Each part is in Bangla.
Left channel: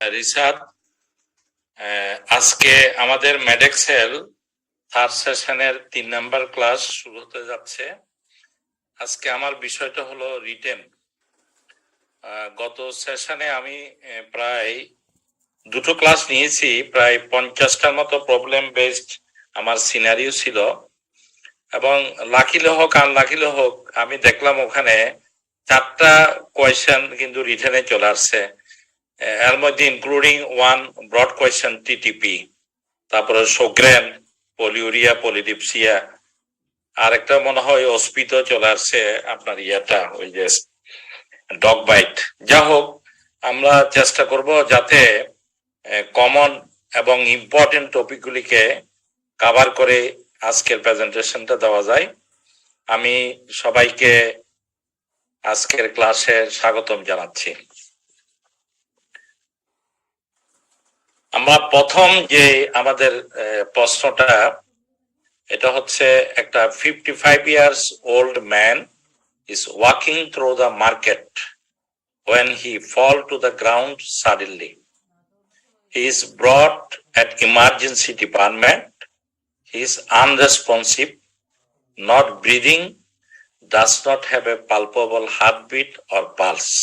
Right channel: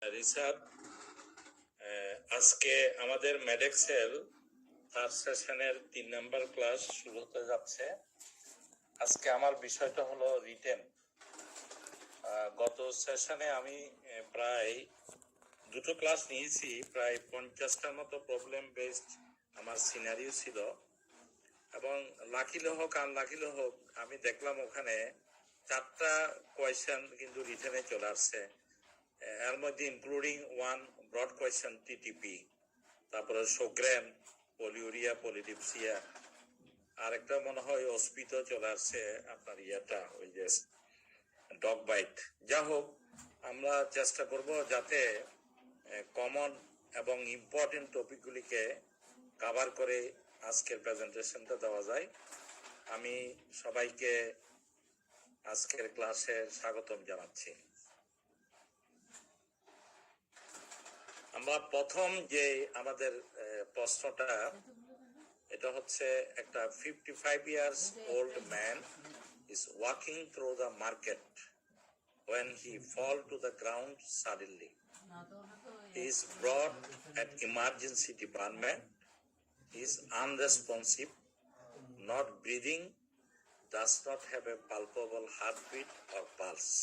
রিসাদ, আজকে আমাদের মেডেক্সেল থার্ড সেশনের 3 নাম্বার ক্লাস শুরু হতে যাচ্ছে। আজকে আমার বিষয়টা হলো রিটেন। গত সেশনে আমি প্রায় 2টো ক্লাস নিয়েছি, প্রায় 50টার মতো প্রবলেম বেসড আমার সিনারিও ছিল, এবং লাকিলে হোক আনলাকিলে হোক আমি দেখলাম ওখানে 4টা কোয়েশ্চেন কিন্তু রিটেনে চলে আসছে। এর মধ্যে including one broad question TTP, তারপরে সোগ্রেন, পলিউরিয়া, পলিডিপসিয়া, আর একটা মনে হয় অস্পিত চলে আসছে আপনার ইয়াটা ওই যে ডগ বাইট। যা হোক, আমরা চেষ্টা করব যাতে কমন এবং ইম্পর্টেন্ট টপিকগুলিকে কভার করে আজকের প্রেজেন্টেশনটা দেওয়া যায়। আমি সবাইকে আজকের ক্লাসে স্বাগতম জানাচ্ছি। আমরা প্রথম যে আমাদের প্রশ্নটা, এটা হচ্ছে একটা 55 years old man is walking through the market when he fall to the ground suddenly. He is brought at emergency department. He is unresponsive, not breathing, does not have a palpable heartbeat or pulse.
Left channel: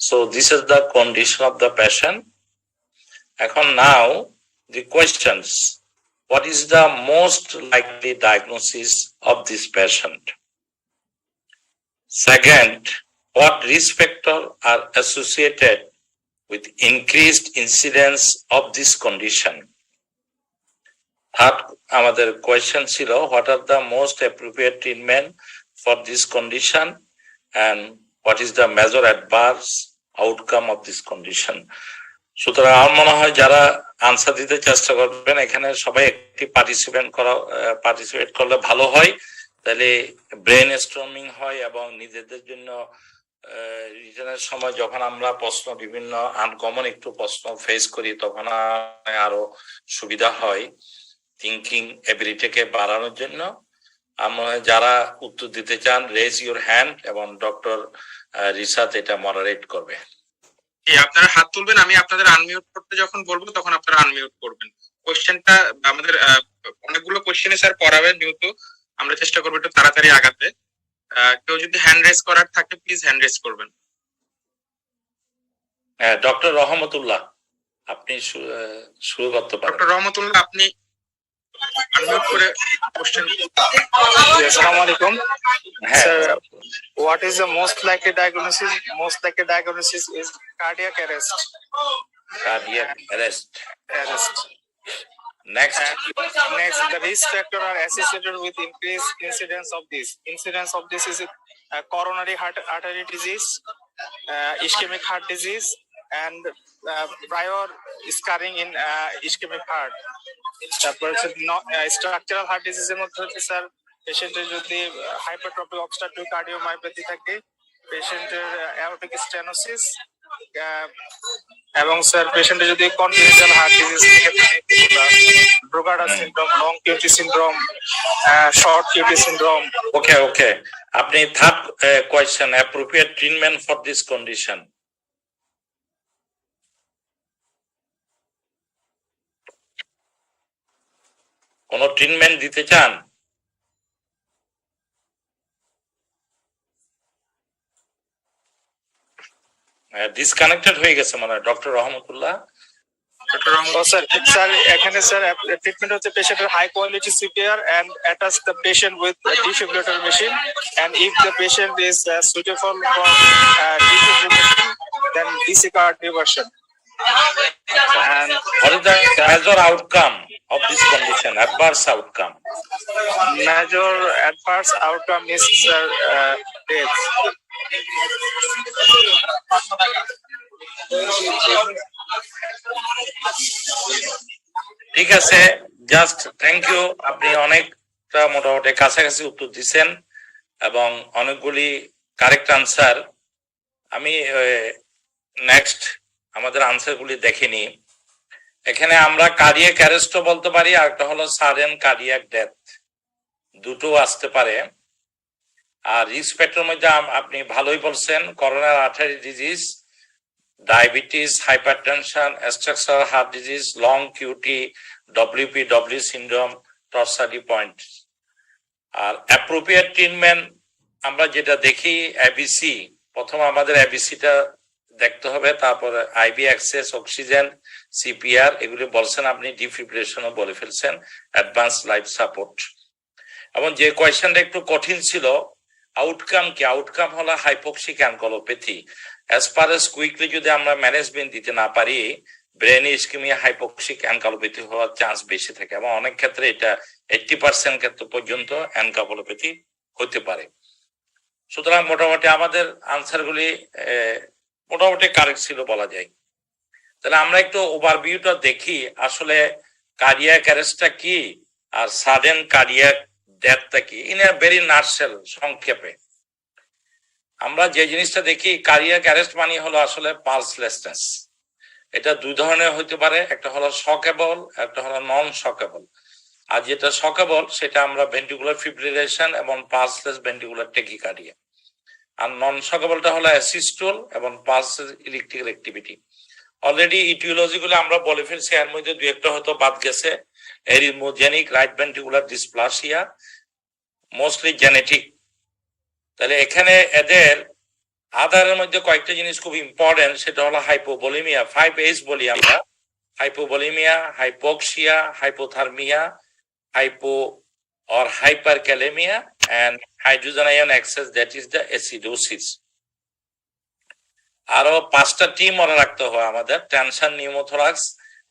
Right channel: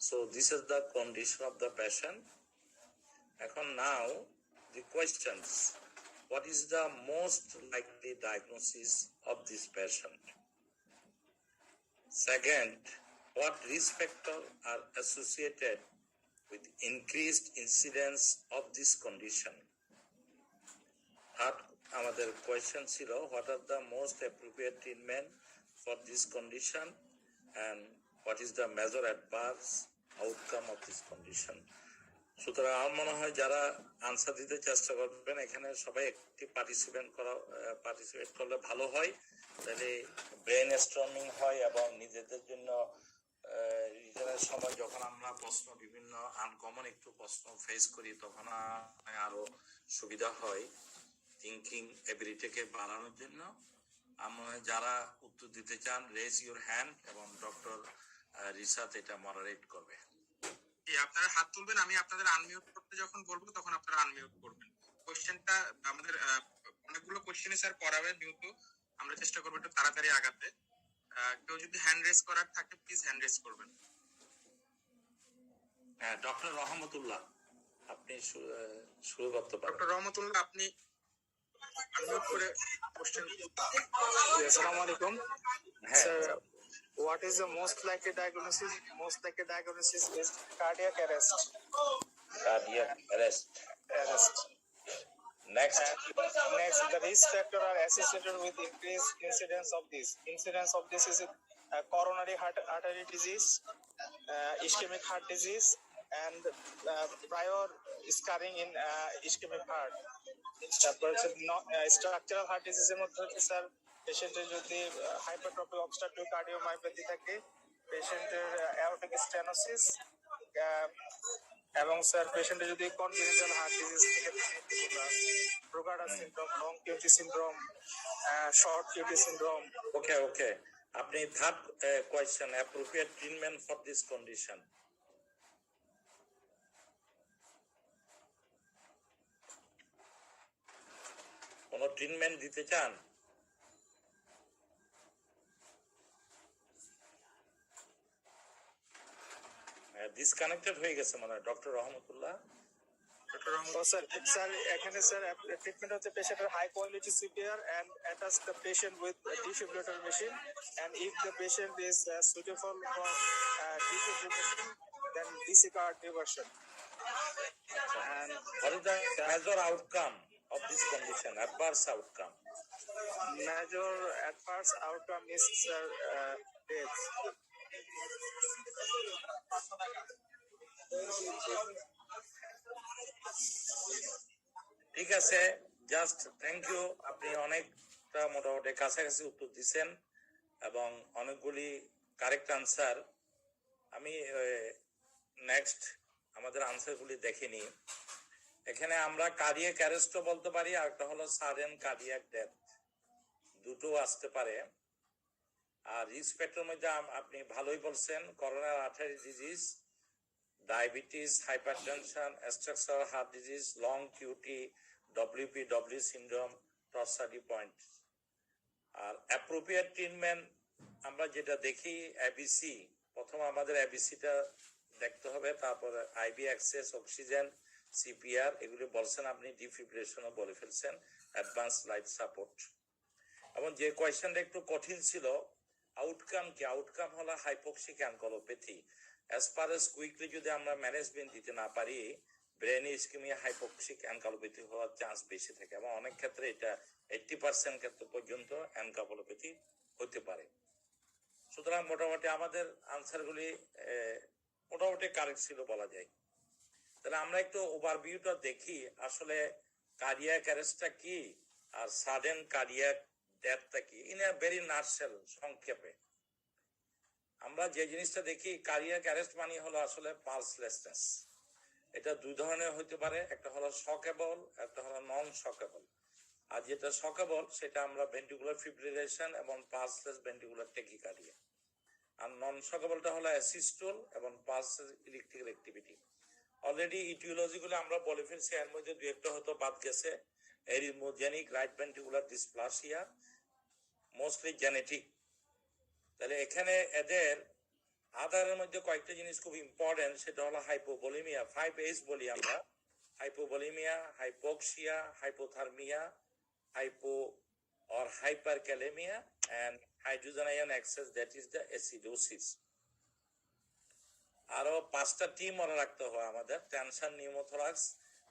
So this is the condition of the patient. এখন now the questions: what is the most likely diagnosis of this patient? Second, what risk factors are associated with increased incidence of this condition? Third, আমাদের question ছিল, what are the most appropriate treatment for this condition and what is the major adverse outcome of this condition? সুতরাং আমার মনে হয় যারা আনসার দিতে চেষ্টা করবেন এখানে সবাই একটি পার্টিসিপেট করলে ভালো হয়, তাহলে ব্রেন স্টর্মিং হয় এবং নিজেদের জন্য রিটেনের সময় যখন আমরা প্রশ্ন বিভিন্ন আনকমন একটু প্রশ্ন ফেস করি তখন আরো সুবিধা হয় থিঙ্কিং এবিলিটিকে বাড়ানোর জন্য। আমরা যারা উত্তর দিতে চান রেজ ইউর হ্যান্ড এবং ডক্টর রিসাত এটা মডারেট করবে। আপনারা হাত তুলবেন, আমি আপনাদের আনমিউট করতে যখন বলবো তখন আপনারা আনমিউট করবেন। কোশ্চেনটা আমাদের অনেকগুলো কোশ্চেনে স্যার পড়াবে, যেহেতু আমরা চেষ্টা করবো একটু তাড়াতাড়ি আগাতে। কেউ যদি হ্যান্ড রেজ করার থাকে প্লিজ হ্যান্ড রেজ করবেন। ডক্টর রহমতুল্লাহ, আপনি শুরু করতে পারেন। ডক্টর রহমতুল্লাহ, আপনি আনমিউট করে কোশ্চেন। আসসালামু আলাইকুম sir, what is the most likely diagnosis? Most likely diagnosis is cardiac arrest. Cardiac arrest. Next, the risk factor are associated with increased incidence of this. Incidence of this is coronary artery disease, ischemic heart disease, and prior scarring in ischemic heart. তারপর হচ্ছে স্ট্রাকচারাল হার্ট ডিজিজের মধ্যে হচ্ছে স্যার পেশেন্টের যদি হাইপারট্রফিক অবস্ট্রাকটিভ কার্ডিওমায়োপ্যাথি থাকে, পেশেন্টের অ্যাওর্টিক স্টেনোসিস, এবং স্যার পেশেন্টের যদি কনজেনিটাল হার্ট ডিজিজ থেকে Brugada syndrome, long QT syndrome, short QT syndrome. Okay, আপনি third question, appropriate treatment for this condition. কোন ট্রিটমেন্ট দিতে চান? ডিসকানেক্টেড হয়ে গেছে মনে হয় ডক্টর রহমতুল্লাহ। স্যার এখানে স্যার ট্রিটমেন্ট হচ্ছে পেশেন্টের high quality CPR and attach the patient with a defibrillator machine, and if the patient is suitable for defibrillation then DC card diversion. And what is the major outcome of this condition, adverse outcome? Major adverse outcome is death. ঠিক আছে, জাস্ট থ্যাংক ইউ। আপনি অনেকটা মোটামুটি কাছাকাছি উত্তর দিচ্ছেন এবং অনেকগুলি কারেক্ট আনসার। আমি নেক্সট আমাদের আনসার গুলি দেখিনি। এখানে আমরা কার্ডিয়াক অ্যারেস্টও বলতে পারি, আর একটা হলো সাডেন কার্ডিয়াক ডেথ, দুটো আসতে পারে। আর রিস্ক ফ্যাক্টরের মধ্যে আপনি ভালোই বলছেন, coronary artery disease, diabetes, hypertension, structural heart disease, long QT, WPW syndrome, torsady point. আর অ্যাপ্রোপ্রিয়েট ট্রিটমেন্ট আমরা যেটা দেখি এবিসি, প্রথম আমাদের এবিসিটা দেখতে হবে, তারপরে আইবি অ্যাক্সেস, অক্সিজেন, সিপিআর, এগুলি বলছেন আপনি, ডিফিব্রিলেশনও বলে ফেলছেন, অ্যাডভান্স লাইফ সাপোর্ট। এবং যে কোয়েশ্চেনটা একটু কঠিন ছিল, আউটকাম কি? আউটকাম হলো hypoxic encephalopathy. As per as quickly যদি আমরা ম্যানেজমেন্ট দিতে না পারি, ব্রেন ইস্কেমিয়া হাইপোক্সিক অ্যানকোলোপ্যাথি হওয়ার চান্স বেশি থাকে, এবং অনেক ক্ষেত্রে এটা 80% ক্ষেত্রে পর্যন্ত অ্যানকোলোপ্যাথি হতে পারে। সুতরাং মোটামুটি আমাদের আনসারগুলি মোটামুটি কারেক্ট ছিল বলা যায়। তাহলে আমরা একটু ওভারভিউটা দেখি, আসলে কার্ডিয়াক অ্যারেস্টটা কি আর সাডেন কার্ডিয়াক ডেথটা কি, ইন এ ভেরি নাটশেল, সংক্ষেপে। আমরা যে জিনিসটা দেখি, কার্ডিয়াক অ্যারেস্ট মানে হলো আসলে পালসলেসনেস। এটা দুই ধরনের হতে পারে, একটা হলো শকেবল, একটা হলো নন শকেবল। আর যেটা শকেবল সেটা আমরা ভেন্ট্রিকুলার ফিব্রিলেশন এবং পালসলেস ভেন্ট্রিকুলার টেকিকার্ডিয়া। আর নন শকেবলটা হলো অ্যাসিস্টোল এবং pulseless electrical activity. Already etiology গুলো আমরা বলে ফেলছি, এর মধ্যে দুই একটা হয়তো বাদ গেছে। Arrhythmogenic right ventricular dysplasia, mostly genetic. তাহলে এখানে এদের আধারের মধ্যে কয়েকটা জিনিস খুব ইম্পর্টেন্ট, সেটা হলো হাইপোভলিমিয়া, 5H বলি আমরা, hypovolemia, hypoxia, hypothermia, hypo or hyperkalemia, and hydrogen ion excess, that is the acidosis. আরো 5টা টি মনে রাখতে হয় আমাদের: tension, pneumothorax,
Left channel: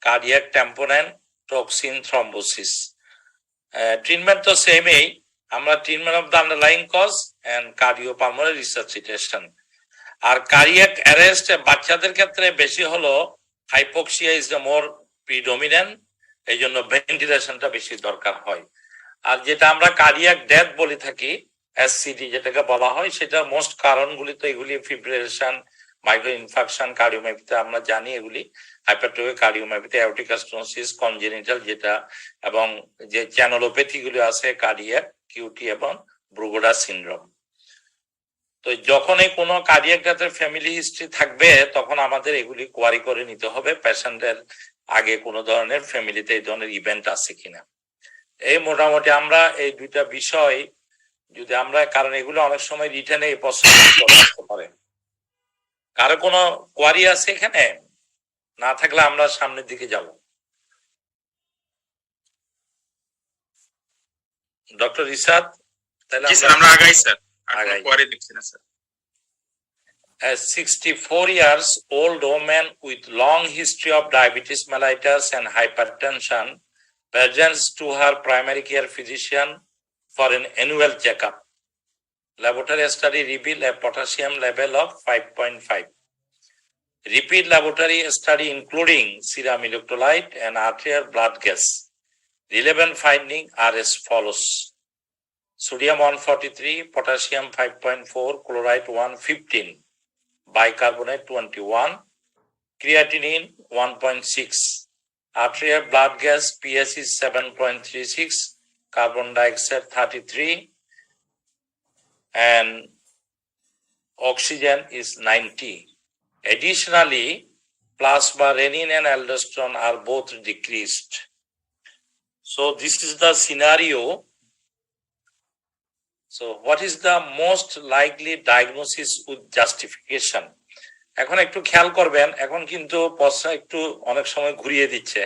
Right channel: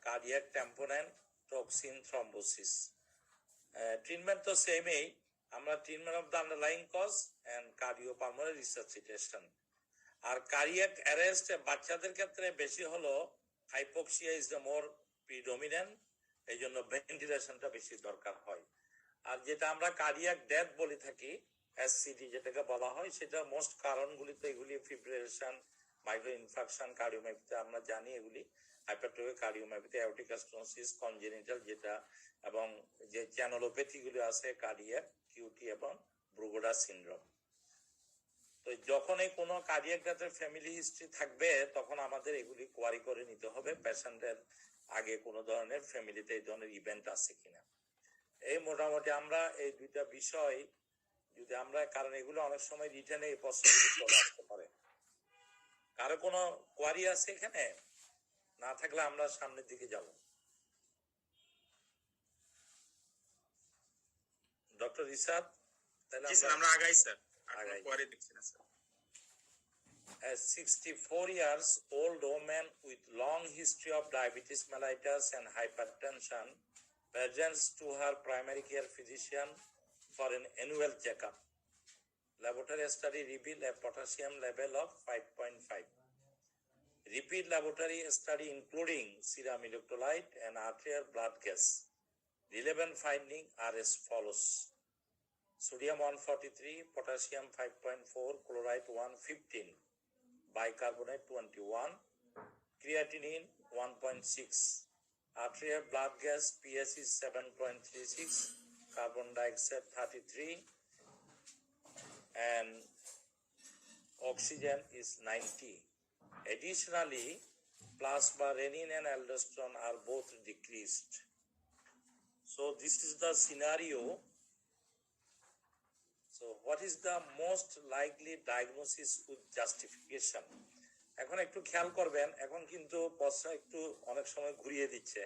cardiac tamponade, toxin, thrombosis. Treatment তো সেমই, আমরা treatment of the underlying cause and cardiopulmonary resuscitation. আর কার্ডিয়াক অ্যারেস্ট বাচ্চাদের ক্ষেত্রে বেশি হলো hypoxia is the more predominant, এই জন্য ভেন্টিলেশনটা বেশি দরকার হয়। আর যেটা আমরা কার্ডিয়াক ডেথ বলে থাকি, এসসিডি যেটাকে বলা হয়, সেটা মোস্ট কারণগুলি তো এগুলি ফিব্রিলেশন, মাইক্রো ইনফাকশন, কার্ডিওমায়োপ্যাথি আমরা জানি এগুলি, hypertrophic cardiomyopathy, aortic stenosis, congenital যেটা, এবং যে চ্যানেলোপ্যাথি গুলি আছে কার্ডিয়াক, কিউটি এবং ব্রুগোডা সিনড্রোম। তো যখনই কোনো কার্ডিয়াক ডেথের ফ্যামিলি হিস্ট্রি থাকবে, তখন আমাদের এগুলি কোয়ারি করে নিতে হবে পেশেন্টের আগে কোনো ধরনের ফ্যামিলিতে এই ধরনের ইভেন্ট আছে কিনা। এই মোটামুটি আমরা এই দুইটা বিষয় যদি আমরা, কারণ এগুলো অনেক সময় রিটেনে এই প্রশ্ন আসতে পারে। কারো কোনো কোয়ারি আছে এখানে? না থাকলে আমরা সামনের দিকে যাব। ডক্টর রিসাদ, তাহলে আমরা আগাই স্যার, আগাই। কোয়ারি দেখছি না sir. A 64 years old woman with long history of diabetes mellitus and hypertension presents to her primary care physician for an annual checkup. Laboratory study revealed a potassium level of 5.5. Repeat laboratory study including serum electrolyte and arterial blood gas. Relevant findings are as follows: sodium 143, potassium 5.4, chloride 115, bicarbonate 21, creatinine 1.6, arterial blood gas PS is 7.36, carbon dioxide 33, and oxygen is 90. Additionally, plasma renin and aldosterone are both decreased. So this is the scenario. So what is the most likely diagnosis with justification? এখন একটু খেয়াল করবেন, এখন কিন্তু প্রশ্ন একটু অনেক সময় ঘুরিয়ে দিচ্ছে।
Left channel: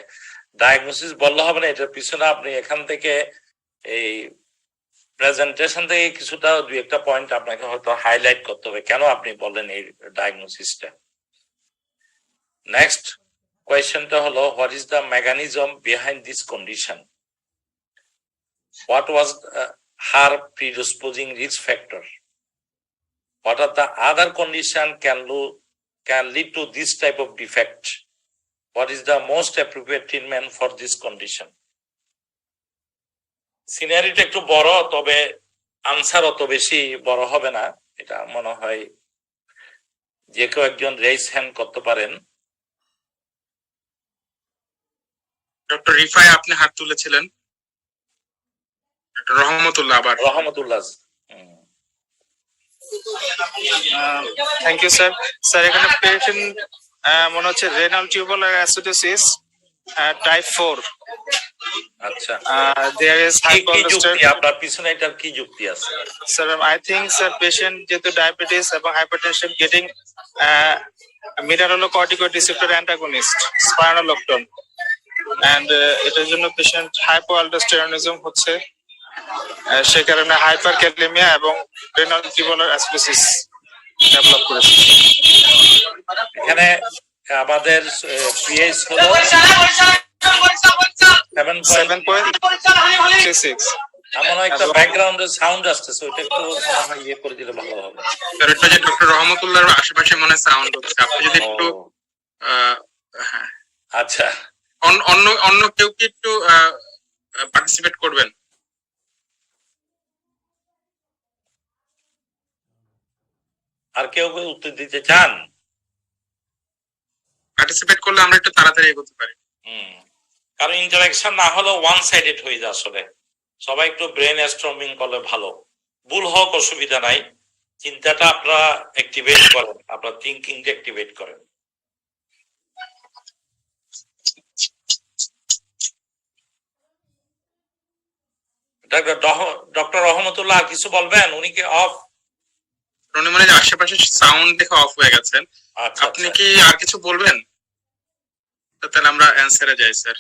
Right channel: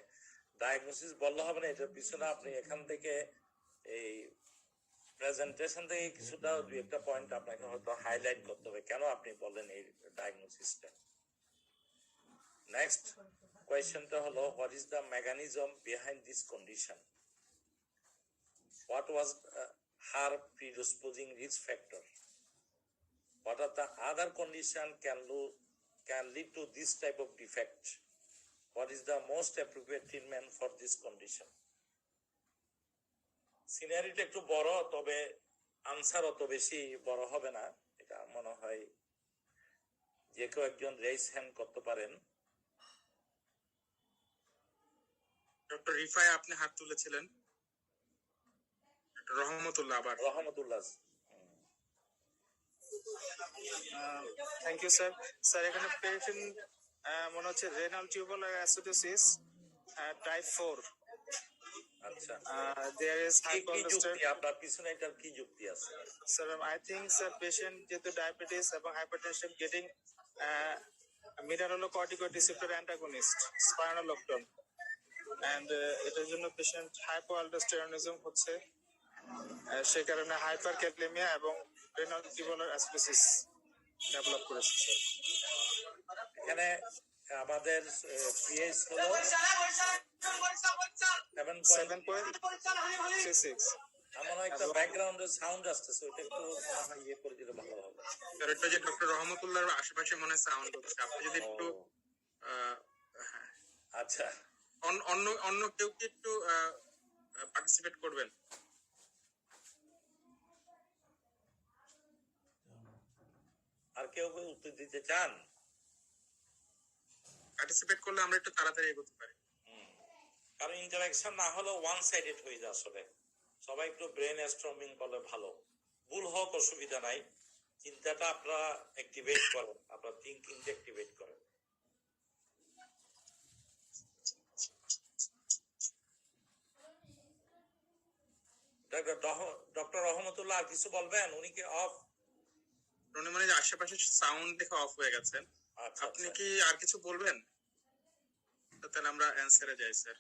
ডায়াগনোসিস বললে হবে না, এটার পিছনে আপনি এখান থেকে এই প্রেজেন্টেশন থেকে কিছুটা দুই একটা পয়েন্ট আপনাকে হয়তো হাইলাইট করতে হবে, কেন আপনি বললেন এই ডায়াগনোসিসটা। নেক্সট কোয়েশ্চেনটা হলো, what is the mechanism behind this condition? What was her predisposing risk factor? What are the other conditions can lead to this type of defect? What is the most appropriate treatment for this condition? সিনারিটা একটু বড়, তবে আনসার অত বেশি বড় হবে না, এটা মনে হয় যে কেউ একজন রেইজ হ্যান্ড করতে পারেন। ডক্টর রিফাই আপনি হাত তুলেছিলেন। রহমতুল্লাহ, আবার Rahmatullah. Thank you sir. Sir এখানে পেশেন্ট মনে হচ্ছে রেনাল টিউবুলার অ্যাসিডোসিস টাইপ 4. আচ্ছা, There is কি কি hypoaldosteronism. যুক্তি আপনার পিছনে, এটার কি যুক্তি আছে? Sir, I think sir patient যেহেতু ডায়াবেটিস এবং hypertension getting mineralocorticoid receptor antagonist spironolactone, and এটার জন্য পেশেন্ট হাইপোঅ্যালডোস্টেরনিজম হচ্ছে, সে কারণে হাইপারক্যালেমিয়া এবং রেনাল টিউবুলার অ্যাসিডোসিস ডেভেলপ করেছে। এখানে আমাদের পিএইচ হলো 7.36. আমার একটা ব্যাকগ্রাউন্ডে সাউন্ড আসতেছে, ওইটা একটু মনে হয় ইয়ে করে দিলে ভালো হবে। স্যার এটা যে ডক্টর রহমতুল্লাহর আশেপাশে মনে সাউন্ড হচ্ছে, আপনি যদি একটু হ্যাঁ আচ্ছা, অন্য অন্য কেউ কি একটু পার্টিসিপেট করবেন? আর কেউ কেউ উত্তর দিতে চান? পার্টিসিপেট করলে আমরা একটু তাড়াতাড়ি এগোতে পারি। কারণ ইন্টারাকশন না হলে ওয়ান সাইডেড হয়ে যায়। আসলে সবাই একটু ব্রেন স্টর্মিং করলে ভালো, ভুল হোক অসুবিধা নাই, চিন্তাটা আপনারা অ্যাক্টিভেট করেন, আপনার থিঙ্কিংটা অ্যাক্টিভেট করেন। ডক্টর রহমতুল্লাহ কিছু বলবেন? উনি কি অফ? উনি মানে আশেপাশে সাউন্ড দেখে অফ হয়ে গেছেন। আচ্ছা, আপনি কি আর কিছু বলবেন? তাহলে আমরা অ্যানসারে যাই স্যার।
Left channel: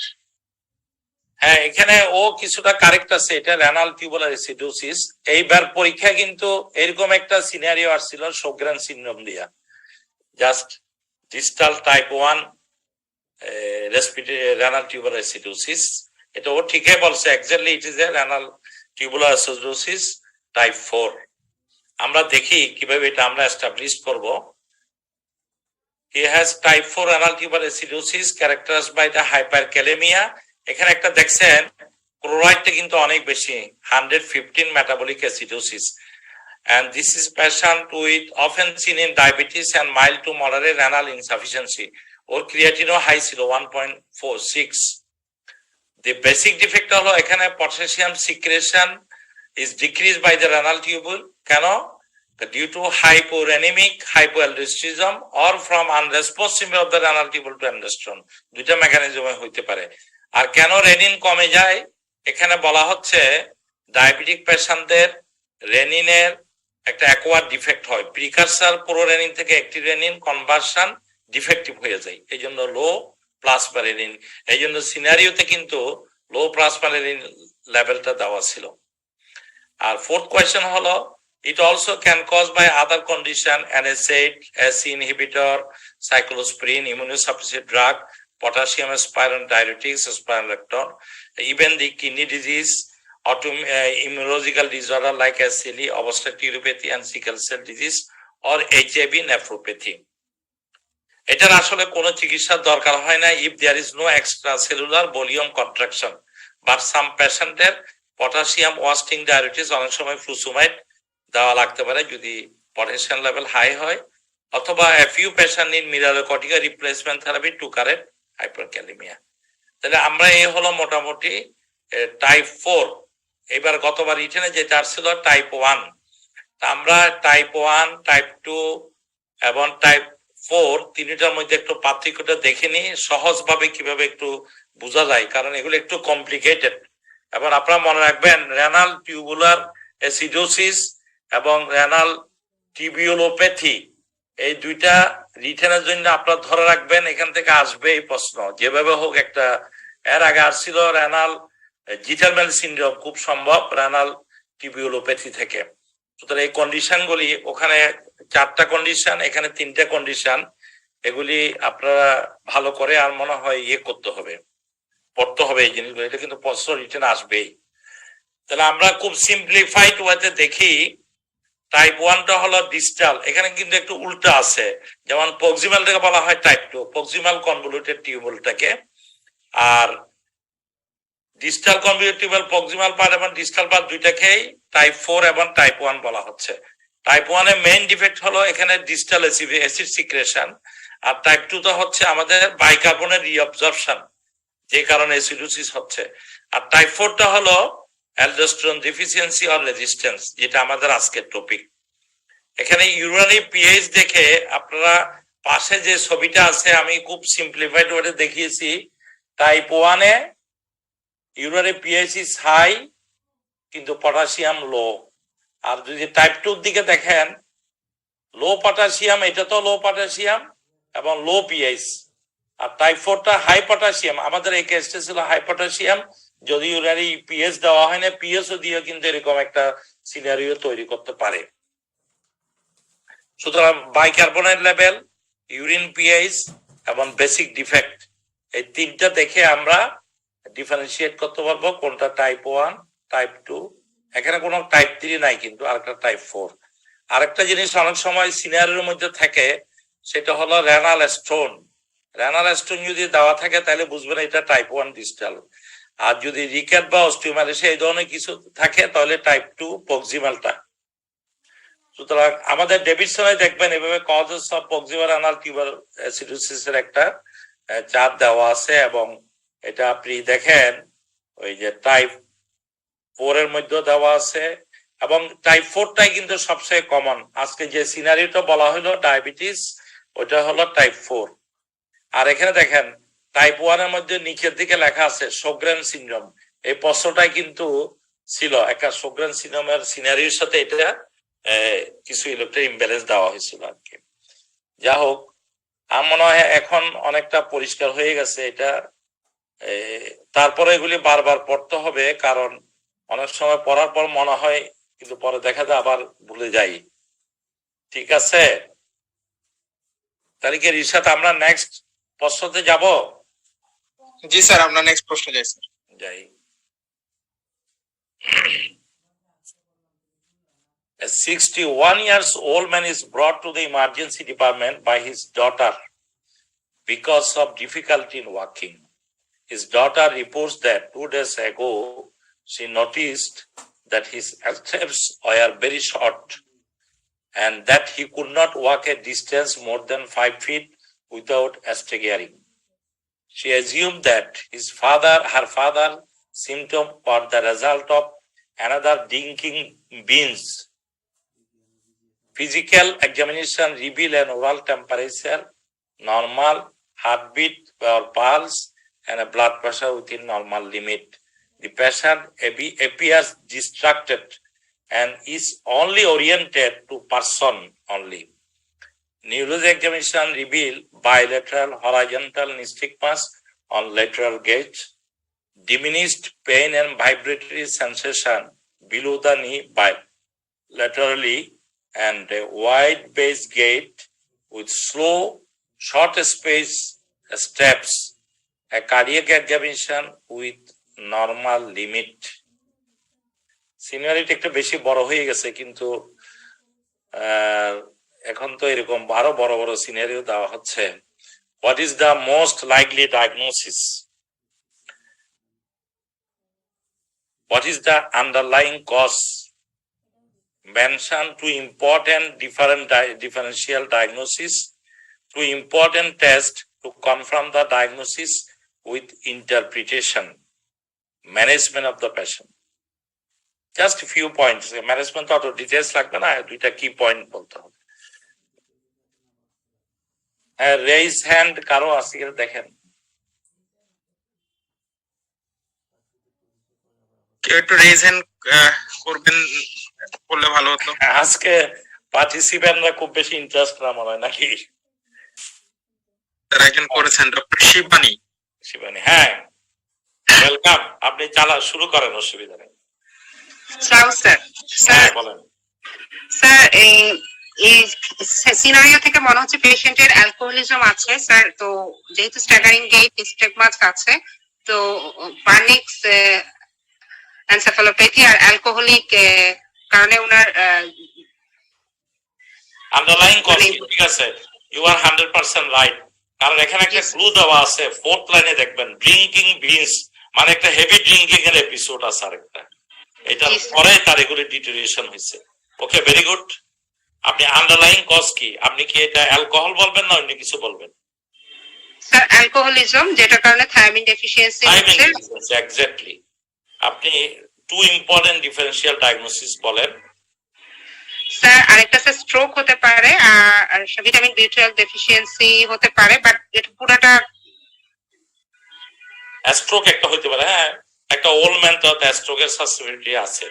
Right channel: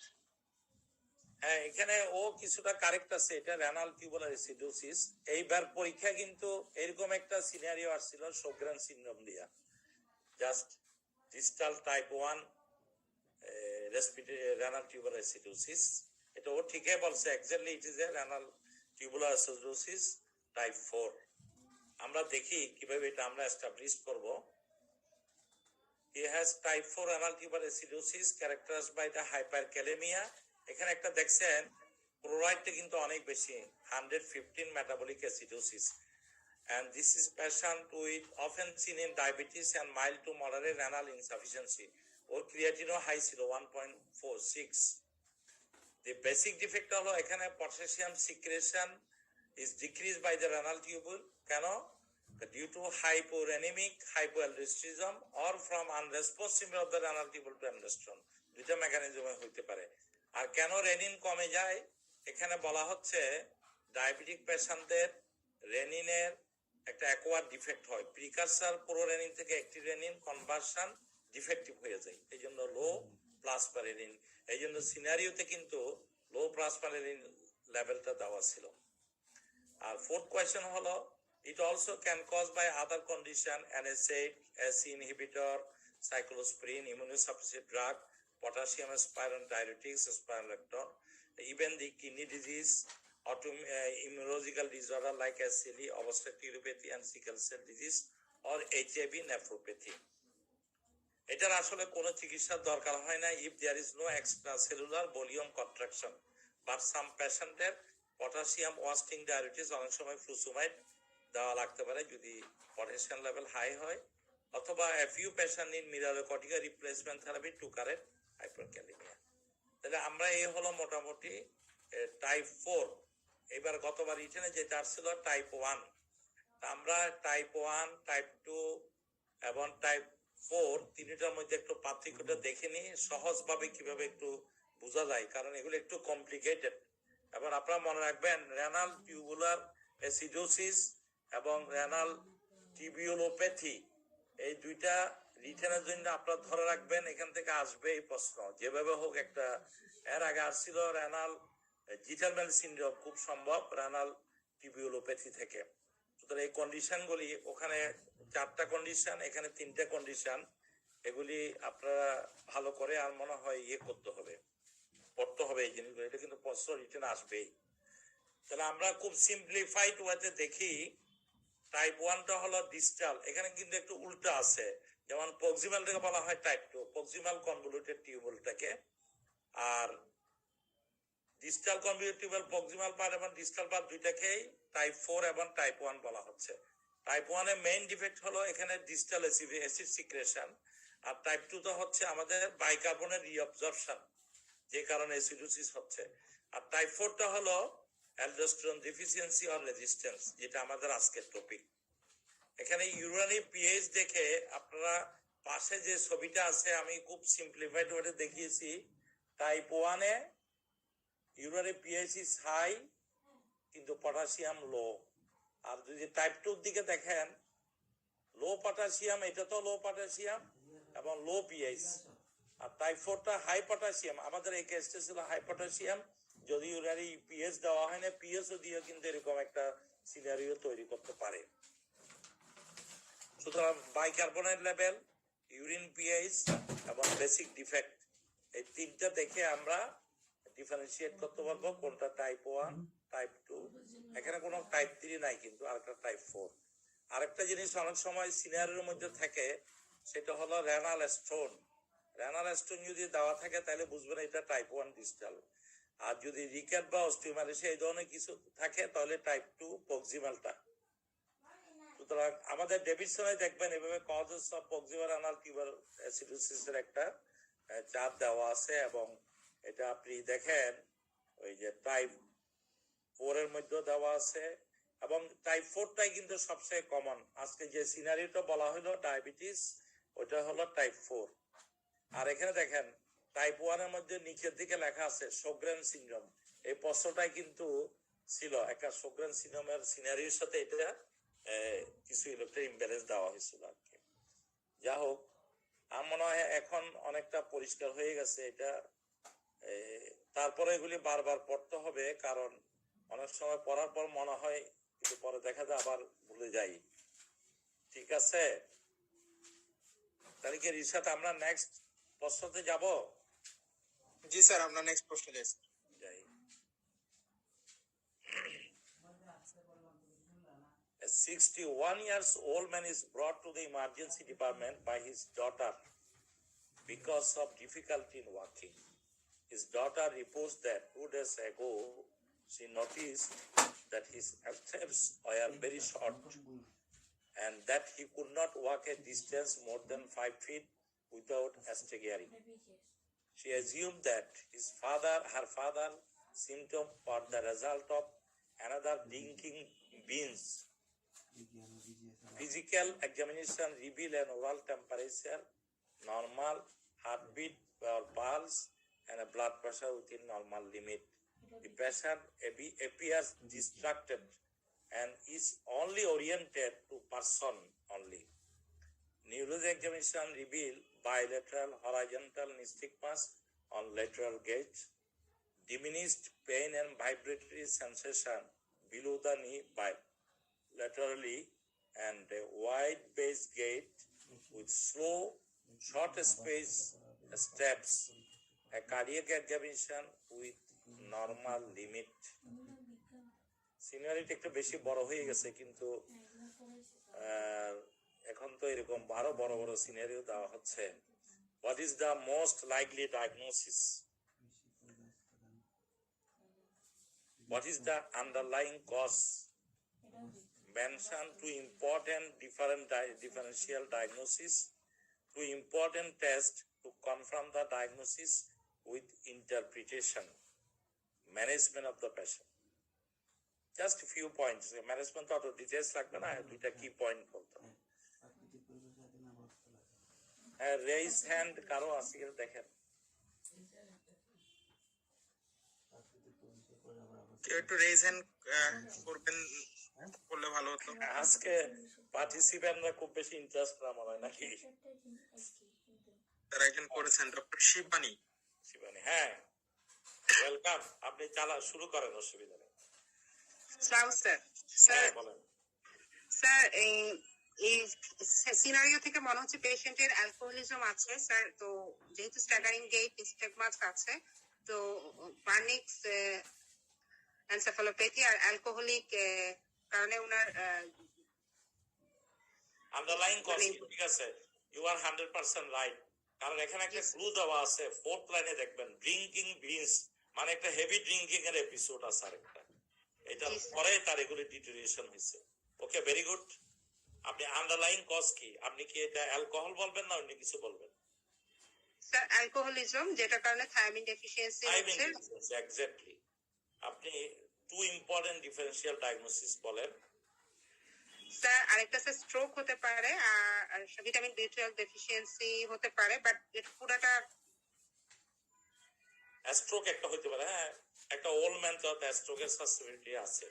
হ্যাঁ, এখানে ও কিছুটা কারেক্ট আছে, এটা রেনাল টিউবুলার অ্যাসিডোসিস। এইবার পরীক্ষা কিন্তু এরকম একটা সিনারিও আসছিল শোগ্রেন সিনড্রোম দিয়া, just distal type 1 respiratory renal tubular acidosis. এটা ও ঠিকই বলছে, exactly it is A renal tubular acidosis type 4। আমরা দেখি কিভাবে এটা আমরা এস্টাবলিশ করব। He has type 4 renal tubular acidosis characterized by the hyperkalemia. এখানে একটা দেখছেন ক্লোরাইডটা কিন্তু অনেক বেশি, 115 metabolic acidosis, and this is patient with often seen in diabetes and mild to moderate renal insufficiency. ওর ক্রিয়াটিনও হাই ছিল 1.46. The basic defect হলো এখানে potassium secretion is decreased by the renal tubule. কেন? Due to hyporenemic hypoaldosteronism or from unresponsiveness of the renal tubule to aldosterone. দুইটা মেকানিজমে হইতে পারে। আর কেন রেনিন কমে যায়? এখানে বলা হচ্ছে ডায়াবেটিক পেশেন্টদের রেনিনের একটা অ্যাকোয়ার ডিফেক্ট হয়, প্রিকারসার প্রোরেনিন থেকে অ্যাক্টিভ রেনিন কনভার্সন ডিফেক্টিভ হয়ে যায়, এই জন্য লো প্লাজমা রেনিন। এই জন্য সিনারিওতে কিন্তু লো প্লাজমা রেনিন লেভেলটা দেওয়া ছিল। আর ফোর্থ কোয়েশ্চেন হলো it also can cause by other condition, NSAID, SC inhibitor, cyclosporine, immunosuppressive drug, potassium aspirant diuretics, spironolactone, even the kidney disease, immunological disorder like SCLE, obstructive uropathy and sickle cell disease, or HIV nephropathy. এটার আসলে কোনো চিকিৎসার দরকার হয় না if there is no extracellular volume contraction, but some patientদের potassium wasting diuretics অনেক সময় ফ্লুসুমাইড দেওয়া লাগতে পারে যদি পটাশিয়াম লেভেল হাই হয়, অথবা a few patient need mineralocorticoid replacement therapy to correct hyperkalemia. তাহলে আমরা এই হলো মোটামুটি টাইপ 4। এবার গতবার রিটেনে যেটা আসছিল টাইপ 1, আমরা টাইপ 1, টাইপ 2 এবং টাইপ 4 তিনটার মধ্যে একটু পার্থক্যটা দেখে নিই সহজভাবে কিভাবে একটু বোঝা যায়, কারণ এগুলো একটু কমপ্লিকেটেড। এবার আপনারা মনে রাখবেন রেনাল টিউবুলার অ্যাসিডোসিস এবং রেনাল টিবিউলোপ্যাথি এই দুইটা রিটেনের জন্য আপনারা ধরে রাখবেন, এখান থেকে আসবে এই প্রশ্ন যেভাবে হোক একটা। এর আগে আসছিল রেনাল জিটারম্যান সিনড্রোম, খুব সম্ভব রেনাল টিবিউলোপ্যাথি থেকে। সুতরাং এই কন্ডিশনগুলি ওখানে 4টা কন্ডিশন, এখানে 3টে কন্ডিশন, এগুলি আপনারা ভালো করে আর মনে হয় ইয়ে করতে হবে, পড়তে হবে এই জিনিসগুলো, এটা কিন্তু প্রশ্ন রিটেন আসবেই। তাহলে আমরা খুব সিম্পলিফাইড ওয়েতে দেখি টাইপ 1টা হলো ডিস্টাল, এখানে কিন্তু একটু উল্টা আছে, যেমন প্রক্সিমালটাকে বলা হয় টাইপ 2, প্রক্সিমাল কনভলিউটেড টিউবুলটাকে, আর distal convoluted tubule proximal part এবং ডিস্টাল পার্ট দুইটাকেই টাইপ 4 এবং টাইপ 1 বলা হচ্ছে। টাইপ 1 এর মেইন ডিফেক্ট হলো এখানে ডিস্টাল অ্যাসিড সিক্রেশন, আর টাইপ 2 তো হচ্ছে আমাদের বাইকার্বনের রিঅবজর্পশন, যে কারণে অ্যাসিডোসিস হচ্ছে। আর টাইপ 4টা হলো অ্যালডোস্টেরন ডেফিসিয়েন্সি অর রেজিস্ট্যান্স, যেটা আমাদের আজকের টপিক। এখানে ইউরিনারি পিএইচ দেখে আপনারা পাশে যে ছবিটা আছে আমি খুব সিম্পলিফাইড ওয়ার্ডে দেখিয়েছি। টাইপ 1 এ ইউরিয়ার পিএইচ ইজ হাই কিন্তু পটাশিয়াম লো। আর যদি টাইপ 2 এর দিকে দেখেন লো পটাশিয়াম, এটা তো লো পটাশিয়াম এবং লো পিএইচ। আর টাইপ 4টা হাই পটাশিয়াম, আমাদের এই কেসটা ছিল হাই পটাশিয়াম, যদি ইউরিয়ারি পিএইচ দেওয়া হয় না, পিএইচ দিয়ে কিন্তু এরকম একটা সিনারিও তৈরি করতে পারে। সুতরাং বাইকার্বনেট লেভেল, ইউরিন পিএইচ এবং বেসিক ডিফেক্ট, এই তিনটা দেখে আমরা ডিফারেন্সিয়েট করতে পারবো কোনটা টাইপ 1, টাইপ 2। এখানে কোনো টাইপ 3 নাই, কিন্তু আরেকটা টাইপ 4। আরেকটা জিনিস অনেক সময় সিনারিওর মধ্যে থাকে, সেটা হলো রেনাল স্টোন। রেনাল স্টোন যদি দেওয়া থাকে তাহলে বুঝবেন এটা টাইপ 1 ডিস্টাল। আর যদি রিকেট বা অস্টিওমালাইসিস এই ধরনের কিছু থাকে তাহলে টাইপ 2 প্রক্সিমালটা। সুতরাং আমাদের ডেভিডসনে দেখবেন এভাবে causes of proximal renal tubular অ্যাসিডোসিসের একটা চার্ট দেওয়া আছে, এবং এটা আপনি দেখেন ওই যে টাইপ 4 এর মধ্যে দেওয়া আছে, এবং টাইপ 4টাই কিন্তু সবচেয়ে কমন। আজকে যে সিনারিওটা বলা হলো ডায়াবেটিস, ওটা হলো টাইপ 4। আর এখানে দেখেন টাইপ 1 এর মধ্যে নিচের দিকে লেখা আছে শোগ্রেন সিনড্রোম। এই প্রশ্নটাই কিন্তু ছিল একটা শোগ্রেন সিনড্রোমের সিনারিওর সাথে এটা কিছু ইলেকট্রিক ইমব্যালেন্স দেওয়া হয়েছিল আর কি। যা হোক, আমার মনে হয় এখন অনেকটা পরিষ্কার হয়ে গেছে এটা। তারপরে এগুলি বারবার পড়তে হবে, কারণ অনেক সময় পড়ার পর মনে হয় কিন্তু পরে দেখা যায় আবার ভুলে যাই। ঠিক আছে, তাহলে কি রিশাদ আমরা নেক্সট প্রশ্নতে যাব? জি স্যার, আমরা নেক্সট প্রশ্ন যাই স্যার। যাই। A 61 years old man is brought to the emergency department by his daughter because of difficulty in walking. His daughter reports that 2 days ago she noticed that his steps were very short and that he could not walk a distance more than 5 feet without staggering. She assumed that her father symptoms were the result of another drinking beans. Physical examination revealed an oral temperature, normal heartbeat or pulse, and a blood pressure within normal limit. The patient appears distracted and is only oriented to person only. Neurology examination revealed bilateral horizontal nystagmus on lateral gait, diminished pain and vibratory sensation below the knee bilaterally, and a wide base gait with slow, short space steps, a cardiac examination with normal limit. Seniority একটু বেশি বড় হয়ে গেছে, কিন্তু এখন তো এরকম আরো বড় বড় সিনারিও দেওয়া হচ্ছে। What is the most likely diagnosis? What is the underlying cause? Mention two important differential diagnosis, two important tests to confirm the diagnosis with interpretation. Management of the patient. Just a few points. Management auto details লাগবে না, দুইটা কি পয়েন্ট বলতে হবে। রেইজ হ্যান্ড কারো আছে কিনা দেখেন। কেউ একটু রেইজ হ্যান্ড করবেন বললে ভালো হতো। আজকে পার্টিসিপেন্টরা খুব বেশি ইন্টারেস্ট না মনে হয় নাকি? তারা একজন করেছেন, ডক্টর শিবানী। শিবানী, হ্যাঁ ওয়েলকাম। আপনি শুরু করেন, অসুবিধা নেই। স্যার বলেন। স্যার এই সিনারিও থেকে মনে হচ্ছে পেশেন্টের অ্যালকোহলিজম আছে স্যার। তো যেহেতু স্ট্যাগারিং গেট, স্টিগমাস আছে, তো পানিক্স এনসেফালোপ্যাথি আর অ্যালকোহলিক কারণে ওনার আন্ডারলাইং কজ ঠিক আছে, ইউ আর 100% রাইট। কারণ এখানে একটা ক্লু দেওয়া আছে, 4th লাইনে দেখবেন ড্রিঙ্কিং বিনস, মানে একটা হেভি ড্রিঙ্কিং এর এপিসোড আছে আরেকটা, এটা পরে তার এগুলো ডিটেরিয়েশন হয়েছে। ওকে, ভেরি গুড। আপনি আন্ডারলাইং কজ কি, আপনি কি এটা অ্যালকোহল বলবেন না অন্য কিছু বলবেন? স্যার অ্যালকোহলিজম, যেটার কারণে থায়ামিন ডেফিসিয়েন্সি হচ্ছে। এক্স্যাক্টলি। আপনি টু ইম্পর্টেন্ট ডিফারেন্সিয়াল ডায়াগনোসিস বলেন। স্যার আরেকটা স্যার স্ট্রোক হতে পারে, আর ভিটামিন বি12 ডেফিসিয়েন্সি হতে পারে, বাট এটা পুরাটা স্ট্রোক একটা হইতে পারে, হ্যাঁ একটা ওল্ড ম্যান তো স্ট্রোকের সাসেপ্টিবিলিটি আছে,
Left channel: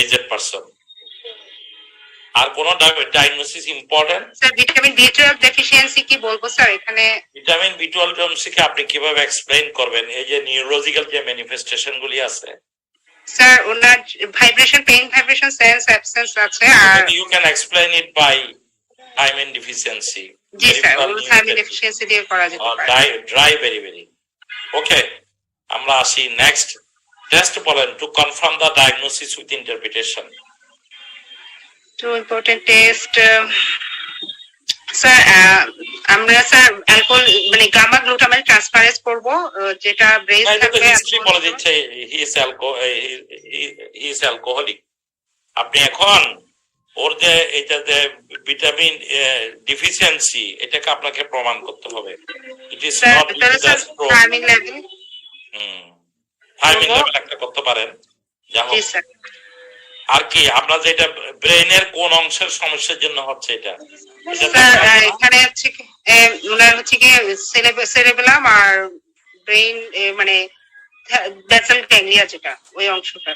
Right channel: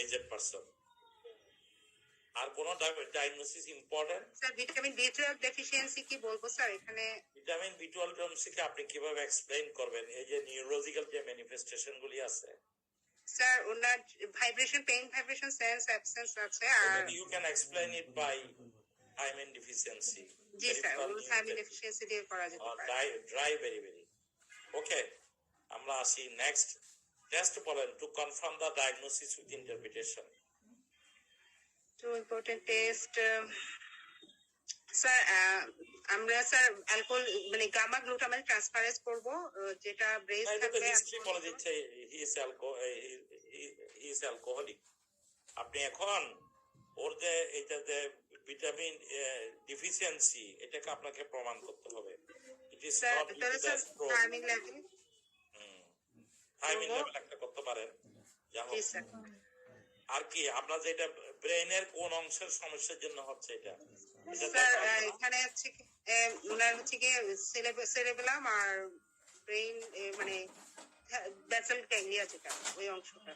এজেড পারসন। আর কোন ডায়াগনোসিস ইম্পর্টেন্ট? স্যার ভিটামিন বি12 ডেফিসিয়েন্সি কি বলবো স্যার এখানে? ভিটামিন বি12 ডেফিসিয়েন্সি আপনি কিভাবে এক্সপ্লেইন করবেন? এই যে নিউরোলজিক্যাল যে ম্যানিফেস্টেশন গুলি আছে, স্যার ওনার vibration, pain vibration, sense absence আছে, আর you can explain it by thiamine deficiency. জি স্যার ওগুলো থাইমিন ডেফিসিয়েন্সি দিয়ে করা যেতে পারে। Dry very okay. আমরা আসি নেক্সট টেস্ট বলেন, to confirm the diagnosis with interpretation. Two important test sir, আমরা স্যার অ্যালকোহল মানে গামা গ্লুটামেট ট্রান্সফারেজ করব, যেটা ব্রেস থাকবে। হিস্ট্রি বলে দিচ্ছে হি ইজ অ্যালকোহলিক। আপনি এখন ওর যে এটা যে ভিটামিন ডিফিসিয়েন্সি, এটাকে আপনাকে প্রমাণ করতে হবে। It is not just thiamine level. Thiamine level একটা করতে পারেন। জি স্যার। আর কি আপনার যেটা ব্রেইনের কোন অংশের সমস্যার জন্য হচ্ছে এটা? স্যার এখানে হচ্ছে কি ওনার হচ্ছে কি সেরেবেলাম আর ব্রেইন মানে বেসাল গ্যাংলিয়া, যেটা ওই অংশটা।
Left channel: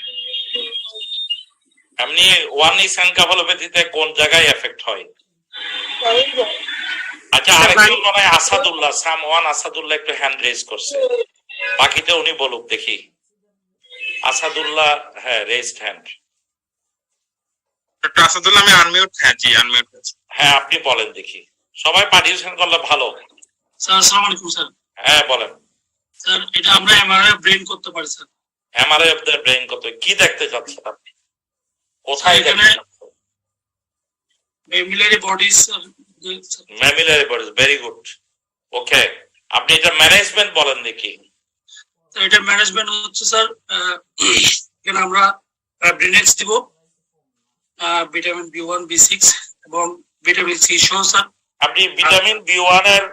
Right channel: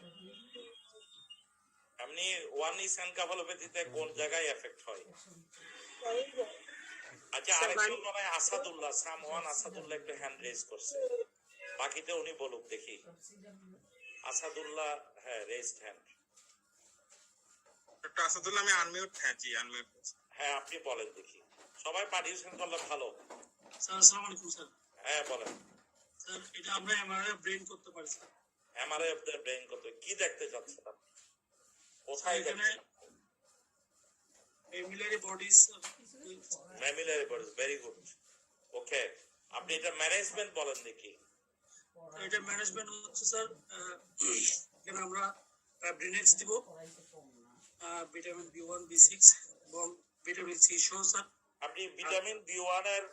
এমনি ওয়ান ইস এনকেফালোপ্যাথিতে কোন জায়গায় এফেক্ট হয়? আচ্ছা, আরেকজন মনে হয় আসাদুল্লাহ, সামওয়ান আসাদুল্লাহ একটু হ্যান্ড রেজ করছে, বাকিটা উনি বলুক দেখি। আসাদুল্লাহ, হ্যাঁ রেজড হ্যান্ড। ডক্টর আসাদুল্লাহ আমি আনমিউট, হ্যাঁ জি আনমিউট আছি। হ্যাঁ আপনি বলেন দেখি, সবাই পার্টিসিপেট করলে ভালো। স্যার আসসালামু আলাইকুম স্যার। হ্যাঁ বলেন স্যার এটা আমরা এমআরআই ব্রেন করতে পারি স্যার। এমআরআই অফ দ্য ব্রেইন কত কি দেখতে চাচ্ছেন আপনি? কোথায় দেখতে চাচ্ছেন? Mammillary bodies. Mammillary bodies, very good. Okay, আপনি এটা ম্যানেজমেন্ট বলেন দেখি। এটা ম্যানেজমেন্ট হচ্ছে স্যার, এখানে আমরা ব্রেনেক্স দিব, ভিটামিন বি1 বি6 এবং ভিটামিন সি সহ স্যার। আপনি ভিটামিন বি1 এর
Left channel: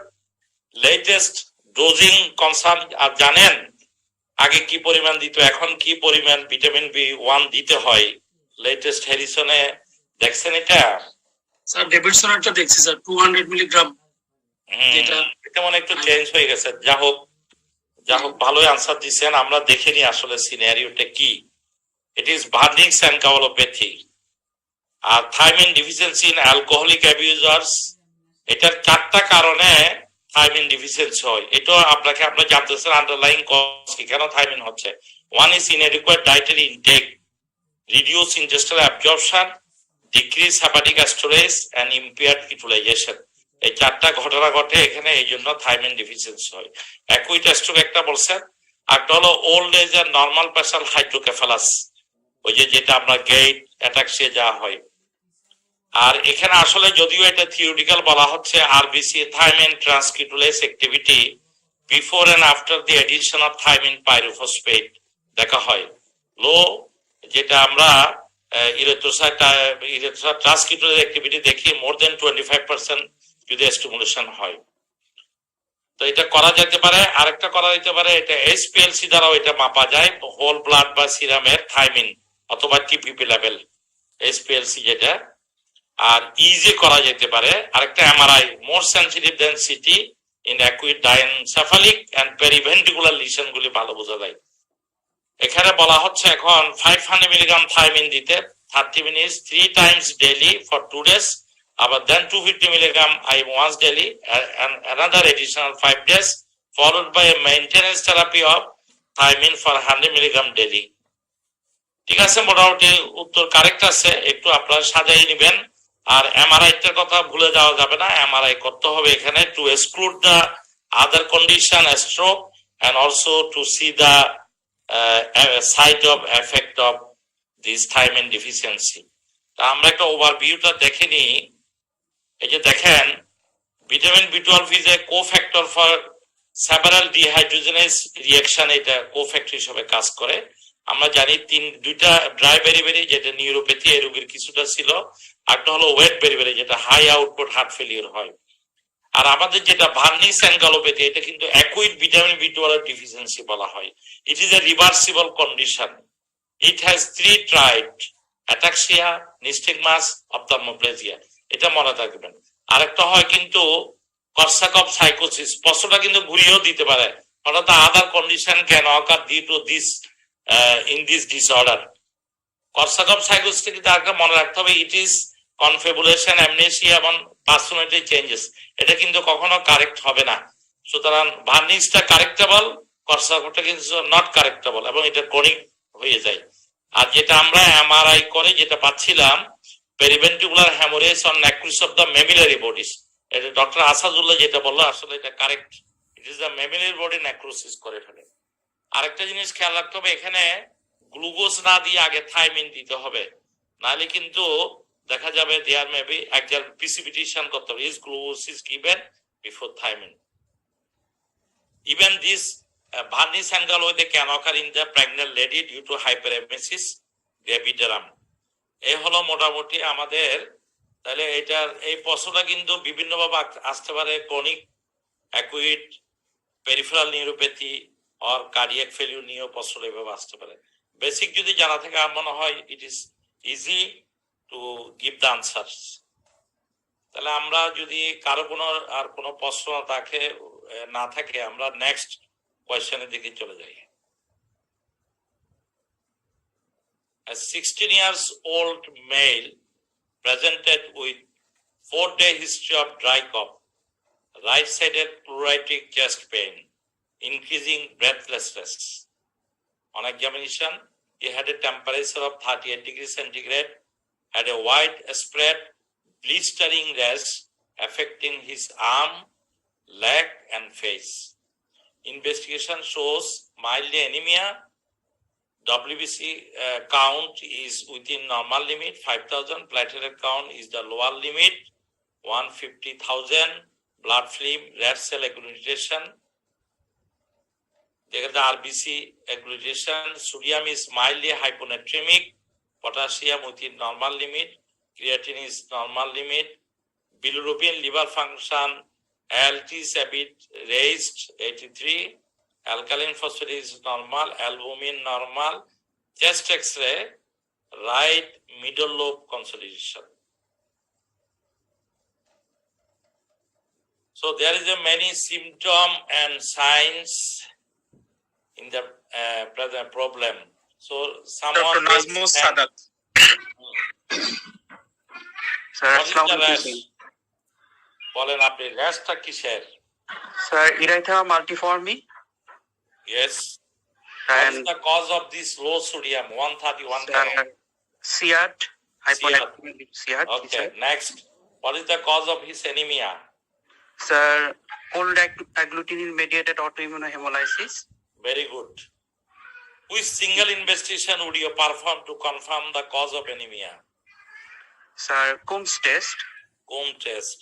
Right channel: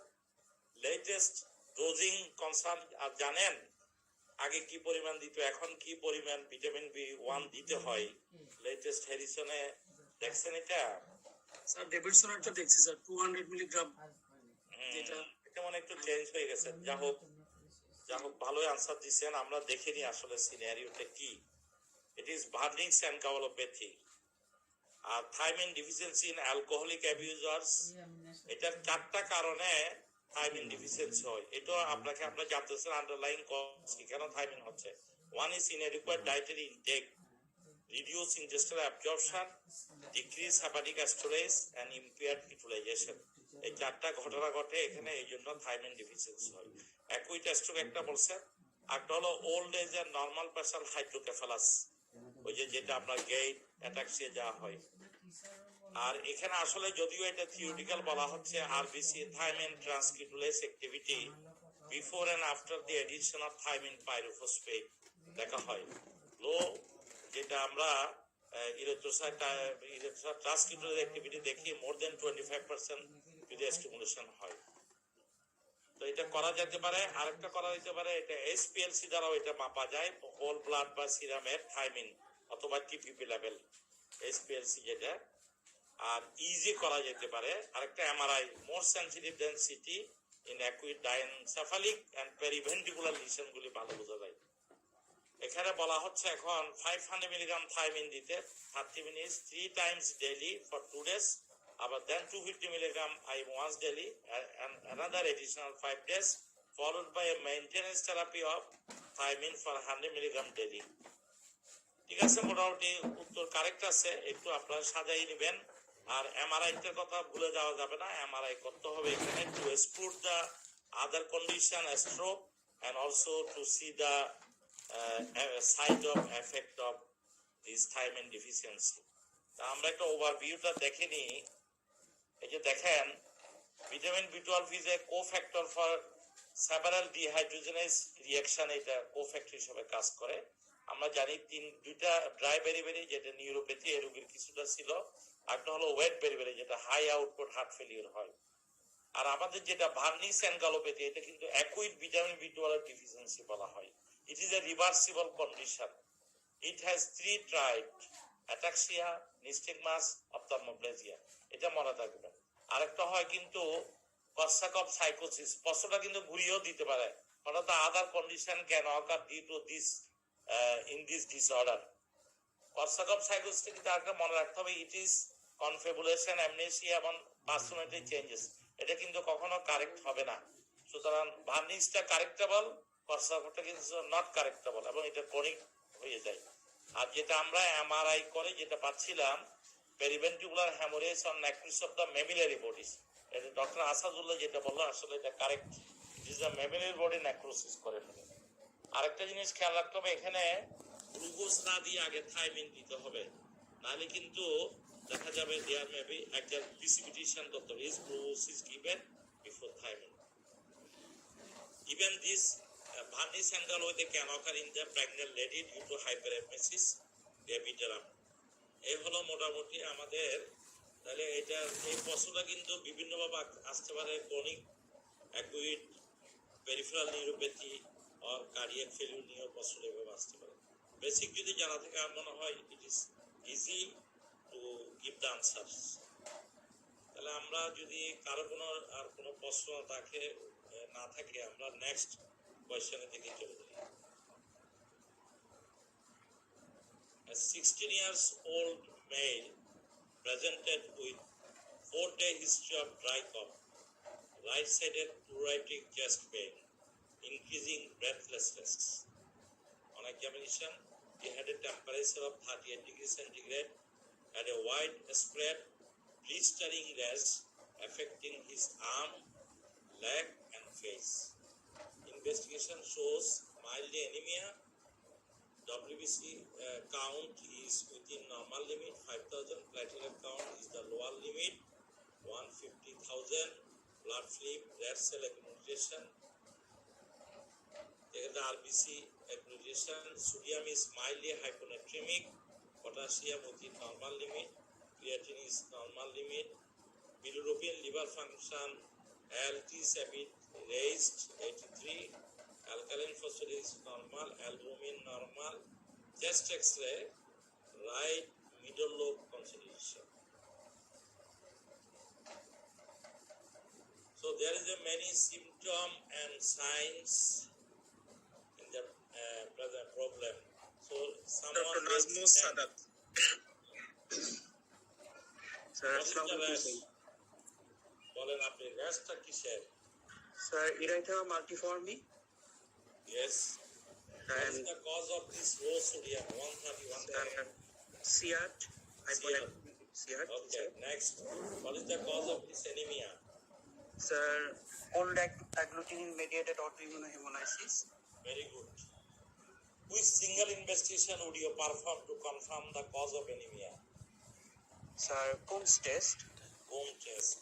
লেটেস্ট ডোজিং কনসার্ন আর জানেন? আগে কি পরিমাণ দিত, এখন কি পরিমাণ ভিটামিন বি1 দিতে হয়? লেটেস্ট হ্যারিসনে দেখছেন এটা? স্যার ডেভিডসনেরটা দেখছি স্যার 200 মিলিগ্রাম। এটা মনে একটু চেঞ্জ হয়ে গেছে। যা হোক ভালোই আনসার দিচ্ছেন। আমরা দেখিনি আসলে সিনারিওটা কি। ইট ইজ ভার্নিক্স এনকেফালোপ্যাথি আর thiamine deficiency in alcoholic abusers. এটার 4টা কারণে থাইমিন ডিফিসিয়েন্সি হয়। এটা আপনাকে আপনি জানতেছেন আন্ডারলাইং কজ কি, কেন থাইমিন হচ্ছে। One is inadequate dietary intake, reduce intestinal absorption, decrease hepatic storage and impaired utilization. এই 4টা ঘটনা ঘটে এখানে, এই জন্য থাইমিন ডিফিসিয়েন্সি হয়। অ্যাকুইট স্ট্রোক একটা বলছেন, একটা হলো ওল্ড এজ এর নরমাল প্রেসার হাইড্রোকেফালাস, ওই যেটা আপনার গেট অ্যাটাক্সিয়া যাওয়া হয়। আর এখানে আসলে যদিও এটা থিওরিটিক্যাল বলা হচ্ছে, RBC thiamine transketolase activity before and after the addition of thiamine pyrophosphate দেখা হয়। লো যেটা আমরা ইরেথ্রোসাইট ট্রান্সকিটোলেস অ্যাক্টিভিটি দেখি মোর দেন 25% যদি স্টিমুলেশন হয়, তো এটা করা যেতে পারে। আরেকটা করা যেতে পারে, এটা এসপিএলসি দ্বারাও এটা মাপা যায়, হোল ব্লাড বা সিরামের থাইমিন অথবা টিপিপি লেভেল, এসপিএলসি যেটা। আর ইজি করা যেতে পারে আরেকটা MRI, more sensitive than CT in acute diencephalic and periventricular lesion গুলি ভালো বোঝা যায়। এখানে বলা হচ্ছে এখন 500 মিলিগ্রাম থাইমিন দিতে 30 minutes 3 Times daily for 2 days, আবার দেন 250 milligram once daily and another additional 5 days followed by a maintenance therapy of thiamine for 100 milligram daily. ঠিক আছে, মোটামুটি উত্তর কারেক্ট আছে, একটু আপনারা সাজাই নেবেন। আর এমআরআই এর কথা ভুলে যাওয়া যাবে না, এমআরআই করতে হবে এখানে to exclude the other condition stroke and also to see the side of effect of this thiamine deficiency. তা আমরা একটা ওভারভিউটা দেখে নিই। এই যে দেখেন, ভিটামিন বি12 is a cofactor for several dehydrogenase reaction, এটা কোফ্যাক্টর হিসেবে কাজ করে। আমরা জানি দুইটা ড্রাই বেরিবেরি যেটা নিউরোপ্যাথি এই রোগীর কিছুটা ছিল, একটা হলো ওয়েট বেরিবেরি যেটা হাই আউটপুট হার্ট ফেলিওর হয়। আর আমাদের যেটা ভার্নিস এনকেফালোপ্যাথি, এটা কিন্তু অ্যাকুইট ভিটামিন বি12 ডিফিসিয়েন্সি বলা হয়। It is a reversible condition. It has 3 triad ataxia, nystagmus, ophthalmoplegia, এটা মনে রাখবেন। আরেকটা হয় কিন্তু কর্সাকফ সাইকোসিস, প্রশ্নটা কিন্তু ঘুরিয়েও দিতে পারে, হঠাৎ other condition can occur due to this in this disorder. Korsakoff সাইকোসিস কিন্তু আরেকটা মনে রাখতে হবে, ইট ইজ কনফেবুলেশন, অ্যামনেসিয়া এবং পার্সোনালিটি চেঞ্জেস, এটা কিন্তু কখনো কারেক্ট হবে না। সুতরাং ভার্নিশটা কারেক্টেবল, কর্সাকফটা কিন্তু নট কারেক্টেবল এবং এটা ক্রনিক হয়ে যায়। আর যেটা আমরা এমআরআই করে যেটা পাচ্ছিলাম, periventricular haemorrhage on necrosis of the mammillary bodies, এটা ডক্টর আসাদুল্লাহ যেটা বললো আসলে এটা correct, it is the mammillary body necrosis করে ফেলে। আরেকটা জিনিস খেয়াল রাখতে হবে, এখানে গ্লুকোজ না দিয়ে আগে থাইমিন দিতে হবে, নাহলে কিন্তু দেখা যাবে দেয়ার মেবি একজন প্রিসিপিটেশন করতে হবে, is glucose is given before thiamine. Even this varnish and galloide they can occur in the pregnant lady due to hyperemesis gravidarum. এই হলো মোটামুটি আমাদের, তাহলে এটার এই প্রশ্নটা কিন্তু বিভিন্নভাবে আসতে পারে, chronic acute peripheral neuropathy or cardiac failure নিয়েও প্রশ্ন এভাবে আসতে পারে। বেসিক যদি জানা থাকে আমার মনে হয় it is easy to give the answers. তাহলে আমরা যদি কারো কোনো প্রশ্ন না থাকে আমরা নেক্সট কোয়েশ্চেনের দিকে চলে যাই। A 16 years old male presented with 4-day history of dry cough, right-sided pleuritic chest pain, increasing breathlessness. On examination, he had a temperature of 38 degrees centigrade, had a widespread blistering rash affecting his arm, leg and face. Investigation shows mild anemia. WBC count is within normal limit 5,000. Platelet count is the lower limit 150,000. Blood film, red cell agglutination. Take the RBC agglutination. Sodium is mildly hyponatremic. Potassium within normal limit. Creatinine is normal limit. Bilirubin, liver function, ALT is a bit raised, 83. Alkaline phosphatase is normal. Albumin normal. Chest X-ray, right middle lobe consolidation. So there is a many symptom and signs in the present problem. So someone. Dr. Nazmus Sadat. Sir, What is the Assalamu rash? alaikum. বলেন আপনি র্যাশটা কিসের? Sir, erythema multiforme Yes. What and is the cause of this low sodium 131 sir, CRT, hyponatremic CRT. Okay, next. What is the cause of his anemia? Sir, cold agglutinin mediated autoimmune hemolysis. Very good. Which single investigation would you perform to confirm the cause of anemia? Sir, Coombs test. Comb test.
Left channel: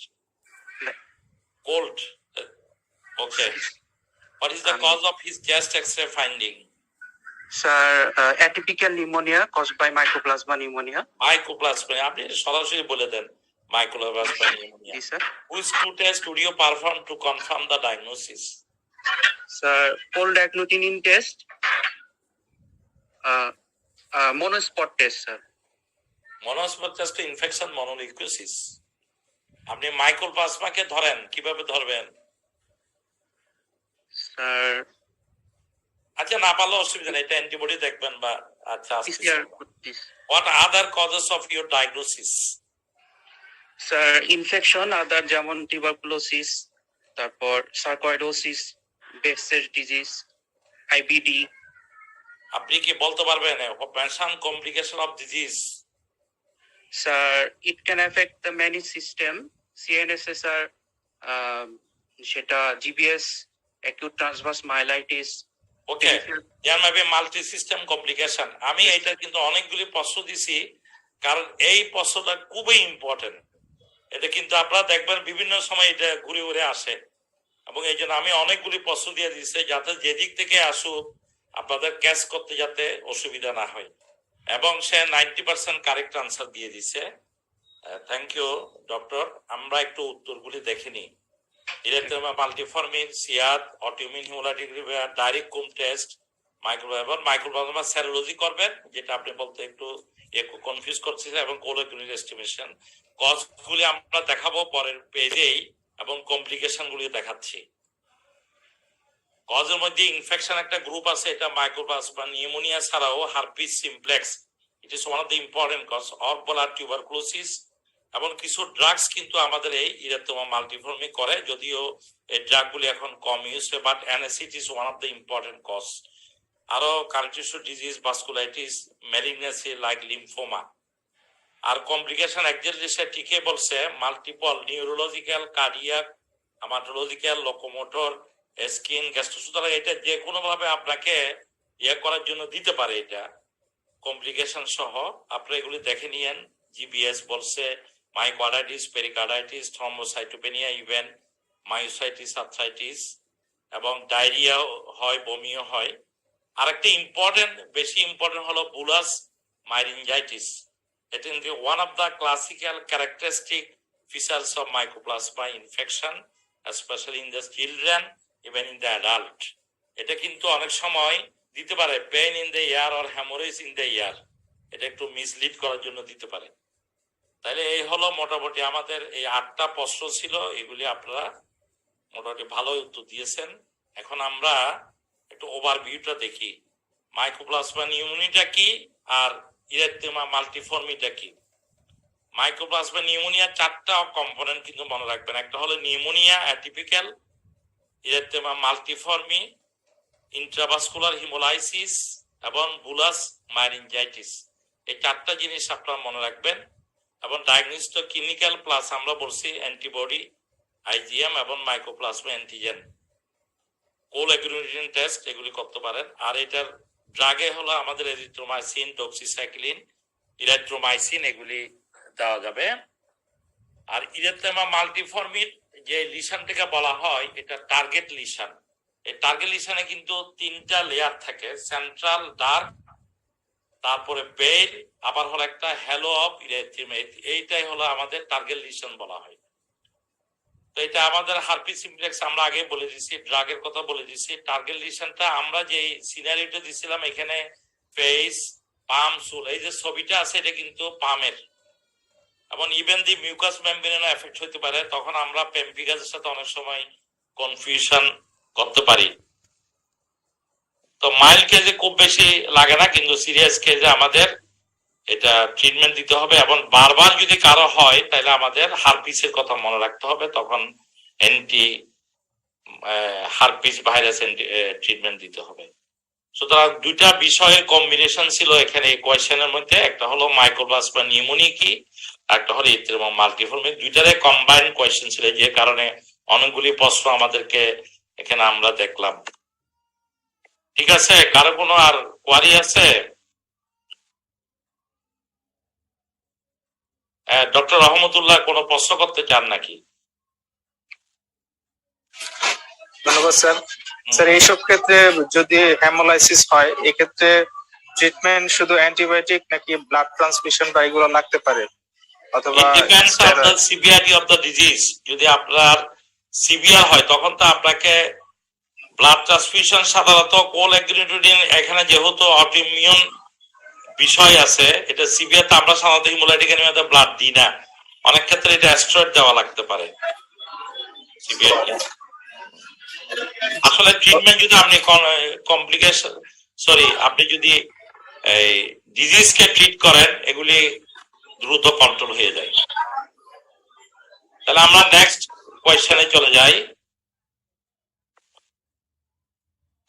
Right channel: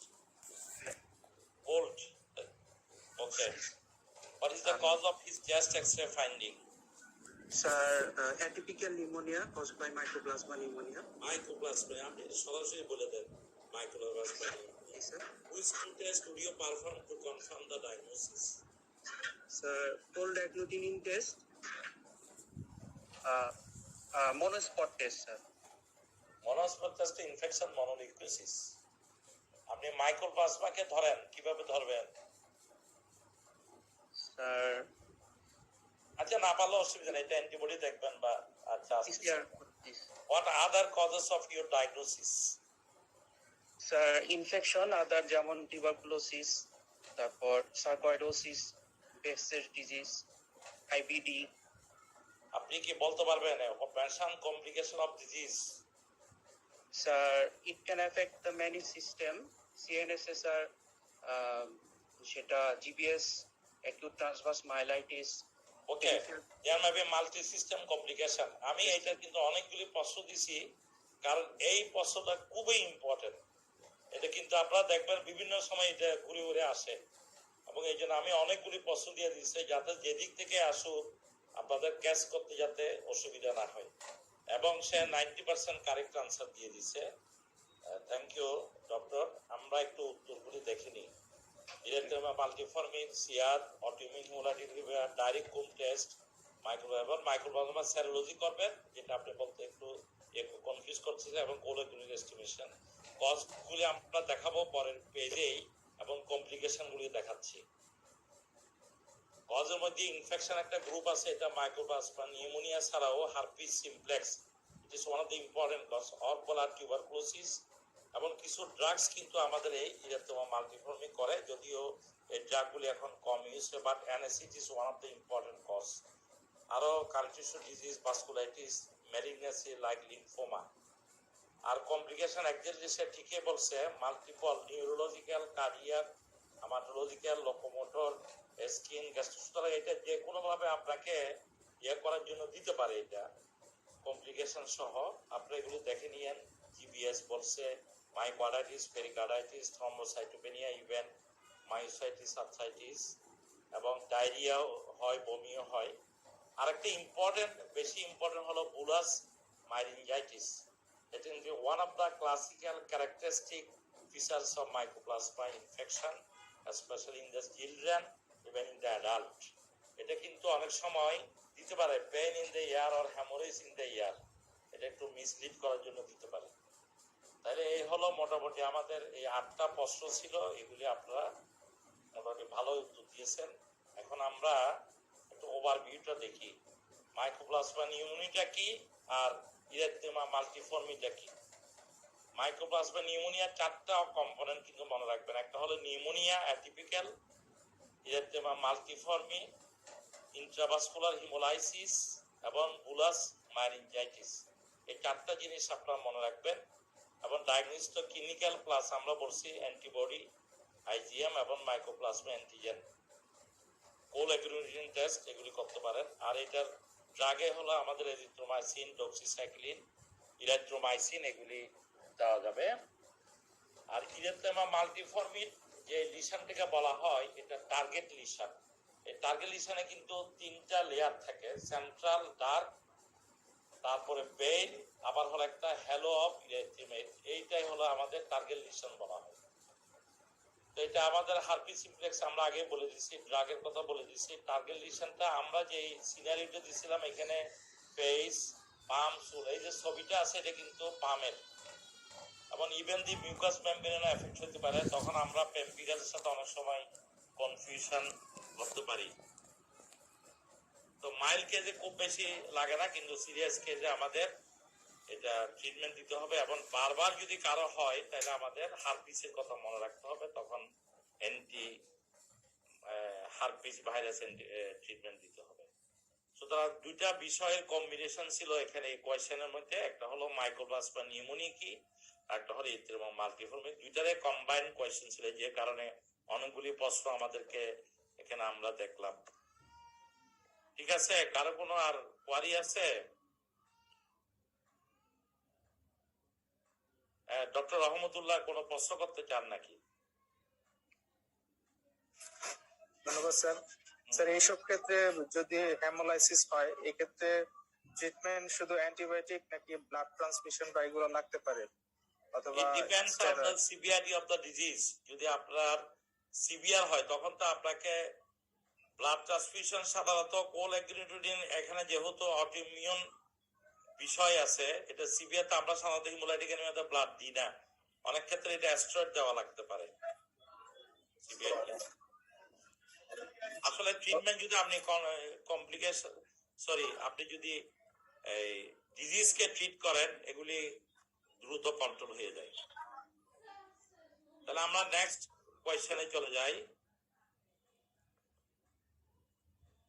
Cold. Okay. What is the cause of his chest X-ray finding? Sir, atypical pneumonia caused by mycoplasma pneumonia. Mycoplasma. আপনি সরাসরি বলে দেন mycoplasma pneumonia. Yes, sir. Which two tests would you perform to confirm the diagnosis? Sir, cold agglutinin test. Monospot test, sir. Monospot test infection mononucleosis. আপনি মাইক্রোপ্লাজমাকে ধরেন, কিভাবে ধরবেন? Sir, আচ্ছা না পারলে অসুবিধা নেই, এটা অ্যান্টিবডি দেখবেন বা আচ্ছা। PCR with this. What other causes of your diagnosis? Sir, infection other যেমন tuberculosis, তারপর sarcoidosis, Behçet's disease, IBD. আপনি কি বলতে পারবেন mention complication of disease? Sir, it can affect the many system, CNSSR, সেটা GBS, acute transverse myelitis. Okay, there may be multi system complication. আমি এটা কিন্তু অনেকগুলি প্রশ্ন দিছি, কারণ এই প্রশ্নটা খুবই ইম্পর্টেন্ট। এটা কিন্তু আপনারা দেখবেন বিভিন্ন সময় এটা ঘুরে ঘুরে আসে, এবং এই জন্য আমি অনেকগুলি প্রশ্ন দিয়ে দিচ্ছি যাতে যেদিক থেকে আসুক আপনাদের ক্যাচ করতে যাতে অসুবিধা না হয়। এবং সে 90% কারেক্ট আনসার দিয়ে দিছে। Thank you doctor. আমরা একটু উত্তরগুলি দেখে নিই। ইরেথেমা মাল্টিফর্মিন, সিয়ার, autoimmune hemolytic liver, direct Coombs test, mycoplasma serology করবেন, যেটা আপনি বলতে একটু কনফিউজ করছে এবং কোলোকিউনিক এস্টিমেশন কজগুলি আমরা দেখাবো পরের পেজেই এবং কমপ্লিকেশন গুলি দেখাচ্ছি। কজের মধ্যে ইনফেকশন একটা গ্রুপ আছে, এটা মাইক্রোপ্লাস বা নিউমোনিয়া ছাড়াও herpes simplex, it is one of the important cause, or বলার টিউবারকুলোসিস, এবং কিছু ড্রাগস কিন্তু আমাদের এই ইরেথ্রোমা মাল্টিফর্মি করে, যদিও এই ড্রাগগুলি এখন কম ইউজ হয়, but NSAID is one of the important cause. আরো কার্টিসো disease, vasculitis, malignancy like lymphoma. আর কমপ্লিকেশন একজাক্টলি সে ঠিকই বলছে, multiple neurological, cardiac, haematological, locomotor, skin, gastro, সুতরাং এটা যে কোনো ভাবে আপনাকে করার জন্য দিতে পারে। এটা কমপ্লিকেশন সহ আপনারা এগুলি দেখে নিয়েন। GBS বলছে myocarditis, pericarditis, thrombocytopenia, even myositis, arthritis, এবং ডায়রিয়া হয়, বমিও হয়। আরেকটা ইম্পর্টেন্ট, বেশি ইম্পর্টেন্ট হলো bullous myringitis. It is one of the classical characteristic features of mycoplasma infection, especially in the children, even in the adult. এটা কিন্তু অনেক সময় দিতে পারে pain in the year or haemorrhage in the year, এটা একটু মিসলিড করার জন্য দিতে পারে। তাহলে এই হলো মোটামুটি আমাদের এই 8টা প্রশ্ন ছিল, এগুলি আপনারা মোটামুটি ভালো উত্তর দিয়েছেন। এখন আমরা একটু ওভারভিউটা দেখি, মাইক্রোপ্লাজমা নিউমোনিয়াটা কি আর ইরেথ্রোমা মাল্টিফর্মিটা কি। মাইক্রোপ্লাজমা নিউমোনিয়া 4টা কম্পোনেন্ট কিন্তু মনে রাখবেন, একটা হলো নিউমোনিয়া অ্যাটিপিক্যাল, ইরেথ্রোমা মাল্টিফর্মি, ইন্ট্রাভাস্কুলার হিমোলাইসিস এবং বুলাস মাইরিনজাইটিস। এই 4টা জিনিস আপনারা মনে রাখবেন। এবং ডায়াগনোস্টিক ক্লিনিক্যাল প্লাস আমরা বলছি অ্যান্টিবডি, IgM এবং মাইক্রোপ্লাজমা অ্যান্টিজেন, কোলোকিউনিক টেস্ট, এগুলি করতে পারেন। আর এটার ড্রাগে হলো আমাদের এরিথ্রোমাইসিন, ডক্সিসাইক্লিন, ইরিথ্রোমাইসিন, এগুলি দেওয়া যাবে। আর ইরেথ্রোমা মাল্টিফর্মির যে লিশনটাকে বলা হয়, এটা টার্গেট লিশন। এই টার্গেট লিশনে কিন্তু 3টা লেয়ার থাকে, সেন্ট্রাল, ডার্ক, তারপরে পেইল, আবার হলো একটা হ্যালো অফ ইরেথ্রোমা। এইটাই হলো আমাদের টার্গেট লিশন বলা হয়। তো এটা আমাদের হারপিস সিমপ্লেক্স আমরা আগে বলে দিছি, ড্রাগের কথা বলে দিছি। টার্গেট লিশনটা আমরা যে সিনারিওটা দিছিলাম, এখানে ফেস, পাম, চুল, এই যে ছবিটা আছে, এটা কিন্তু পামের, এবং ইভেন দি মিউকাস মেমব্রেনও এফেক্ট হতে পারে। তখন আমরা পেম্পিগাসের সাথে অনেক সময় কনফিউশন করতে পারি। তো মাইল্ড কেজে খুব বেশি লাগে না, কিন্তু সিরিয়াস কেজে আমাদের এটা ট্রিটমেন্ট দিতে হবে। এবং বারবার যদি কারো হয়, তাহলে আমাদের হারপিসের কথা মনে রাখতে হবে, তখন অ্যান্টি হারপিস ভাইরাস ট্রিটমেন্ট দিতে হবে। সুতরাং 2টা বিষয়ের কম্বিনেশন ছিল এখানে এই কোয়েশ্চেনের মধ্যে, একটা হলো মাইক্রোপ্লাজমা নিউমোনিয়া কি, একটা হলো ইরেথ্রোমা মাল্টিফর্মি। 2টারে কম্বাইন্ড কোয়েশ্চেন ছিল, যে কারণে অনেকগুলি প্রশ্ন আমাদেরকে এখানে আমরা দেখলাম। ঠিক আছে, কারো কোনো আর কোয়ারি আছে? ডক্টর রহমতুল্লাহ কোনো প্রশ্ন করতে চান নাকি? ধন্যবাদ স্যার। স্যার, এইসব ক্ষেত্রে যদি হেমোলাইসিস হয়, এক্ষেত্রে ট্রিটমেন্ট শুধু অ্যান্টিবায়োটিক নাকি ব্লাড ট্রান্সফিউশন বা এগুলো লাগতে পারে, অথবা It depends on the severity of the disease. যদি আপনার সিভিয়ার হয়, তখন তো আপনাকে ব্লাড ট্রান্সফিউশন, সাধারণত কোলঅ্যাগ্লুটিনিন, এখানে যেহেতু অটোইমিউন বিষয় আছে, এটা সিভিয়ার, তো আমরা সাধারণত হিমোলাইটিক অ্যানিমিয়াতে ব্লাড দিই না। অনেক ক্ষেত্রে এটা স্টেরয়েড দেওয়া লাগতে পারে সিভিয়ার। আসলে ট্রিটমেন্ট যদি আপনি কমপ্লিকেশন, আপনি যদি এই ডিজিজকে ট্রিট করেন, এগুলি দ্রুত কন্ট্রোল হয়ে যায়। তাহলে আমরা নেক্সট কোয়েশ্চেনে চলে যাই।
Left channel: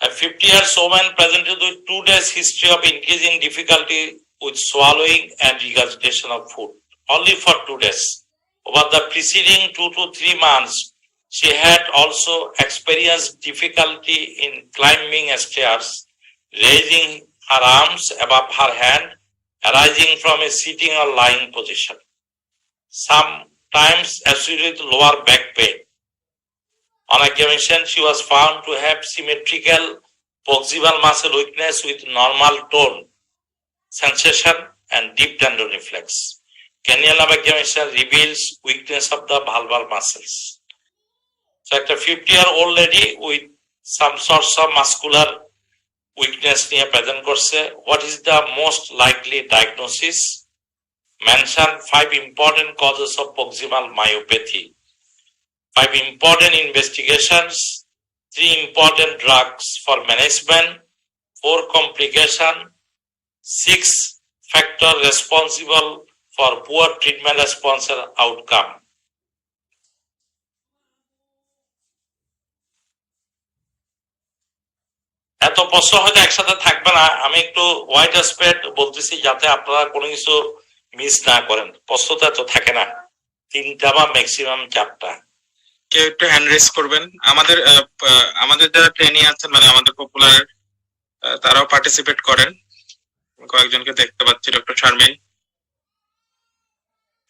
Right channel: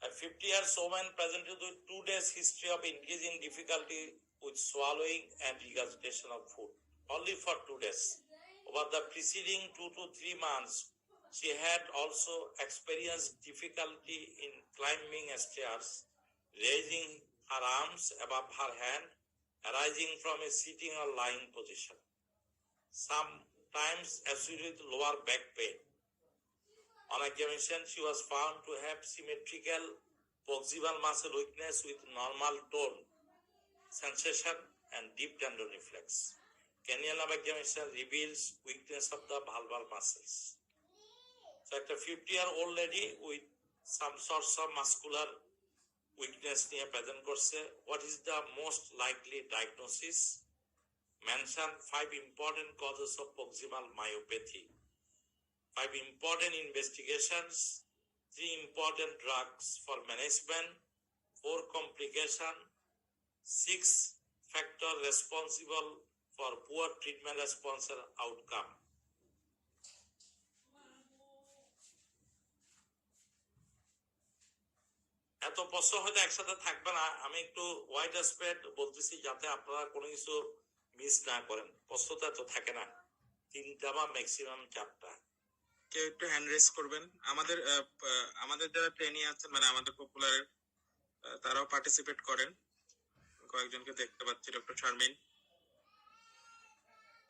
A 50-year woman presented with 2 days history of increasing difficulty with swallowing and regurgitation of food, only for 2 days. Over the preceding 2 to 3 months, she had also experienced difficulty in climbing stairs, raising her arms above her hand, arising from a sitting or lying position, sometimes associated with lower back pain. On examination, she was found to have symmetrical proximal muscle weakness with normal tone, sensation, and deep tendon reflex. Cranial nerve examination reveals weakness of the vulvar muscles. So, at a 50-year-old lady with some sorts of muscular weakness near present course, what is the most likely diagnosis? mention 5 important causes of proximal myopathy, 5 important investigations, 3 important drugs for management, 4 complication, 6 factor responsible for poor treatment response or outcome. এত প্রশ্ন হয়তো একসাথে থাকবে না, আমি একটু ওয়াইড অ্যাসপেক্ট বলতেছি যাতে আপনারা কোনো কিছু মিস না করেন। প্রশ্ন তো এত থাকে না, 3টা বা ম্যাক্সিমাম 4টা। কেউ একটু হ্যান্ড রেজ করবেন। আমাদের আমাদের যারা ট্রেনি আছেন মানে আমাদের পপুলার তারাও পার্টিসিপেট করেন, কয়েকজনকে দেখতে পাচ্ছি। ডক্টর শারমিন,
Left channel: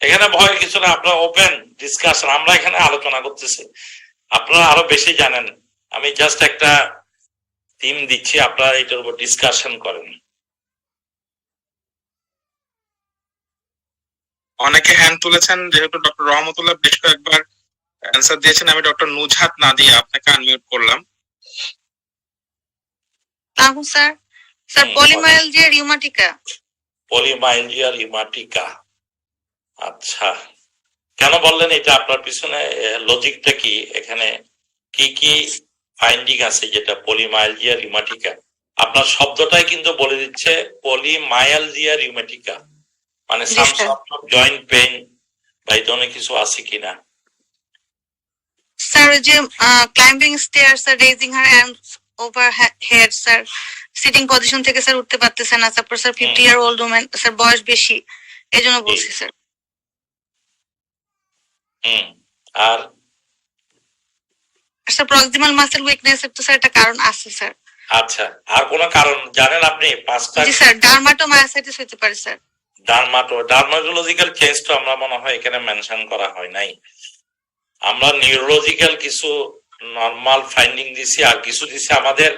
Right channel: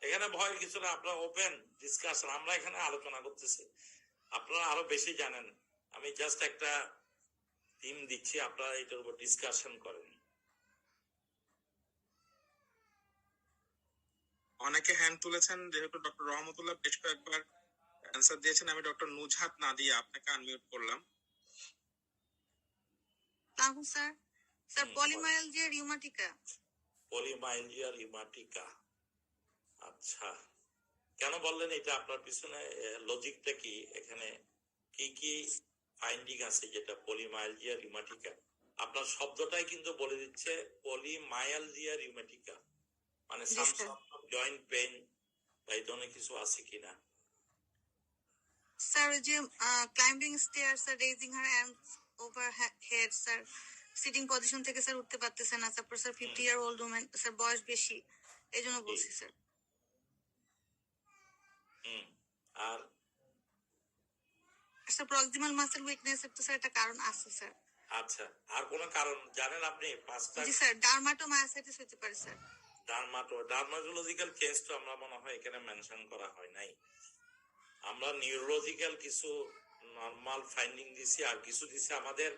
এখানে ভয়ের কিছু না, আপনারা ওপেন ডিসকাশন, আমরা এখানে আলোচনা করতেছি, আপনারা আরো বেশি জানেন। আমি জাস্ট একটা থিম দিচ্ছি, আপনারা এটার উপর ডিসকাশন করেন। অনেকে হ্যান্ড তুলেছেন, যেহেতু ডক্টর রহমতুল্লাহ বেশ কয়েকবার অ্যান্সার দিয়েছেন, আমি ডক্টর নুজহাত না দিয়ে আপনাকে আনমিউট করলাম। তাহু স্যার, স্যার পলিমাইলজিয়া রিউমাটিকা। পলিমাইলজিয়া রিউমাটিকা, আচ্ছা কেন বললেন এটা? আপনার পিছনে লজিকটা কি? এখানে কি কি ফাইন্ডিং আছে যেটা পলিমাইলজিয়া রিউমাটিকা? আপনার শব্দটাই কিন্তু বলে দিচ্ছে পলিমাইলজিয়া রিউমাটিকা, মানে some sort of joint pain বা এই ধরনের কিছু আছে কিনা। স্যার যে climbing stair sir, raising her hands over head sir, sitting position থেকে স্যার উঠতে পারতেছে না। তারপর sir 50 year old woman sir, বয়স বেশি, এজন্য বলছি স্যার। আর স্যার প্রক্সিমাল মাসেল উইকনেস এর তো স্যার একটা কারণ আছে স্যার। আচ্ছা, আর কোন কারণ জানেন আপনি? 5টা। জি স্যার, ডার্মাটোমায়োসাইটিস হতে পারে স্যার। ডার্মাটোলজিক্যাল চেঞ্জ তো আমরা মনে হয় এখানে মেনশন করা হয় নাই। আমরা নিউরোলজিক্যাল কিছু নরমাল ফাইন্ডিং দিছি, আর কিছু দিছি আমাদের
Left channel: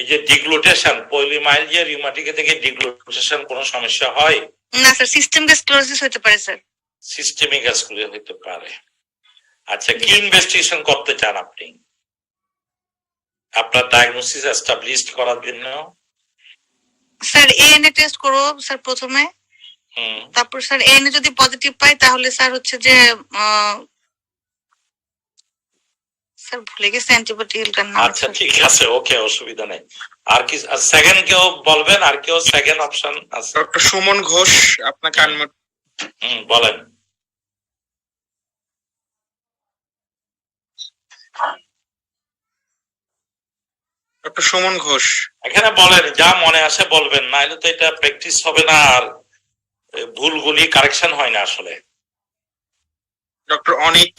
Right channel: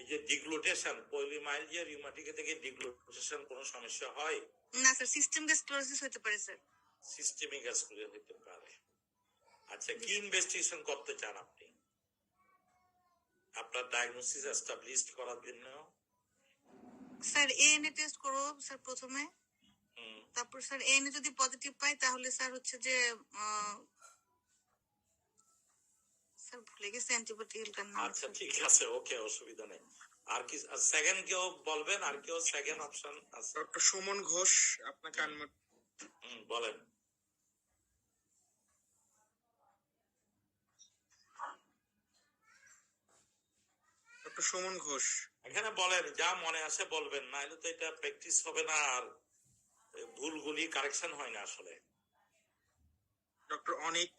এই যে ডিগ্লুটেশন। পলিমাইলজিয়া রিউমাটিকা থেকে ডিগ্লুটেশন কোনো সমস্যা হয় না স্যার, সিস্টেমিক স্ক্লেরোসিস হতে পারে স্যার। সিস্টেমিক স্ক্লেরোসিস হতে পারে। আচ্ছা, কি ইনভেস্টিগেশন করতে চান আপনি আপনার ডায়াগনোসিস এস্টাবলিশড করার জন্য? স্যার এএনএ টেস্ট করব স্যার প্রথমে, তারপর স্যার এএনএ যদি পজিটিভ পাই তাহলে স্যার হচ্ছে যে স্যার ভুলে গেছি অ্যান্টিবায়োটিকের নাম। আচ্ছা ঠিক আছে, ওকে, অসুবিধা নেই। আর কি সেকেন্ড কেউ বলবেন? আর কেউ সেকেন্ড অপশন আছে? ডক্টর সুমন ঘোষ, আপনাকে আনমিউট। বলেন। ডক্টর সুমন ঘোষ, এখানে বলেন, যা মনে আসে বলবেন, নাহলে তো এটা প্র্যাকটিস হবে না আর ভুলগুলি কারেকশন হয় না আসলে। ডক্টর অনিক,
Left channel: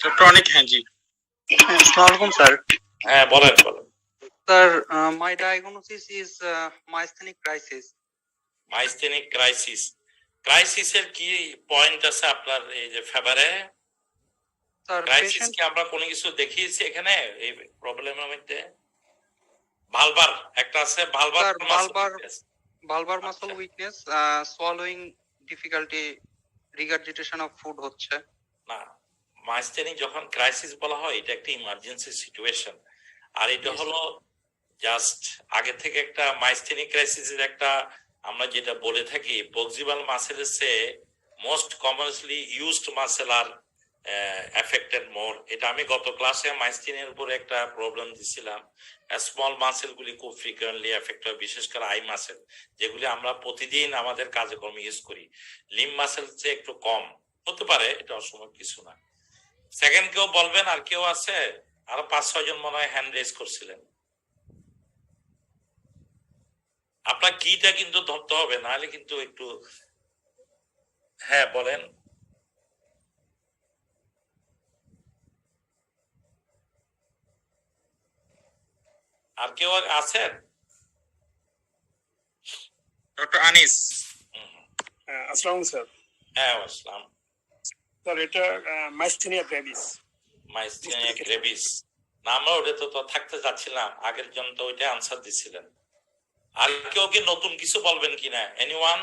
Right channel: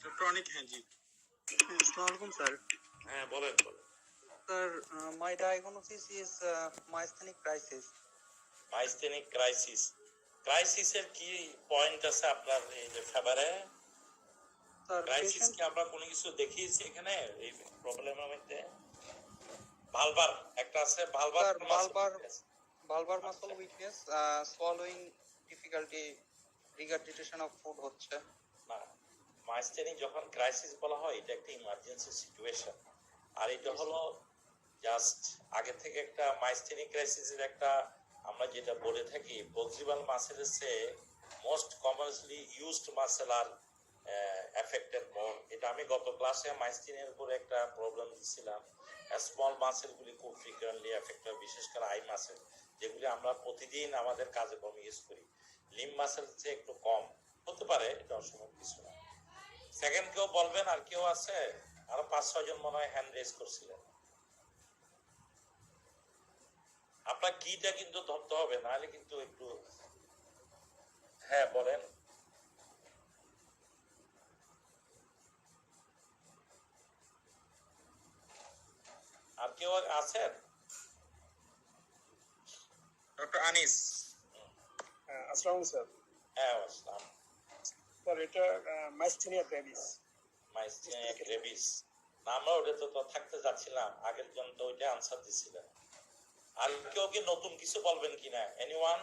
ডক্টর অনিক, হ্যাঁ জি। আসসালামু আলাইকুম স্যার। হ্যাঁ বলেন বলেন। Sir, my diagnosis is myasthenic crisis. Myasthenic crisis. ক্রাইসিসের কি পয়েন্ট আছে আপনার এই যে ফেভারে? স্যার ক্রাইসিস পেশেন্ট কি আমরা কোনো কিছু দেখিয়েছি এখানে এই প্রবলেমের মধ্যে? ভালবার একটা আছে, ভালবার valvar muscle weakness, swallowing difficulty, regurgitation of food হচ্ছে। না, মাইস্থেনিক যখন ক্রাইসিস বলা হয় এটা একটা ইমার্জেন্সি সিচুয়েশন, আর এটা হলো জাস্ট আগে থেকে একটা মাইস্থেনিক ক্রাইসিসের একটা আমরা যেটা বলে থাকি প্রক্সিমাল মাসেলের চেয়ে মোস্ট কমনলি ইউজড মাসেল আর এফেক্টেড মোর। এটা আমি গত ক্লাসে মাইস্থেনিয়ার উপরে একটা প্রবলেম দিছিলাম। স্মল মাসেল গুলি খুব ফ্রিকুয়েন্টলি এফেক্ট হয়, বিশেষ করে আই মাসেল, যেগুলি আমরা প্রতিদিন আমাদের কাজকর্মে ইউজ করি। লিম মাসেল চেয়ে একটু কম হতে পারে, এটা অসম্ভব কিছু না। সেকেন্ড কেউ বলবেন? আর কেউ আছে? আরো 5-6 জন মনে হয় হ্যান্ড রেজ করছিলেন। আপনার কিটা কিন্তু ধরতে হবে, নাহলে কিন্তু একটু। হ্যাঁ বলেন। আর কেউ আছেন? ডক্টর আনিস, আসসালাম স্যার। হ্যাঁ আসসালাম। স্যার এটা মাইস্থেনিয়া গ্রেভিস। মাইস্থেনিয়া গ্রেভিস না, আমরা ওটা তো থাকতে যাচ্ছিলাম, আগের জন তো ওইটা আনসার দিছিলেন। আর কেউ কি নতুন কিছু বলবেন কিনা? এনিওয়ান?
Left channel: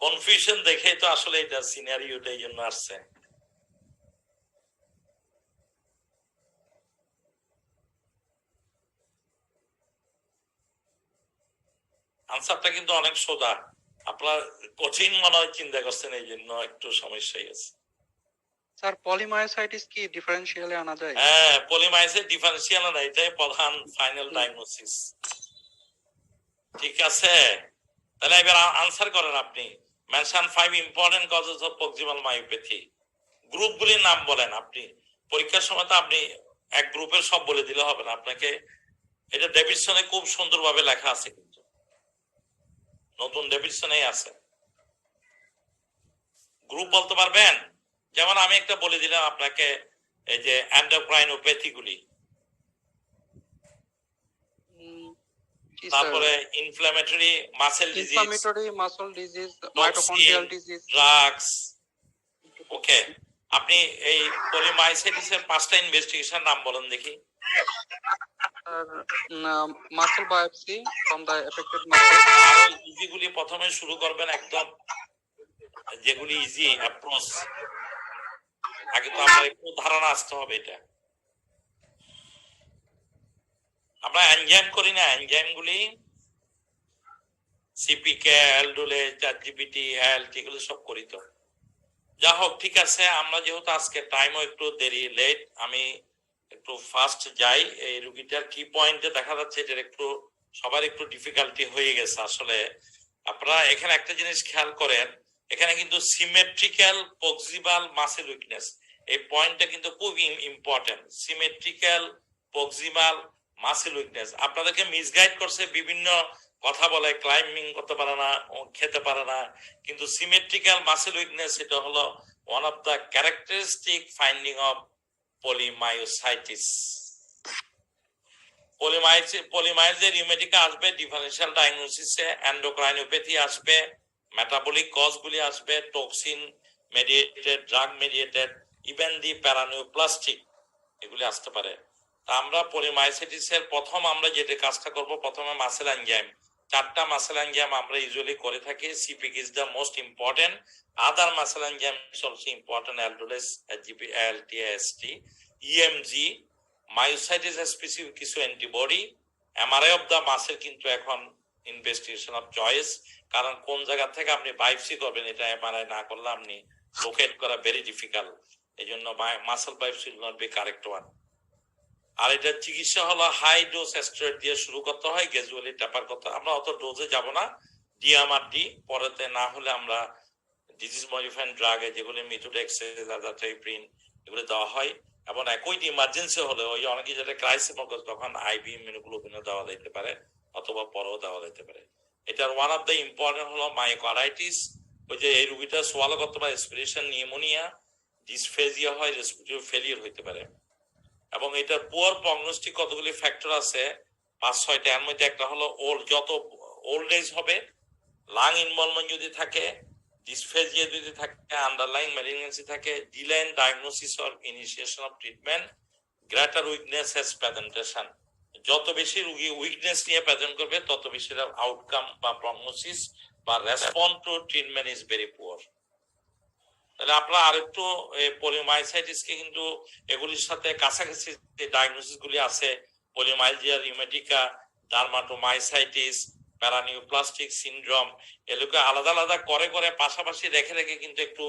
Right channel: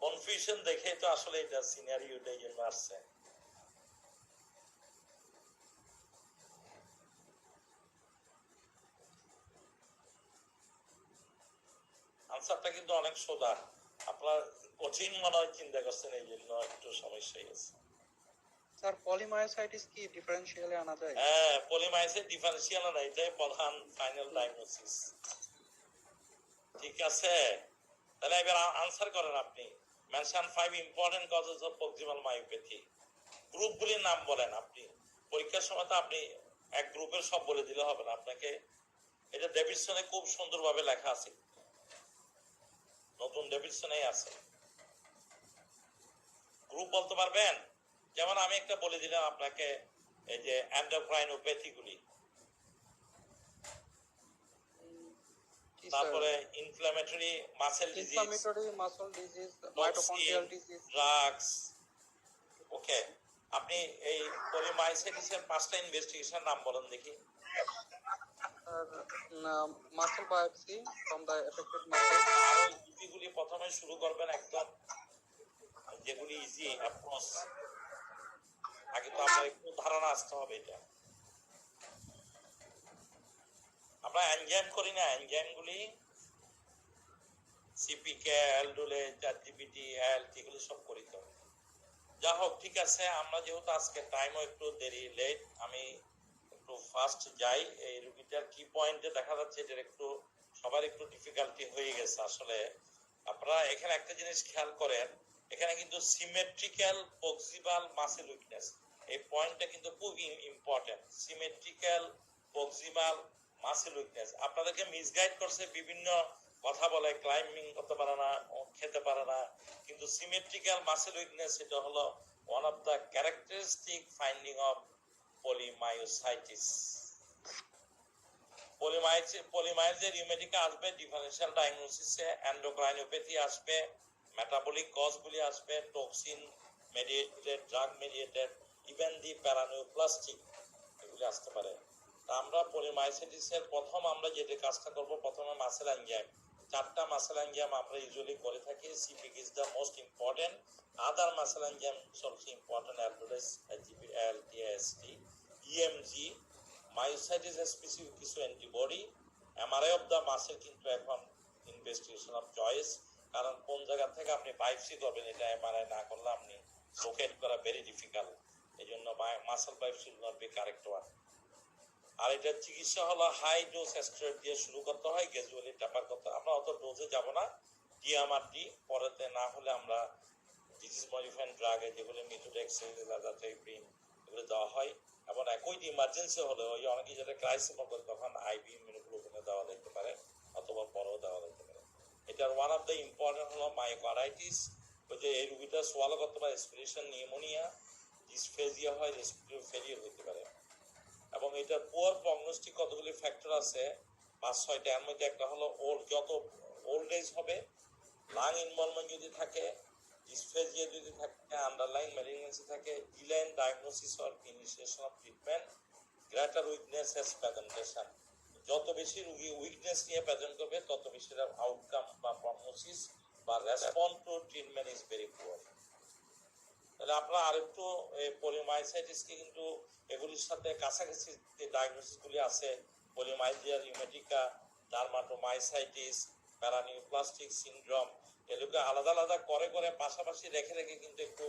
কনফিউশন দেখে তো আসলে এটা সিনারিওটা এই জন্য আসছে। আনসারটা কিন্তু অনেক সোজা, আপনার কঠিন মনে হয় চিন্তা করছেন, এই জন্য একটু সমস্যাই আছে। স্যার পলিমায়োসাইটিস কি ডিফারেন্সিয়ালে আনা যায়? হ্যাঁ, পলিমাইসের ডিফারেন্সিয়াল না, এটাই প্রধান ফাইনাল ডায়াগনোসিস। ঠিক আছে, তাহলে এবার আনসার করেন আপনি। Mention 5 important causes of proximal myopathy. গ্রুপগুলির নাম বলেন আপনি। পরীক্ষার সময় তো আপনি এক গ্রুপের সব বলে দিলে হবে না, আপনাকে এটা ডেভিডসনে খুব সুন্দরভাবে লেখা আছে, কিন্তু নতুন ডেভিডসনেই আছে। গ্রুপ বলতে পারবেন? যেমন আমি একটা বলে দিলাম আপনাকে, এই যে এন্ডোক্রাইনোপ্যাথি গুলি, তারপরে inflammatory muscle disease, inflammatory muscle disease, mitochondrial disease, drugs. Okay, আপনি এই পলিমাইসাইটিসের 5টা ইনভেস্টিগেশন নাম বলেন দেখি। Muscle biopsy from the affected muscle. ইজি গুলি প্রথমে শুরু করবেন, একদম যেগুলি ইজি অ্যাপ্রোচ, আগে তো আমরা একটু ধারণা আসতে হবে। এটা আমরা এনজাইম করি না, এনজাইম গুলি সিপিকে, অ্যালডোলে, চারজিপিটি, অ্যালটি, এগুলো সব করি। তো যা হোক, ঠিক আছে। আমরা যেহেতু আজকে টাইমও একটু দেরি, লেট, আমি একটু ফাস্ট যাই। এই রুগীটার কি পয়েন্টে দেখা যাচ্ছে এটার একটু সবার একটু ডিফিকাল্টি হয়ে গেছে। আসলে আপনারা এখানে একটা জিনিস খেয়াল করেন, এখানে কিন্তু সিমেট্রিক্যাল প্রক্সিমাল মাসেল উইকনেস, এই পয়েন্টটা কিন্তু খুব important. Symmetrical proximal muscle weakness আপনাদেরকে মিসগাইড করছে, বিভিন্ন কথা বলে, ক্লাইম্বিং করতে পারে না, খেতে পারে না, কিন্তু সিমেট্রিক্যাল মাসেল উইকনেস এটা হলো one of the characteristic finding of polymyositis. Polymyalgia rheumatica আসবে, ডিফারেনশিয়াল ডায়াগনোসিসে এন্ডোক্রাইনোপ্যাথি আসবে, মেটাবলিক কজ গুলি আসবে, toxin mediated, drug mediated, even the paraneoplastic, এগুলি আসতে পারে। তা আমরা পলিমায়োসাইটিসের প্রথম আমরা যেটা কাজটা করব, প্রথমে মাসেল এনজাইম, 4টা মাসেল এনজাইম আমরা ইউজুয়ালি করে থাকি। CPK is the most important, other muscle enzyme is also important, aldolase, জিপি, ALT, AST, EMG, myositis specific কিছু antibody, MRI of the muscle কিন্তু এখন ইনভেস্টিগেশন অফ চয়েস, কারণ কোন জায়গা থেকে আপনি বায়োপসি করবেন এটা এমআরআই না করলে আপনি লোকেট করা ভেরি ডিফিকাল্ট, এই জন্য muscle biopsy will not be correct one. আর এটার চিকিৎসা হলো হাই ডোজ স্টেরয়েড দিয়ে শুরু করতে হয়, গ্র্যাজুয়ালি ট্যাপার করতে হয়। আমরা অত ডোজে যাব না, ডিএমআরডি, পরেতে না হলে আমরা ডিজিজ মডিফাইং ড্রাগে যেগুলি মিথোডেক্সেজ, আজাথ্রাইপ্রিন, এগুলো দেওয়া হয়। এবং একই ইমার্জেন্সি হলে ওই অনেকে যেটা ক্রাইসিস তখন আইভি ইমিউনোগ্লোবিনও দেওয়া যেতে পারে, অথবা পরেও দেওয়া যেতে পারে। এটার ওয়ান অফ দ্য ইম্পর্টেন্ট হলো মায়োকার্ডাইটিস, ওই যে এই রোগীটা সোয়ালো করতে পারে, রেসপিরেশন নিউমোনিয়া, ডিসফেজিয়া হয়, রেসপিরেটরি ফেলিয়ার হইতে পারে। এবং এটার পুয়ার প্রগনোস্টিক কতগুলি ফ্যাক্টর আছে, 5-6টা। এর মধ্যে একটা হলো যত ওল্ড এজ হবে, লাং ইনভলভমেন্ট যদি থাকে, ডিসফেজিয়া যদি থাকে, আন্ডারলাইং ম্যালিগন্যান্সি থাকে, delay in diagnosis or initiation of treatment, greater weakness at presentation. যত বেশি রোগী উইকনেস নিয়ে প্রেজেন্ট করবে, তত বেশি আউটকাম বা প্রগনোসিস বা response to treatment is very poor. তাহলে আপনারা আরেকটু পলিমায়োসাইটিসকে কিন্তু এগুলির সাথে কাছাকাছি যে ডায়াগনোসিস গুলি আছে, পলিমাইলজিয়া রিউমেটিকা, ডার্মাটোমাইসাইটিস, প্যারানিওপ্লাস্টিক সিনড্রোম, এগুলোকে আলাদা আলাদা করে করে পাশাপাশি রেখে রেখে কিন্তু একটু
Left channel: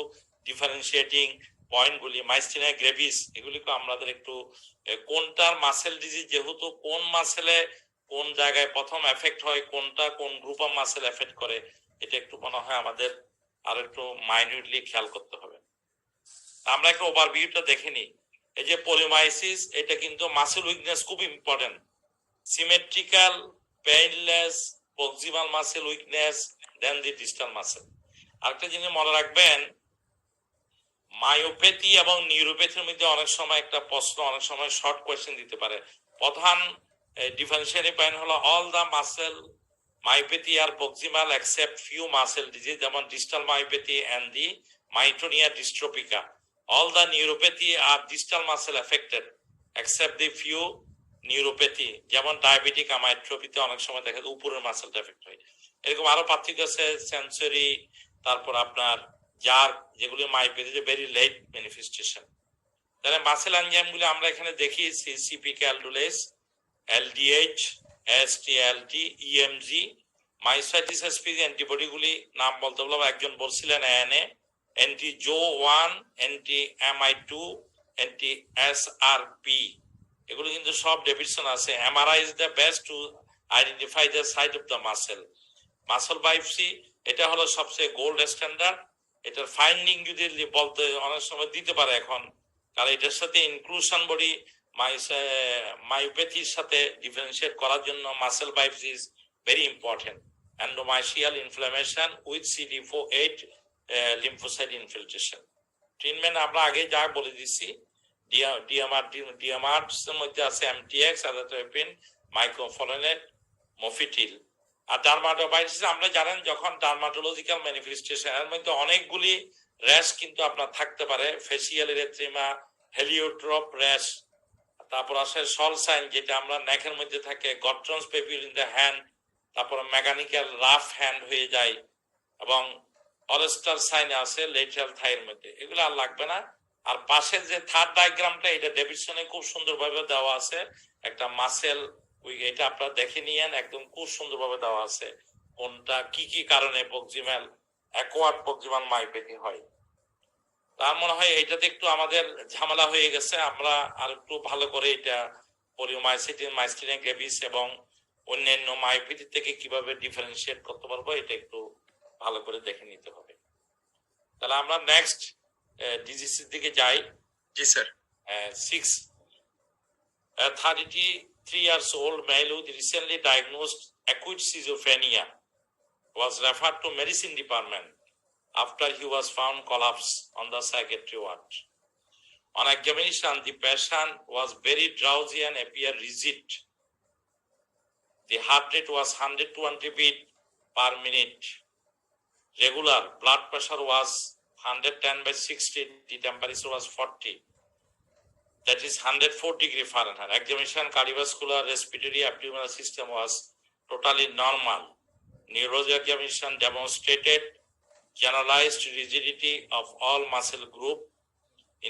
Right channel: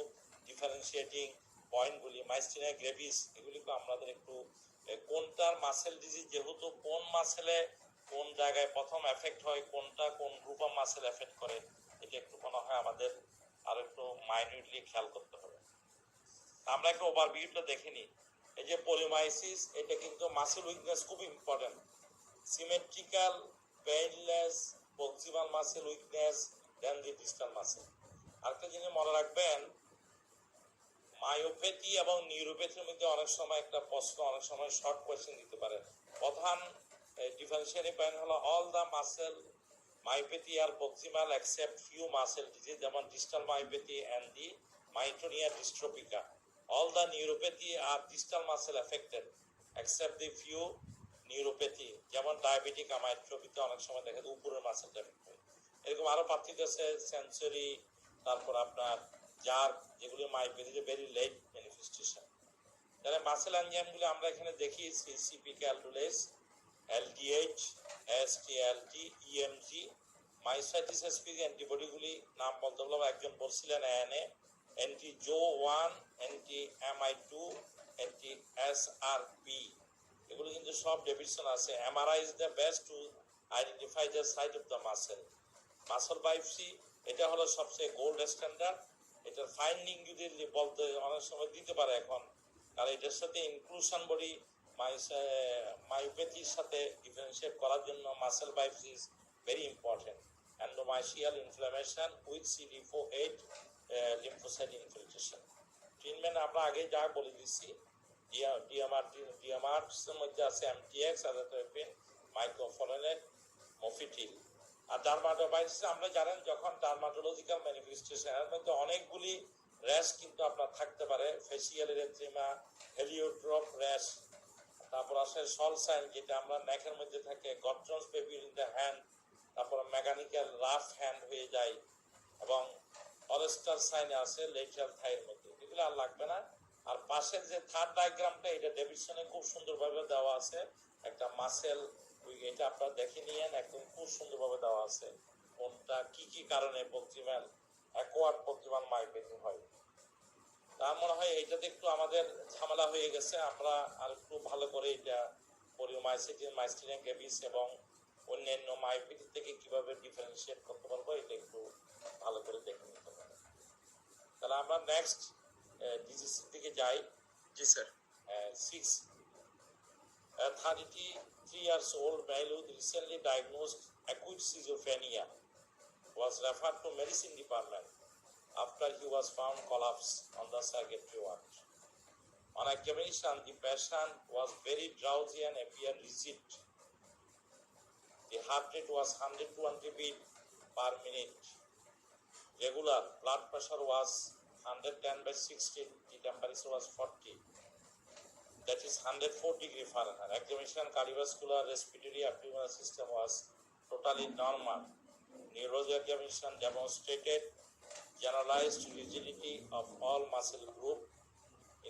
ডিফারেন্সিয়েটিং পয়েন্টগুলি, মাইস্টিনিয়া গ্রেভিস, এগুলিকে আমাদের একটু কোনটার মাসেল ডিজিজ, যেহেতু কোন মাসেলে কোন জায়গায় প্রথম এফেক্ট হয়, কোনটা কোন গ্রুপ অফ মাসেল এফেক্ট করে, এটা একটু মনে হয় আমাদের আর একটু মাইনিউটলি খেয়াল করতে হবে। আমরা একটা ওভারভিউটা দেখে নিই। এই যে পলিমাইসিস, এটা কিন্তু মাসেল উইকনেস খুব important, symmetrical, painless, proximal muscle weakness, then the distal muscle. আরেকটা জিনিস মনে রাখবেন, মায়োপ্যাথি এবং নিউরোপ্যাথির মধ্যে অনেক সময় একটা প্রশ্ন, অনেক সময় শর্ট কোয়েশ্চেন দিতে পারে। প্রধান ডিফারেন্সিয়েটিং পয়েন্ট হলো all the muscle myopathy are proximal except few muscle disease, যেমন distal myopathy and the myotonia dystrophica. All the neuropathy are distal muscle affected except the few neuropathy, যেমন ডায়াবেটিক আমাইট্রোপিতে অনেক সময় দেখা যায় উপরের মাসেলটা এফেক্ট হয়। এরকম আরো পার্থক্য আছে, সেন্সরি, তারপর আপনার যার যেগুলি মায়োপ্যাথিতে ভেরি লেট ম্যানিফেস্টেশন। তাহলে মাসেল এনজাইমগুলি আমরা এখানে দেখি, সিপিকে, অ্যালডোলেস, এলডিএইচ, এসটিএলটি, ইএমজি, মাইসাইটিস স্পিসিস অ্যান্টিবডিগুলি নাম বলতে বলবো, একজন বলছিলেন ANA, anti Jo 1, anti MI2, anti SRP, এগুলো কিন্তু সব ডেফিশন আছে। MRI is the best to identify the site of the muscle biopsy, এটা হলো সবচেয়ে গোল্ড স্ট্যান্ডার্ড। এটার ফাইন্ডিং যদি বলতে অনেক সময় দিতে পারে এখন, কারণ এটার সাথে ইনক্লুশন বডি মায়োপ্যাথির সাথে ডিফারেন্সিয়েট করার জন্য muscle biopsy is very important. Endomysial inflammation with CD4-8 lymphocyte infiltration. Treatment আমরা আগে যা বলে দিচ্ছি, ডিএমআর মধ্যে আছে MTX, আজাথ্রোপিন, মাইক্রোফলোনেট, মফিটিল। আর ডার্মাটোবাইটিস আমরা জানেন যখন ডার্মাটোলজিক্যাল ম্যানিফেস্টেশন, এর মধ্যে অনেকগুলি র্যাশ কিন্তু আপনার থাকতে পারে, ফেসিয়াল এরিথ্রিমা, হেলিওট্রপ র্যাশ, তারপর আসে সল সাইন যেটা আমরা নেকের মধ্যে থাকে, গট্রন্স পেপিউল ইন দ্য হ্যান্ড, তারপর মেকানিক্যাল রাফ হ্যান্ড হয়ে যায়, এবং অলস্টার সাইন আছে লেটারাল থাইয়ের মধ্যে। এগুলো আর লাগবে না। আর পাশের যে থার্ড ডায়াগ্রামটা, এটা ডেভিডসনে খুব সুন্দরভাবে দেওয়া আছে, একটা মাসেল এটা আপনারা দেখে নিয়েন, একদম খুব সুন্দরভাবে দেওয়া আছে কোনটা কি কি কারণে প্রক্সিমাল অ্যাকোয়ার্ড প্রক্সিমাল মায়োপ্যাথি হয়। তার মনে হয় এটাতে একটু আমাদের ঝামেলা হয়ে গেছে, আমরা আর একটু ভালো করে এটা পলিওমাইসিটিস, মাইস্টেনিয়া গ্রেভিস এবং অন্যান্য মায়োপ্যাথি থেকে কিভাবে ডিফারেন্সিয়েট করতে পারবো, এটা একটু ভালো করে দেখে নিতে হবে। তাহলে আমরা নেক্সট ডিজিজের দিকে যাই। জি sir. 33 years old male with recently diagnosed acute schizophrenia was referred to medicine department after he was found collapsed on the psychiatry ward. On examination, the patient was very drowsy and appeared rigid. The heart rate was 120 beats per minute. Regular blood pressure was 110/60. The temperature was 40. That is 104 degree Fahrenheit. Examination, cardiovascular, respiratory, abdominal system was totally normal. Neurology examination demonstrated generalized rigidity of all muscle group.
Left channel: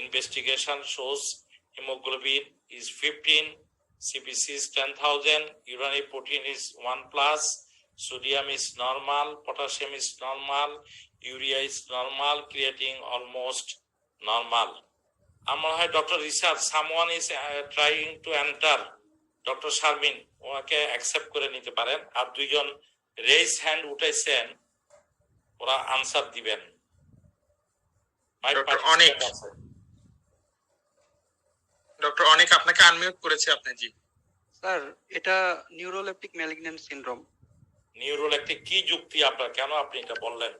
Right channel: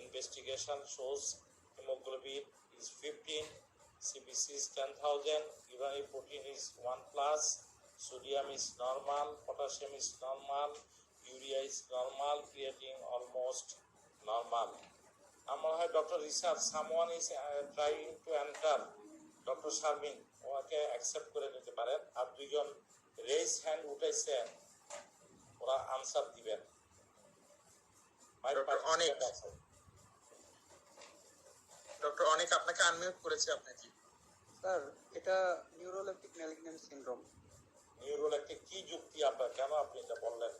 Investigation shows hemoglobin is 15, CBC is 10,000, urinary protein is 1+, sodium is normal, potassium is normal, urea is normal, creatine almost normal. আমার হয় doctor research someone is trying to enter, doctor Sharmin ওনাকে অ্যাকসেপ্ট করে নিতে পারেন। আর দুইজন রেইজ হ্যান্ড উঠাইছেন, ওরা আনসার দিবেন। ডক্টর অনেক আপনাকে আনমিউট করেছে আপনি। জি স্যার, এটা নিউরোলেপটিক ম্যালিগন্যান্ট সিনড্রোম। নিউরোলেপটিক কি যুক্তি আপনার, কেন আপনি এটা বললেন?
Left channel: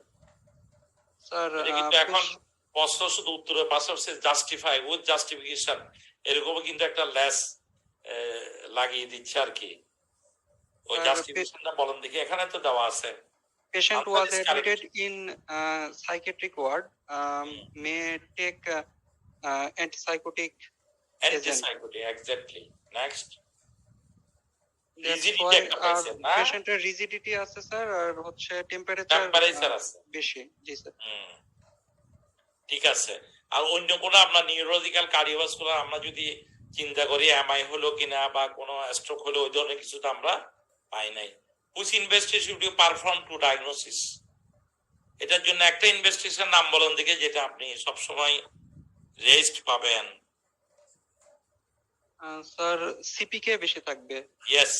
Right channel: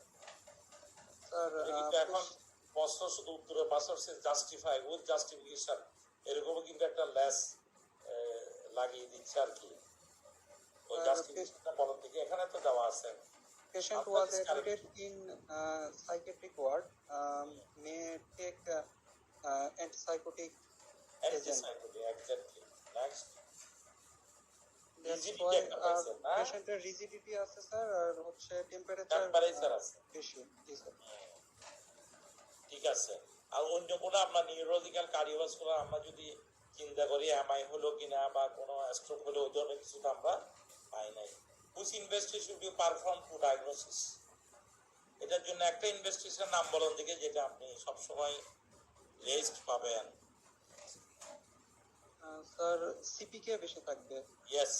স্যার কিন্তু এখন প্রশ্ন শুধু উত্তরের পাশাপাশি জাস্টিফাই উইথ জাস্টিফিকেশন এরকম কিন্তু একটা লেস লাগিয়ে দিচ্ছে আর কি। ওই জাস্টিফিকেশনটা বলেন দেখি, এখানে তো দেওয়া আছে। Patient was admitted in psychiatric ward, may take antipsychotic agent. Exactly. Next. That's why patient-এর rigidity আছে স্যার, আর হচ্ছে টেম্পারেচার আছে বেশি। জি স্যার। ঠিক আছে। আর অন্য কোনো আপনার নিউরোলজিক্যাল কার্ডিওভাস্কুলার আমরা যদি চিন্তা করি এমআই হলো কিনা বা কোনো স্ট্রোক হলো, ওই ধরনের কিছু তো আমরা পাই নাই। Which investigation you perform to diagnosis, এটার জন্য একটা ইনভেস্টিগেশন নাম বলেন দেখে যেটা আপনি সব সময় রেস্ট পাবেন। স্যার সিপিকে বেশি থাকবে। ইয়েস,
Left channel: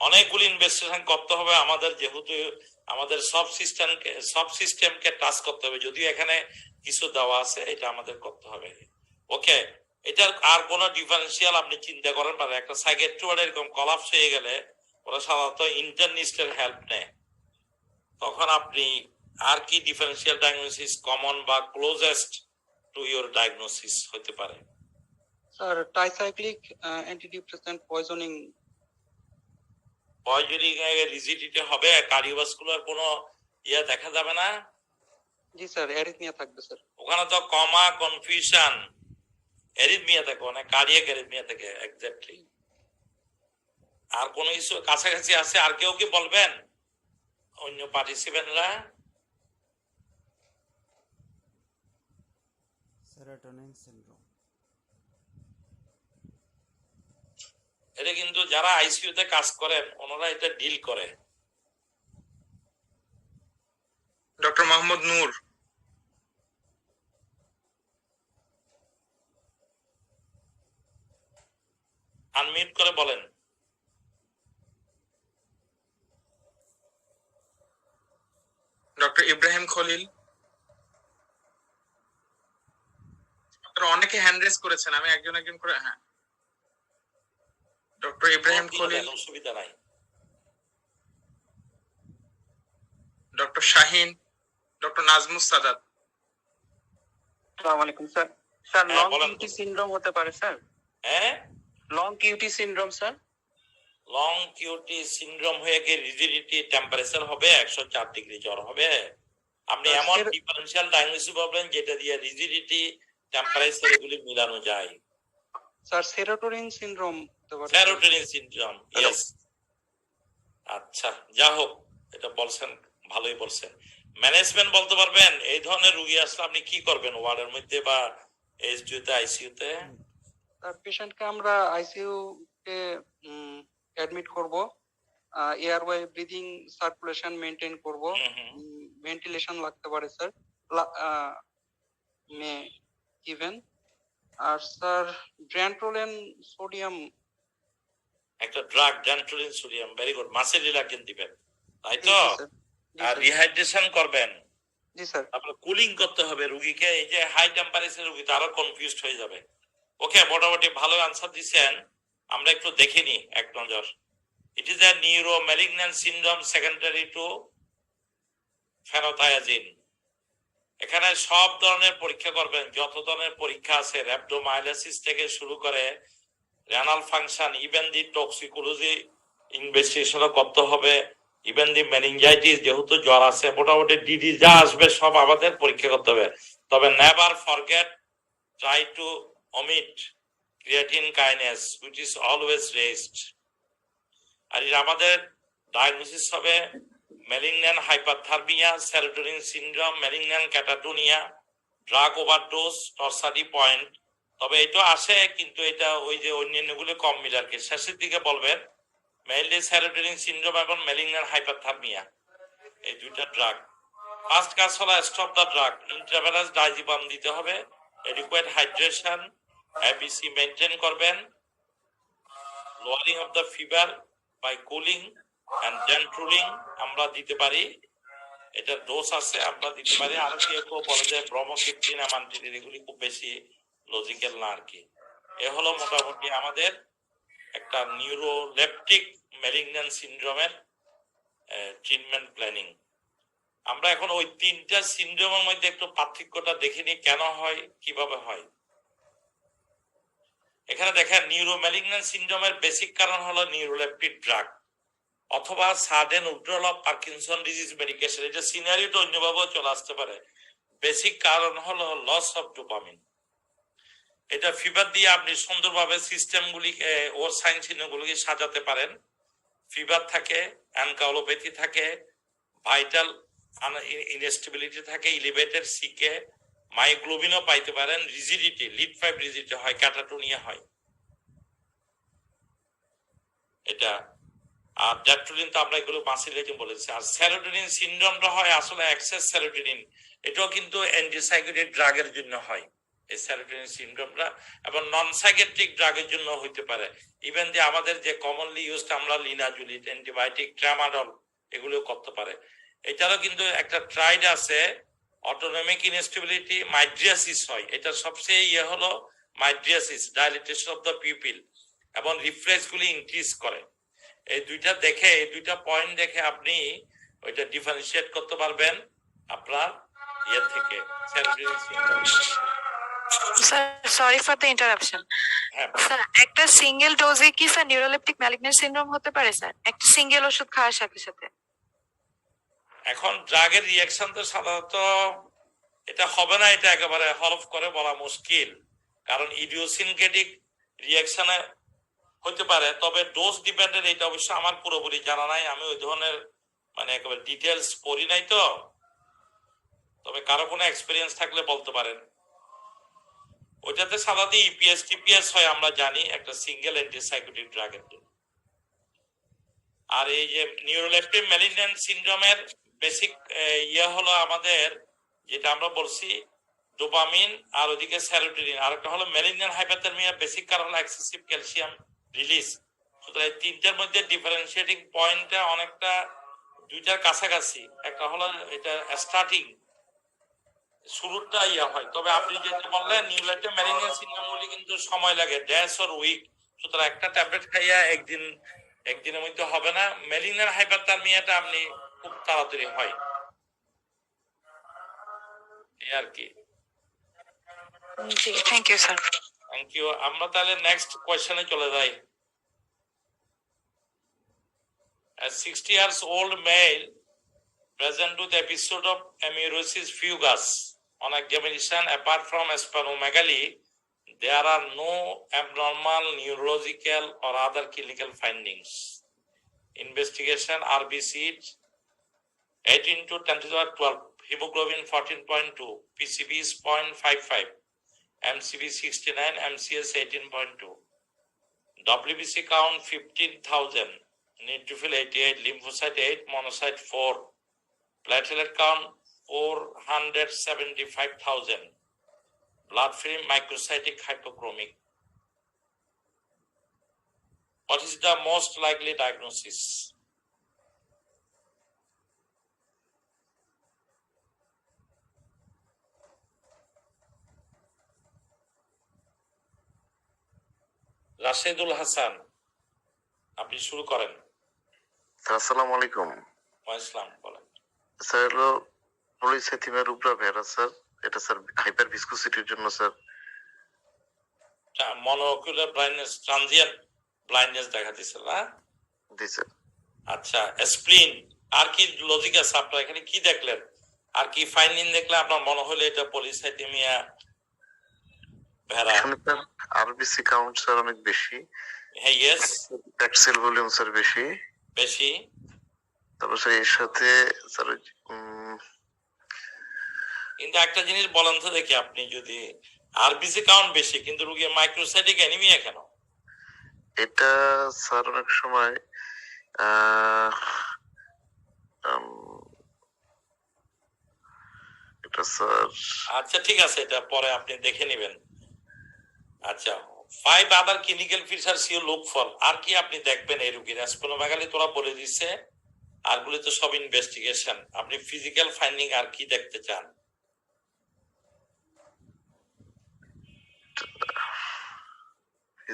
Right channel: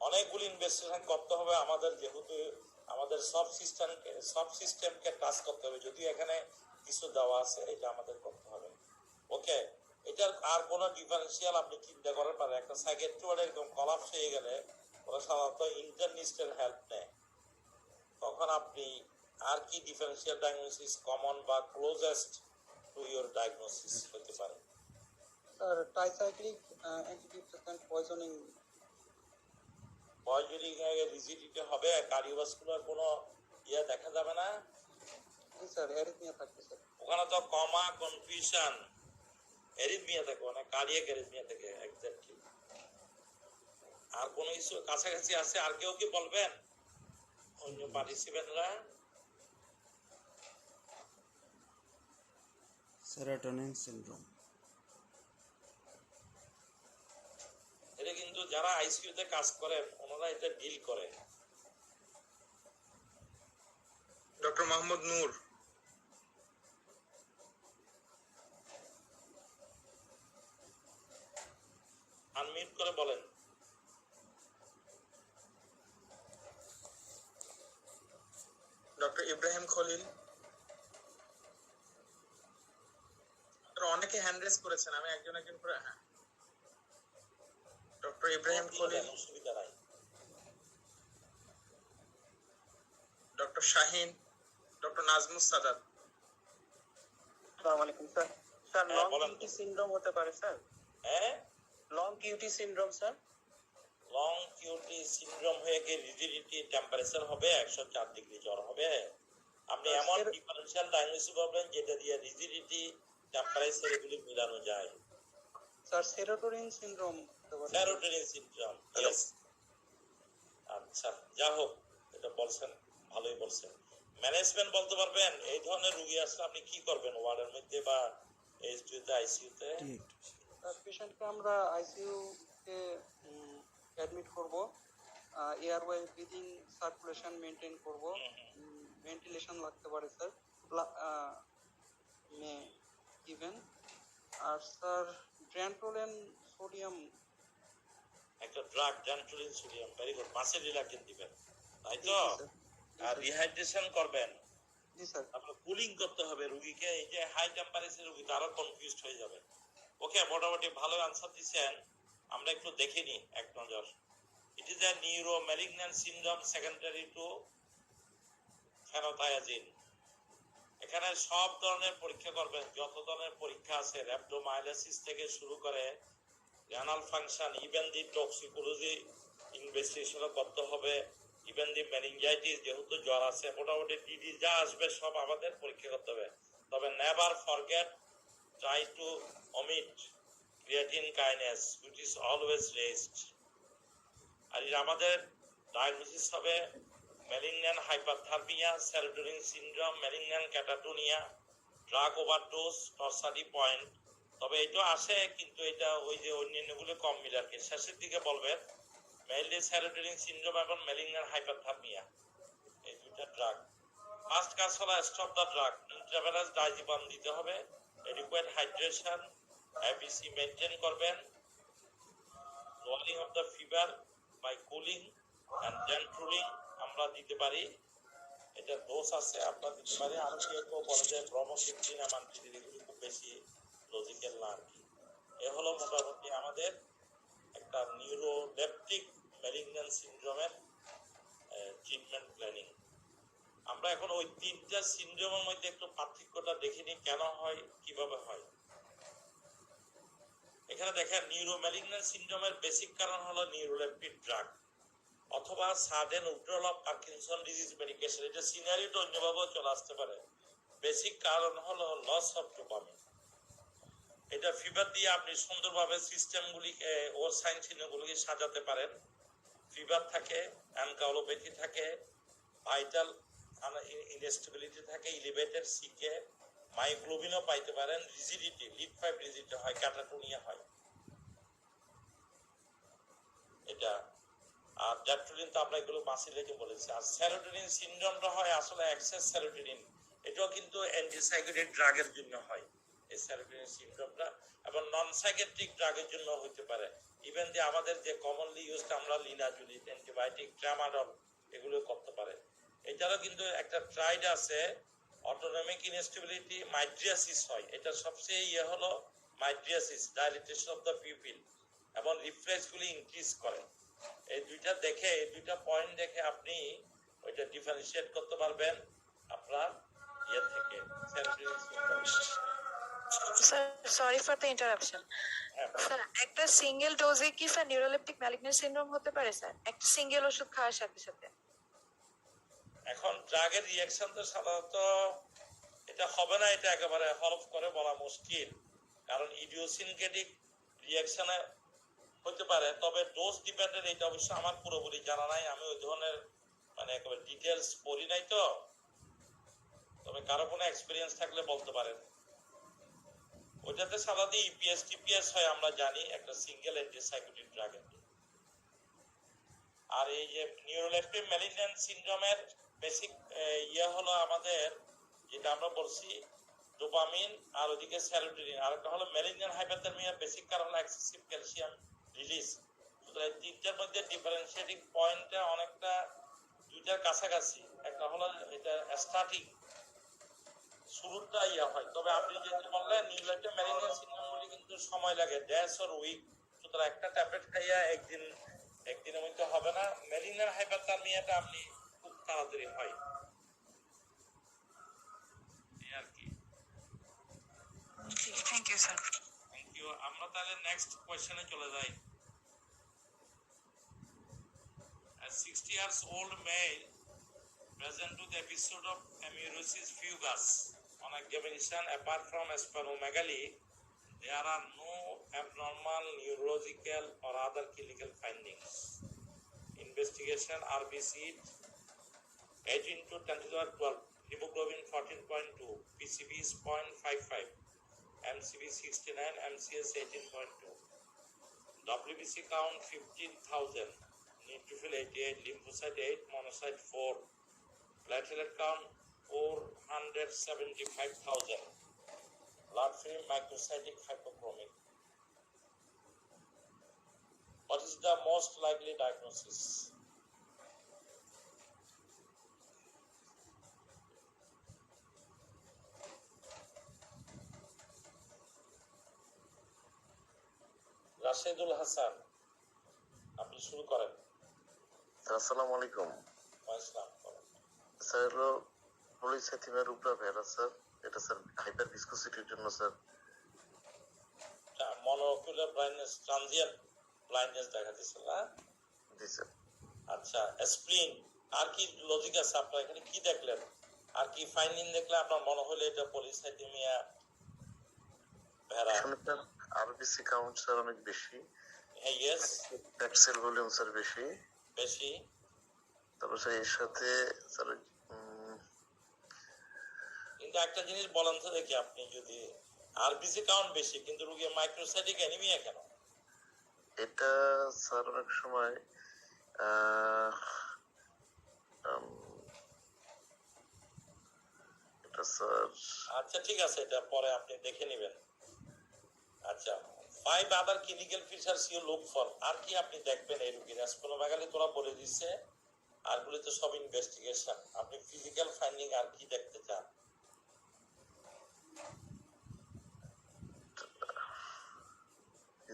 অনেকগুলি ইনভেস্টিগেশন করতে হবে আমাদের, যেহেতু আমাদের সব সিস্টেমকে টাচ করতে হবে। যদিও এখানে কিছু দেওয়া আছে, এটা আমাদের করতে হবে। ওকে, এটার আর কোন ডিফারেন্সিয়াল আপনি চিন্তা করেন পারেন। একটা সাইকিয়াট্রি ওয়ার্ড এরকম কলাপস হয়ে গেলে ওরা সাধারণত ইন্টারনিস্টের হেল্প নেয়। তখন আপনি আর কি ডিফারেন্সিয়াল ডায়াগনোসিস কমন বা ক্লোজেস্ট টু ইওর ডায়াগনোসিস হতে পারে? Sir tricyclic antidepressant poisoning rigidity হবে, কার্ডিওভাস্কুলার কোনো ইয়া দেখা যাবে না। জি স্যার, অ্যারিথমিয়া থাকবে স্যার। ওখানে তো কমা কনফিউশন অ্যারিথমিয়া থাকে, অনেক কার্ডিয়াক অ্যারিথমিয়া থাকে। এক্স্যাক্টলি। আর কোনো কিছু কাছাকাছি আছে? আর কেউ কি বলবেন অন্য পার্টিসিপেন্টরা? Serotonin syndrome. এটা কিন্তু যারা আইসিইউ তে কাজ করেন ওনারা এটা ডিল করে। মোহাম্মদ নূর, আনমিউট করে বলেন। ডক্টর ইব্রাহিম খলিল। আপনারা অনেকে হ্যান্ড রেজ করেছেন, আমি একজন একজন করে। হ্যাঁ, ডক্টর ইব্রাহিম খলিল, অসুবিধা নাই। Doctor Shahin, doctor Nazmus Sadat. আসসালামু আলাইকুম স্যার। স্যার হ্যাঁ, লং বলেন। কিউটি সিনড্রোম হতে পারে স্যার? হ্যাঁ, long QT syndrome sir? Long QT syndrome হয়ে গিয়ে রিজিডিটি টেম্পারেচার হবে 104 ডিগ্রি জ্বর হবে। আপনি স্যার, এমন ডিফারেনশিয়াল ডায়াগনোসিস পাবেন যেটা দিয়ে রিজিডিটি টেম্পারেচার এগুলি মিলানো যায়। স্যার সেরোটোনিন সিনড্রোম হতে পারে? Serotonin syndrome, yes. আচ্ছা, যা হোক, এটা বলছেন, ভালোই বলছেন। ম্যানেজমেন্ট বলতে পারবেন এই ধরনের রোগী আসলে আপনি কি করবেন ওয়ার্ডের মধ্যে বা এইচডিইউ তে, আইসিইউ তে? পেশেন্টকে আমরা আইসিইউ তে অ্যাডমিট করব, এয়ারওয়ে ব্রিদিং সার্কুলেশন মেইনটেইন করব, ভেন্টিলেশন লাগতে পারে স্যার, মে ইভেন। আর স্যার ড্র্যান্ট্রোলেন সোডিয়াম, একটা drug dantrolene sodium, very good, muscle relaxant দিবেন, তাই তো? আর স্যার। রিহাইড্রেশন করবেন, জি স্যার। তারপরে কুলিং করতে হবে রোগীকে। এই যে হাই টেম্পারেচার রোগী তো আরো কনফিউজড হয়ে যাবে। ওকে, মোটামুটি ভালো আনসার দিচ্ছেন। আমরা একটু দেখে নি এক নজর। It is a neuro malignant syndrome secondary to phenothiazine. এখানে সব ধরনের পরীক্ষা করবেন, যত ধরনের পরীক্ষা আছে, র্যাপডোমায়োলাইসিস থেকে শুরু করে renal function, even the toxicology ইনভেস্টিগেশনও করতে হবে, ইভেন দি মেনিনজাইটিস, যেহেতু জ্বর আছে, মোটামুটি ডিডি যা আসবে সব আমাদের পরীক্ষা করতে হবে। তবে never forget, try to omit creatine kinase which is always raised. আর আমাদের ডায়াগনোসিস হবে malignant hyperthermia, serotonin syndrome, malignant catatonia, drug overdose, torsades point. তবে এটা আসে, কিন্তু এটা ওই যে অন্যান্যগুলো কম মিলে আর কি। শেষের দিকে বলবেন মেইনলি সেরোটোনিন সিনড্রোম এবং ম্যালিগন্যান্ট হাইপারথার্মিয়া, এই দুইটা ড্রাগ। ফার্স্ট কাজ হলো স্টপ দ্য ড্রাগ, ইন্ট্রাভেনাস ডাইজিপাম দিতে হবে, adequate hydration, ABC মেইনটেইন করবেন, lowering of the fever by cooling and gentling আমরা দিতে পারি, এটা ডোজ আছে, আমরা দিতে পারি। আর কেউ বলে যে ব্রোমোক্রিপ্টিন, অ্যামান্টিডিন, এগুলি খুব বেশি লজিক্যাল না আর কি। এ হলো মোটামুটি আমাদের একটা নিউরোলেপটিক ম্যালিগন্যান্ট সিনড্রোমের ট্রিটমেন্ট প্ল্যানিং। আমরা এখন ওই তিনটা সিনড্রোমের মধ্যে একটু পার্থক্যটা দেখিনি, কেন হয়, কিভাবে হয়। এখানে দেখেন, নিউরোম্যালিগন্যান্ট সিনড্রোমের বেসিক কারণ হলো নিউরোলেপটিক ড্রাগ অথবা sudden withdrawal of Parkinson disease medication. এটা সিনারিওটা অন্যভাবেও চলে আসতে পারে। বেসিক কারণ হলো লস অফ ডোপামিন। এটা ফিভার দিয়ে আপনি সুন্দরভাবে সিস্টেমগুলিকে, ওর সাইন চিহ্নগুলিকে সাজাতে পারেন। ফিভার থাকে, অ্যানকাউলোপ্যাথি থাকে, ভাইটাল ইনস্টেবিলিটি থাকে, এলিভেটেড সিকে, মাইগ্লোবিনও পাইতে পারেন, রিজিডিটি, লিড 5 রিজিডিটি হয়, ক্যাটাটোনিয়া হয় এটা। আর ড্যাট্রোলিন তো আমরা এগুলো মাসিলেটিন বলেছি। আর সেরোটোনিন সিনড্রোমটা হয় আসলে এক্সেস সেরোটোনিন, এটাও কিন্তু অ্যান্টিসাইকোটিক ড্রাগের জন্য হয় এই সেরোটোনিন সিনড্রোমটা, এবং নন সাইকেট্রিক ড্রাগের জন্য হইতে পারে। ইভেন যে আমাদের যে কমনলি ইউজড আমরা লিনাজুলিন, অ্যান্টিবায়োটিক, ট্রামাডল, এগুলো করতে পারে। এটারও কিন্তু একটা ট্রাইড আছে, অটোনমিক ইনস্টেবিলিটি, মাইড্রিয়াসিস হয়। এটা সবচেয়ে হলো mydriasis, dilatation of the pupil, এবং রিফ্লেক্সগুলি ইনক্রিজ করে। এই দুইটা দেখে, এই দুইটা পয়েন্ট দেখে আপনি ওইটা ডিফারেন্সিয়েট করতে পারবেন আপনার ইয়ে থেকে। Sir sorry for the interruption. Sir একটা সিঙ্গেল ডোজে কি স্যার নিউরোলেপটিক ম্যালিগন্যান্ট সিনড্রোম হতে পারে স্যার, একটা সিঙ্গেল ওষুধ খাওয়ার সাথে সাথে? এখন ড্রাগের রিঅ্যাকশন তো সাধারণত এটা হবে না, এটা একেবারে হলফ করে বলা মুশকিল, কারণ ইডিওসিনকেটিক রিঅ্যাকশনে হতে পারে। তবে ডোজ ডিপেন্ডেন্ট, এটা অবশ্য আমার পুরোপুরি জানা নাই, আমি ওই ধরনের মানে একেবারে ডিটেলস পড়ি নাই তো। তবে কারো কোনো এক্সপিরিয়েন্স থাকলে বলতে পারেন। ওইটাতে সাধারণত ইপিএস টিপিএস হয় আমরা জানি, একটা সিঙ্গেল অ্যান্টিসাইকোটিক ড্রাগের। আর এই যে নিউরোলেপটিক ম্যালিগন্যান্ট সিনড্রোমের বেসিক ইয়ে হলো আমাদের যেটা আমরা বলছি ডোপামিন, আর ওদিকে সেরোটোনিন, আর একটা হলো মেলিগন্যান্ট হাইপারথার্মিয়া। বেসিক কারণ হলো এক্সেসিভ ক্যালসিয়াম রিলিজ। সুতরাং এই তিনটার মধ্যে ডিফারেন্সিয়েটিং পয়েন্টটা অনেকটা দুইটার কাছাকাছি। একটা হলো এটা স্টার্টিং শুরুটা ইয়া হয়, তবে আপনি যেটা বললেন নিউলাইটিক মেলিগন্যান্ট সিনড্রোম গুলি কিন্তু সময় লাগে, ডেজ অর উইক। সুতরাং একটা ট্যাবলেট খাইয়া একদিনের মধ্যে হবে না। মেলিগন্যান্ট হাইপারথার্মিয়াটা আপনি খুব তাড়াতাড়ি হয় এই আর কি। জি, thank you sir. Thank you. আমরা তাহলে নেক্সট কোয়েশ্চনে চলে যাই। A 60 years old male present with episode of amaurosis fugax. On examination, apart from splenomegaly, there are no abnormal neurological or other clinical findings. Investigation RBC 18 to 10^12, hemoglobin 14.2, PCB is 0.55, MCB 69, MCS 18.2, WBC count 15,000, neutrophil 88, lymphocyte 8, monocyte 4, platelet count 475,000, blood film microcytic hypochromic. What is the most likely diagnosis? Rashedul Hasan, আপনি শুরু করেন। আসসালামু আলাইকুম ইসলাম বলেন। স্যার, হলো পলিসাইথিমিয়া রুব্রা ভেরা স্যার, এটা স্যার হাইপার ভিসকোসিটির জন্য sir. Monocular blindness, transient blindness দেখা দিছিল না? জি স্যার। আচ্ছা, স্প্লিন, আর কি লজিক আছে আপনার এখানে? কি দেখলেন, আর কি ফাইন্ডিং দেখলে আপনার মনে হলো এটা পলিসাইথিমিয়া ভেরা? এখানে স্যার আরবিসি কাউন্ট স্যার অনেক বেশি। হ্যাঁ, ইয়েস, প্যাক্সেল ভলিউম স্যার বেশি। তারপর স্যার এর সাথে স্যার কিন্তু একটা জিনিস বলেন তো দেখি, আপনি যদি আরবিসি কাউন্ট বেশি কিন্তু রোগীর মাইক্রোসাইটিক অ্যানিমিয়া কেন? এটা স্যার অনেক সময় এটা স্যার, আচ্ছা ঠিক আছে, এটা পরে আপনি দেখে নেবেন। আচ্ছা, 5 other clinical features you look for, আর কি আপনি দেখবেন এই রোগীর? স্প্লেনোমেগালি তোরা বলে দিচ্ছে, আরগুলি তো সব ইনভেস্টিগেশন। আপনি ফিজিক্যাল ফাইন্ডিং আর কি দেখতে চান?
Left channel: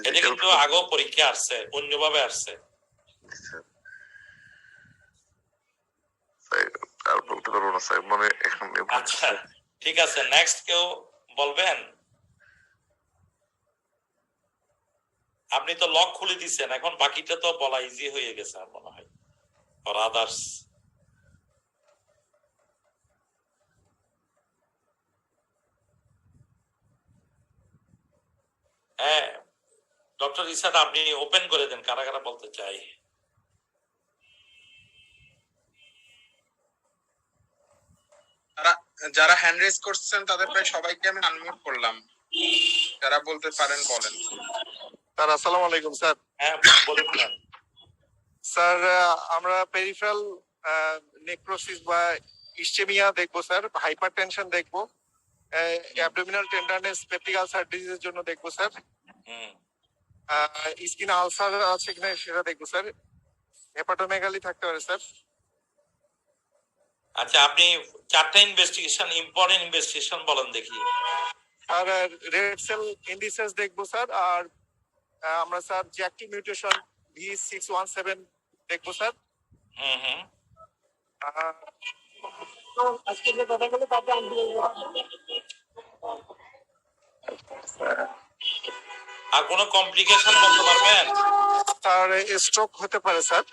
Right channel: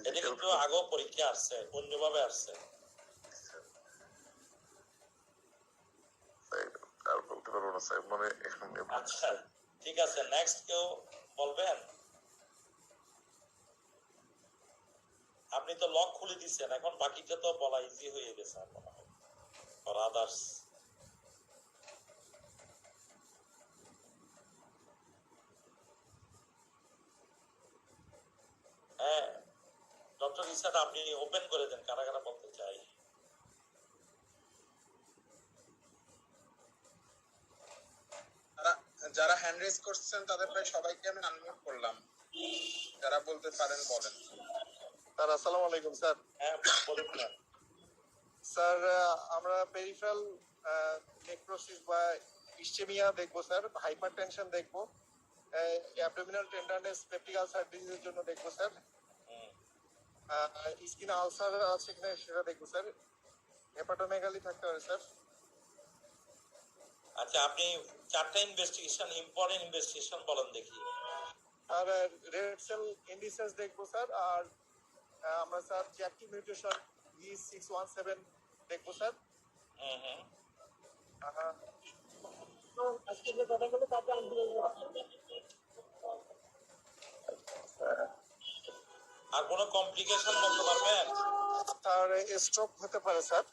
এটা কিন্তু আগেও পরীক্ষা আসছে, অন্যভাবে আসছে। আর বলতে পারবো না স্যার, মানে এখন। আচ্ছা ঠিক আছে, নেক্সট কেউ বলবেন? আপনি তো লক খুলে দিচ্ছেন, এখন বাকিটা তো বলা ইজি হয়ে গেছে আর মনে হয়, ফর আদার্স। হ্যাঁ ডক্টর ইসাদ, আপনি ওপেন করে দেন, কারা কারা বলতে চাই। যারা হ্যান্ড রেজ করছেন তাদের প্রায় সবাইকে আমি আনমিউট করলাম, যারা বলতে পারেন বলেন। স্যার আসসালামু আলাইকুম স্যার। হ্যাঁ বলুন স্যার, আমরা পেরিফেরাল নেক্রোসিস বা ইসচেমিয়া দেখবো স্যার, হাইপারটেনশন দেখবো, অ্যাবডোমিনাল টেন্ডারনেস, পেপটিক আলসার ডিজিজের জন্য দেখবো স্যার, স্কিন আলসার আছে কিনা সেটা দেখবো স্যার, হেপাটোমেগালি থাকতে পারে স্যার। আচ্ছা, আপনি 4টা ইনভেস্টিগেশন, ইম্পর্টেন্ট ইনভেস্টিগেশন বলেন দেখি। আর রেড সেল ইন্ডিসেস দেখবো স্যার, আর আমরা স্যার জ্যাকটি মিউটেশন V617 দেখবো স্যার। আজকে যে কথাগুলো তাতে আর কোনো কমপ্লিকেশন বলতে পারবেন? স্যার স্ট্রোক হতে পারে স্যার।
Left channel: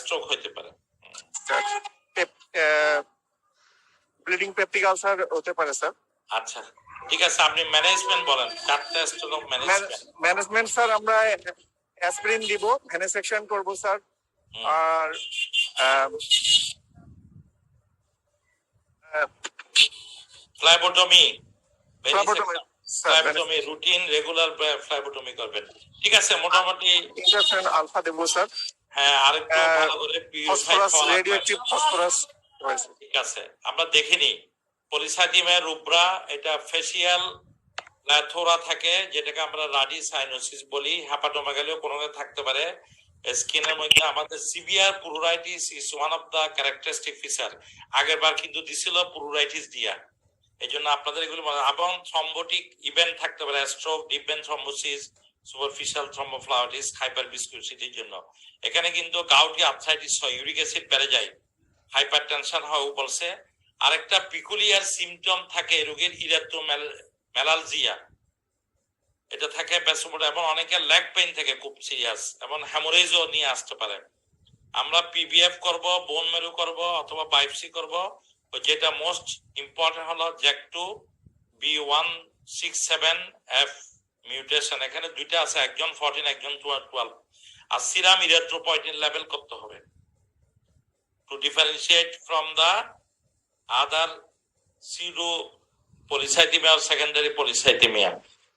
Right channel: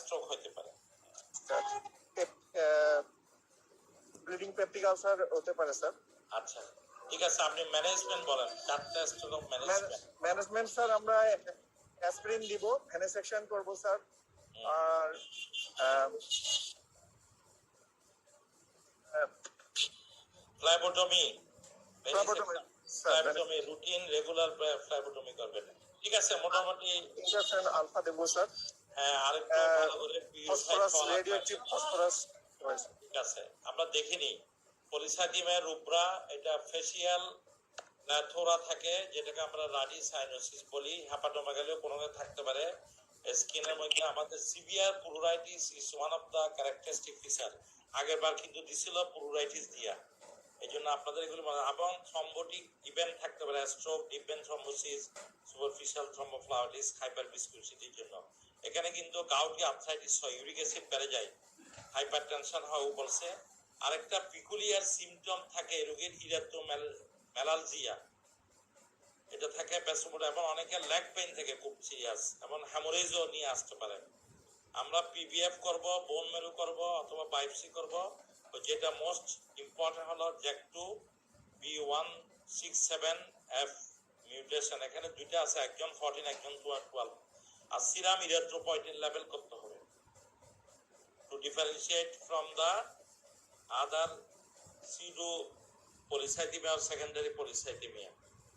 স্ট্রোক হতে পারে, ব্লিডিং পেপটিক আলসার হতে পারে স্যার। আচ্ছা ঠিক আছে, আপনি ম্যানেজমেন্ট বলেন, 4টা স্ট্রোক ম্যানেজমেন্ট স্যার, আমরা অ্যাসপিরিন দিব, ভেনেসেকশন করব স্যার, আর ফ্লাইবোটমি, ফ্লাইবোটমি রুটিন রেগুলার ফ্লাইবোটমি করবেন। ঠিক আছে, মোটামুটি ইনজেকশন আলফা দেব স্যার। হ্যাঁ, আরেকটু ভালো করে ফসফরাস, রেডিওঅ্যাক্টিভ ফসফরাস ঠিক আছে, আমরা দেখিনি পলিসাইটিমের রুব্রা, এটা ফেসিয়াল ল্যাথোরা থাকে, যেটাকে আমরা রাডি সাইনোসিস বলি, হেপাটোমেগালিও কোনো থাকতে পারে। স্কিনের মধ্যে আমাদের severe pruritus is one of the characteristic feature. আগের বার কিন্তু দিছিল পুরুরাইটিস দিয়া, এই জন্য আপনাদের এগুলো এবং থ্রম্বোটিক ইভেন্ট থাকতে পারে, stroke, deep vein thrombosis, superficial thrombophlebitis, hyper ভিসকোসিটির জন্য। এখানে কিন্তু গাউটি আর্থ্রাইটিস হয়, ইউরিক অ্যাসিড বেড়ে যায়, হাইপারটেনশন হয় বলছে। আরেকটা পিকুলিয়ার সিমটম থাকে রোগীর, ইরেথ্রোমেলালজিয়া, এটা থাকে প্যাসোমোটা, এবং অনেকের লেগ পেইন থাকে খুব সিরিয়াস, এবং হ্যামোরেজও নিয়ে আসতে পারে। আমরা পিবিএফ করব, বোন মেরু করব, অথবা বায়োপসি করব। যেটা মোস্ট ইম্পর্টেন্ট হলো জ্যাক2 B167F মিউটেশন, এখানে দুইটা আছে, একজন 14 একজন 12, আর সিরাম ইরিথ্রোপয়েটিন লেভেল করতে হবে to differentiate from the other pseudo polycythaemia আর সেকেন্ডারি পলিসাইটিমিয়া।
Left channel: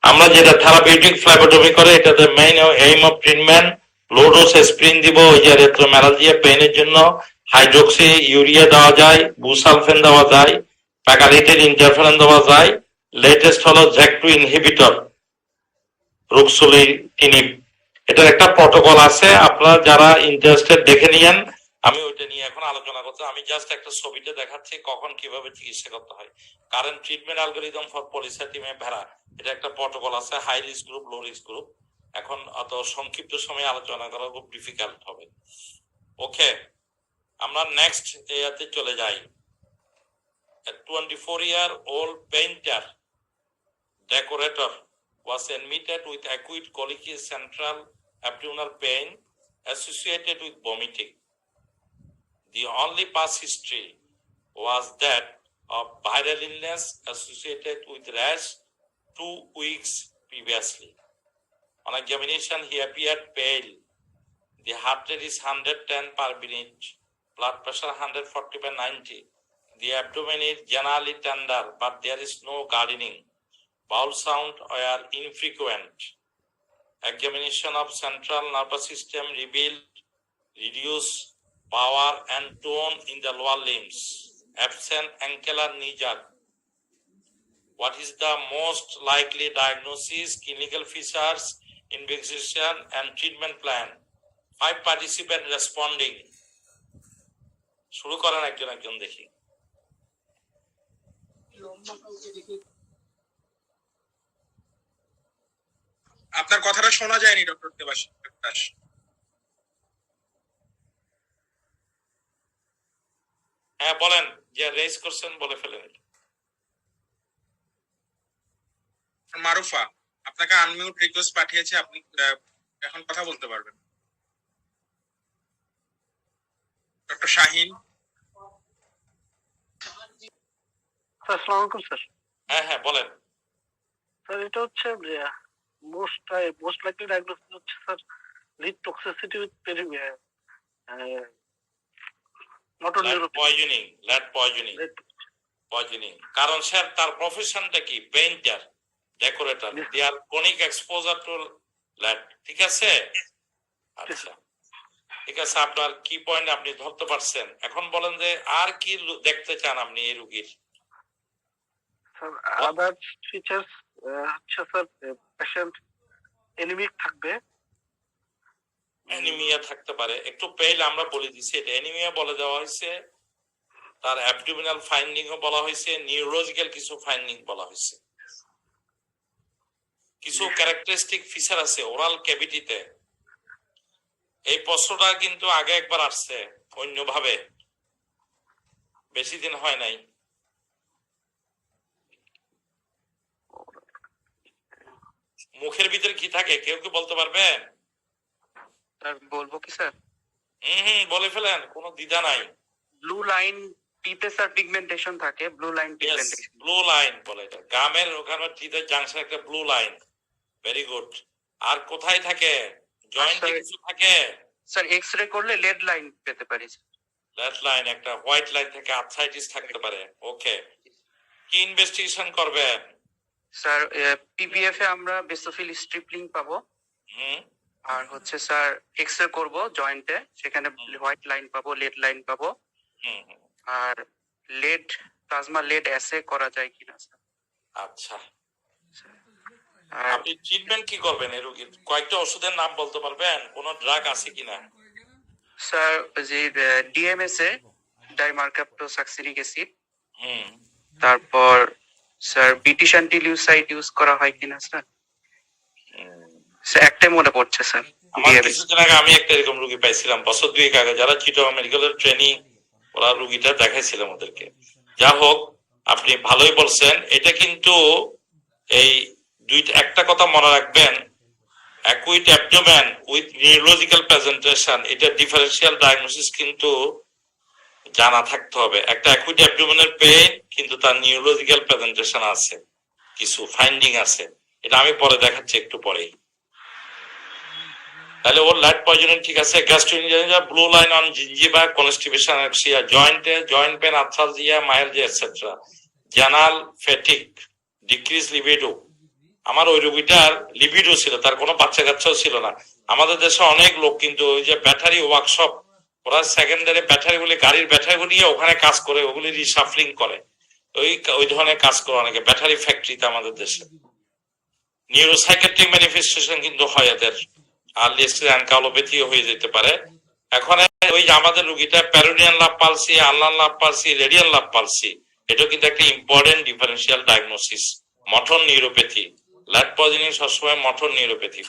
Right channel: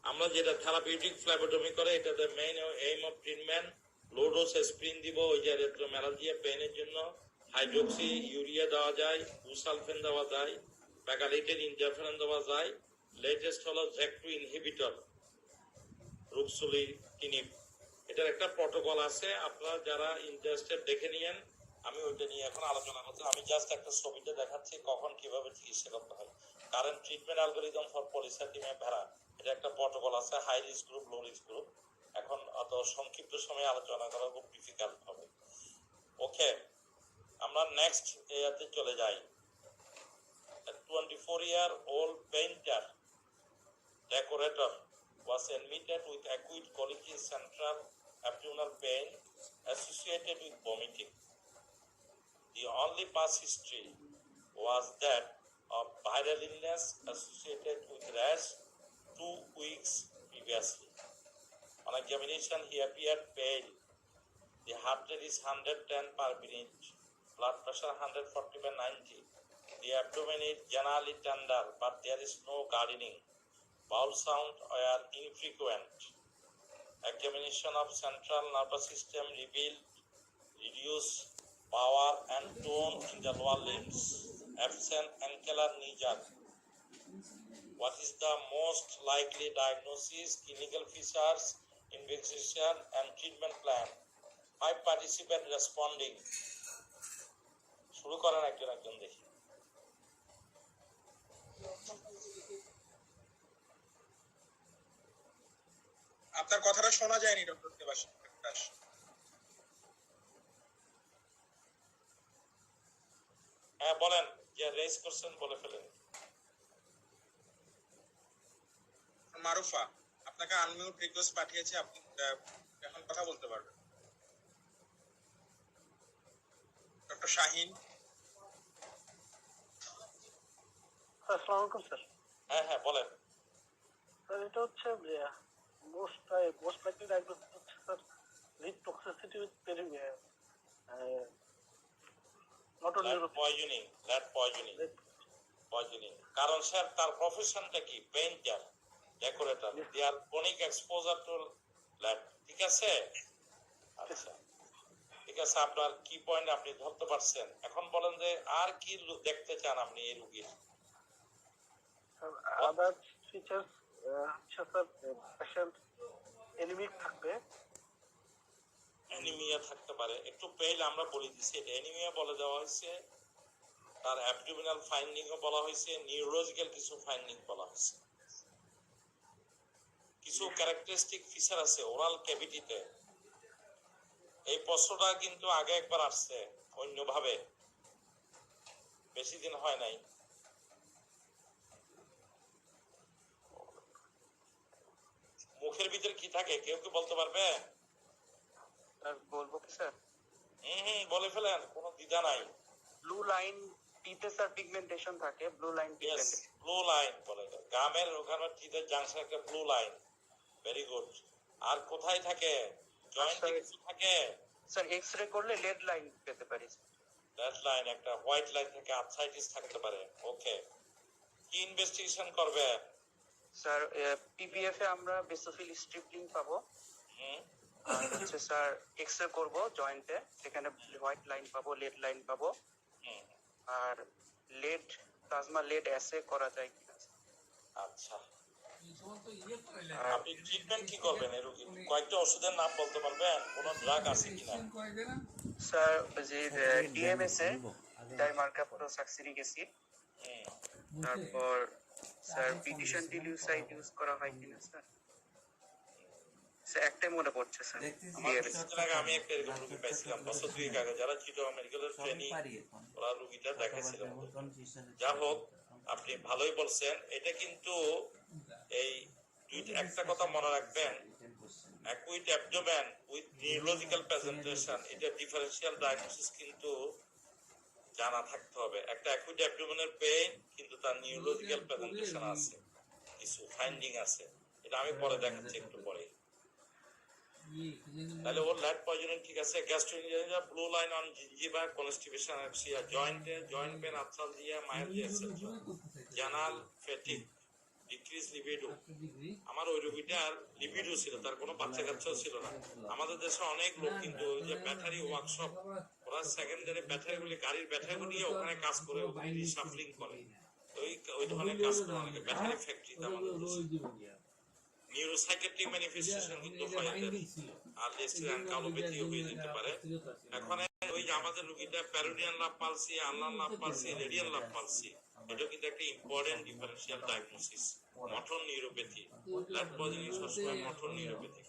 আমরা যেটা থেরাপিউটিক ফ্লেবোটমি করে, এটাতে main aim of treatment low dose aspirin দিব, ওই যে ইরিথ্রোমেলালজিয়া পেইনের জন্য হাইড্রোক্সি ইউরিয়া দেওয়া যায়, বুসালফেন দেওয়া যায়, প্যাকালিটিন ইন্টারফেরন দেওয়া যায়। লেটেস্ট হলো জ্যাক2 ইনহিবিটর, রুক্সোলিটিনিব। এটার একটা প্রটোকল আছে, আপনারা যারা ইন্টারেস্টেড দেখে নিয়েন। আমি ওইটা নিয়ে এখন আলোচনা করতে, আমি জাস্ট একটা ছবিটা দেখাচ্ছি কখন কিভাবে চিকিৎসা করতে হয়। Current treatment algorithm for polycythemia vera, এটা একটা প্রটোকল আছে, high risk group, low risk group. এখন অত সংক্ষিপ্ত সময়ে আলোচনা করা খুব ডিফিকাল্ট হবে। ওকে, আমরা নেক্সট এতে চলে যাই। 24-year-old painter decorator was admitted with acute colic central abdominal pain associated with vomiting. The only past history was that of viral illness associated with rash 2 weeks previously. On examination, he appeared pale. The heart rate is 110 per minute, blood pressure 140/90. The abdomen is generally tender, but there is no gardening. Bowel sound were infrequent. Examination of central nervous system revealed reduced power and tone in the lower limbs. Absent angular knee jerk. What is the most likely diagnosis, clinical features, investigation, and treatment plan? 5 participants responding. শুরু করেন একজন একজন দেখি। আপনার কথাটা শোনা যায়নি ডক্টর দেবাশিস। হ্যাঁ বলেন, যে রেজ করছেন বলে ফেলেন। মারুফা, আপনাকে আনমিউট রিকোয়েস্ট পাঠিয়েছে, আপনি এখন কথা বলতে পারবেন। ডক্টর শাহিন। আসসালামু আলাইকুম স্যার। হ্যাঁ হ্যাঁ বলেন। স্যার এটা হচ্ছে মোস্ট লাইকলি ডায়াগনোসিস হচ্ছে sir lead toxicity with poisoning. কারণ স্যার তার প্রফেশনটা কি? Painter, decorator, they are chronic exposure to lead. ঠিক আছে, আচ্ছা ঠিক আছে, আপনার কি পয়েন্ট আপনি ধরতে পারছেন। এখন বলেন যে আর কি দেখতে চান আপনি এই রোগীর? আদার ফিচার্স হচ্ছে স্যার পেশেন্ট অ্যানিমিক থাকবে, অ্যানিমিয়া থাকতে পারে, একটু পেইল আমরা বলে দিছি, এটা অ্যানিমিয়া বলে দেওয়া হয়েছে। তার অ্যাবডোমিনাল ফাইন্ডিং ও বলা হয়েছে, নিউরোলজিক্যাল কিছু ফাইন্ডিং বলা হয়েছে। কিছু ক্যারেক্টারিস্টিক ফিচার আছে ওরাল ক্যাভিটিতে। এই প্রশ্নটা কিন্তু আগে একবার আসছে অন্যভাবে, বেশি দিন হয় নাই। মুখের ভিতরে কি থাকে কেউ কি বলতে পারবে? বলবো কি স্যার? বলে ফেলেন, কোনো দ্বিধা নাই। ব্লু লাইন টিতে স্যার পিগমেন্টেশন থাকে, blue line pigmentation. Blue line বলে এটা, গামের ওখানে টিতে জাংশন একটা ব্লু লাইন। Very good. আর কোথায় থাকে? জয়েন্টে কিছু থাকে? স্যার এক্স-রে করলে লেড লাইন পেতে পারি। লেড লাইন, একটা হোয়াইট লাইন থেকে আর্থ্রাইটিস থাকতে পারে। ওকে, কি ইনভেস্টিগেশন করবেন? স্যার পিবিএফ এ আমরা বেসোফিল স্ট্রিপলিং পাবো, আর হচ্ছে স্যার এক্স-রে করব জয়েন্টে, সেখানে হোয়াইট লাইন পাবো, লেড লাইন পাবো, আর লেড প্লাজমা লেড অ্যাসে করা যায় কিনা স্যার। আচ্ছা, আর আপনি ট্রিটমেন্ট কি করবেন এই রোগীর? কয়েকটা ওষুধের নাম বলতে পারবেন? কোন ড্রাগ আছে কিনা? স্যার যে ডিএমএস এ ডাইমার্কাপ্টোসাক্সিনিক অ্যাসিড, তারপর স্যার বিটিশান্টিলিউসাইড ইউজ করা হয় কিনা স্যার। স্যার একটাই মনে পড়ছে স্যার আমার ডিএমএস। কিছুদিন আগে আমি একটা এরকম রোগী পাইছিলাম, বছর দুয়েক আগে, যারা চিটাগং মেডিকেলের ট্রেনি, ওরা রোগীটা দেখাইছিলাম ওদেরকে। যা হোক, আপনি ভালোই বলছেন। এটা কিন্তু এই একটা কথা মনে রাখবেন, acute abdomen with neurological presentation, এটা ডিফারেন্সিয়াল ডায়াগনোসিস কিন্তু জানা থাকতে হবে। একটা অ্যাকুইট অ্যাবডোমেনের পেইন কিন্তু তার নিউরোলজিক্যাল প্রেজেন্টেশন আছে, কিছু ফাইন্ডিং আছে, এটা আমি পরে দেখাচ্ছি একটু পরেই। তাহলে ওর লাইট পয়জনিং ঠিক আছে, gastroenteritis, blue line on gingiva, constipation, ataxia, joint pain, arthralgia, myalgia etcetera, জানাল, ফ্যাটিক, ডিক্রিজ লিবিডো। আমার ওই রোগীটার লিবিডো ছিল, তার কোনো বাচ্চা কাচ্চাও ছিল না। আমাদের দেশে অনেক লোক কিন্তু ওই যে ব্যাটারি ওয়ার্কশপ, ওরা সেকেন্ডারি ব্যাটারি গুলি, গাড়ির ব্যাটারি গুলি ওখানে কাজ করে, ওগুলি রিসাফলিং করে, ওই ধরনের কাজ করে অনেকে ব্যাটারি ফ্যাক্টরিতে আমাদের দেশে। নিউরোসাইকেট্রিক ম্যানিফেস্টেশন কিন্তু হয় এদের, আর্লি স্টেজ অ্যানকালোপ্যাথি হয়ে যেতে পারে। এখন ওই যে আমাদের রোগীটা প্যারোনিয়ান লাভ পালসি, আনলান nerve palsy, radial nerve palsy, এটা কিন্তু একটা important differential diagnosis. Motor neuropathy, lead poisoning সবসময় মটর নিউরোপ্যাথি।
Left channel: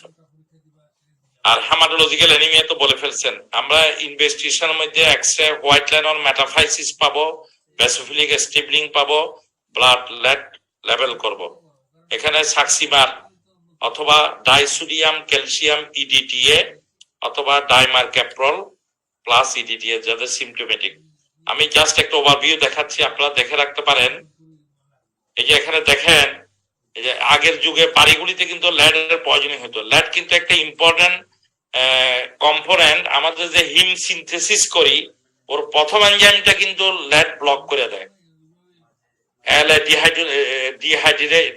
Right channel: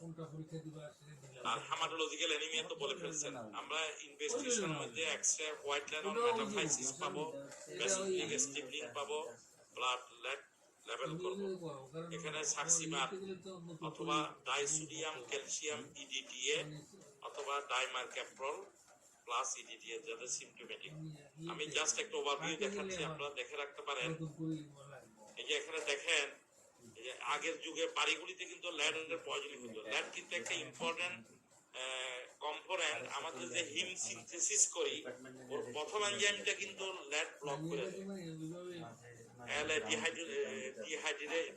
আর হেমাটোলজিক্যাল অ্যানিমিয়া তো বলে ফেলছেন। আমরা ইনভেস্টিগেশনের মধ্যে X ray white line on metaphysis পাবো, বেসোফিলিক স্টিবলিং পাবো, ব্লাড লেড লেভেল করব। এখানে সাক্সিমার অথবা ডাইসোডিয়াম ক্যালসিয়াম ইডিটিএ অথবা ডাইমারক্যাপ্রল প্লাস ইডিটিএ যাদের সিম্পটোমেটিক। আমি জাস্ট একটা ওভারভিউ দেখাচ্ছি, আপনারা দেখে রাখতে পারেন। এই যে এখানে দেখেন, এই যে আগের যুগে বাড়িগুলিতে কিন্তু ল্যাডের পয়জনিং হতো। ল্যাড কিন্তু একটা ইম্পর্টেন্ট কম্পোনেন্ট। আমাদের যে হিম সিনথেসিস করি, ওর প্রথম এনজাইমটা কিন্তু ল্যাড ব্লক করে দেয়,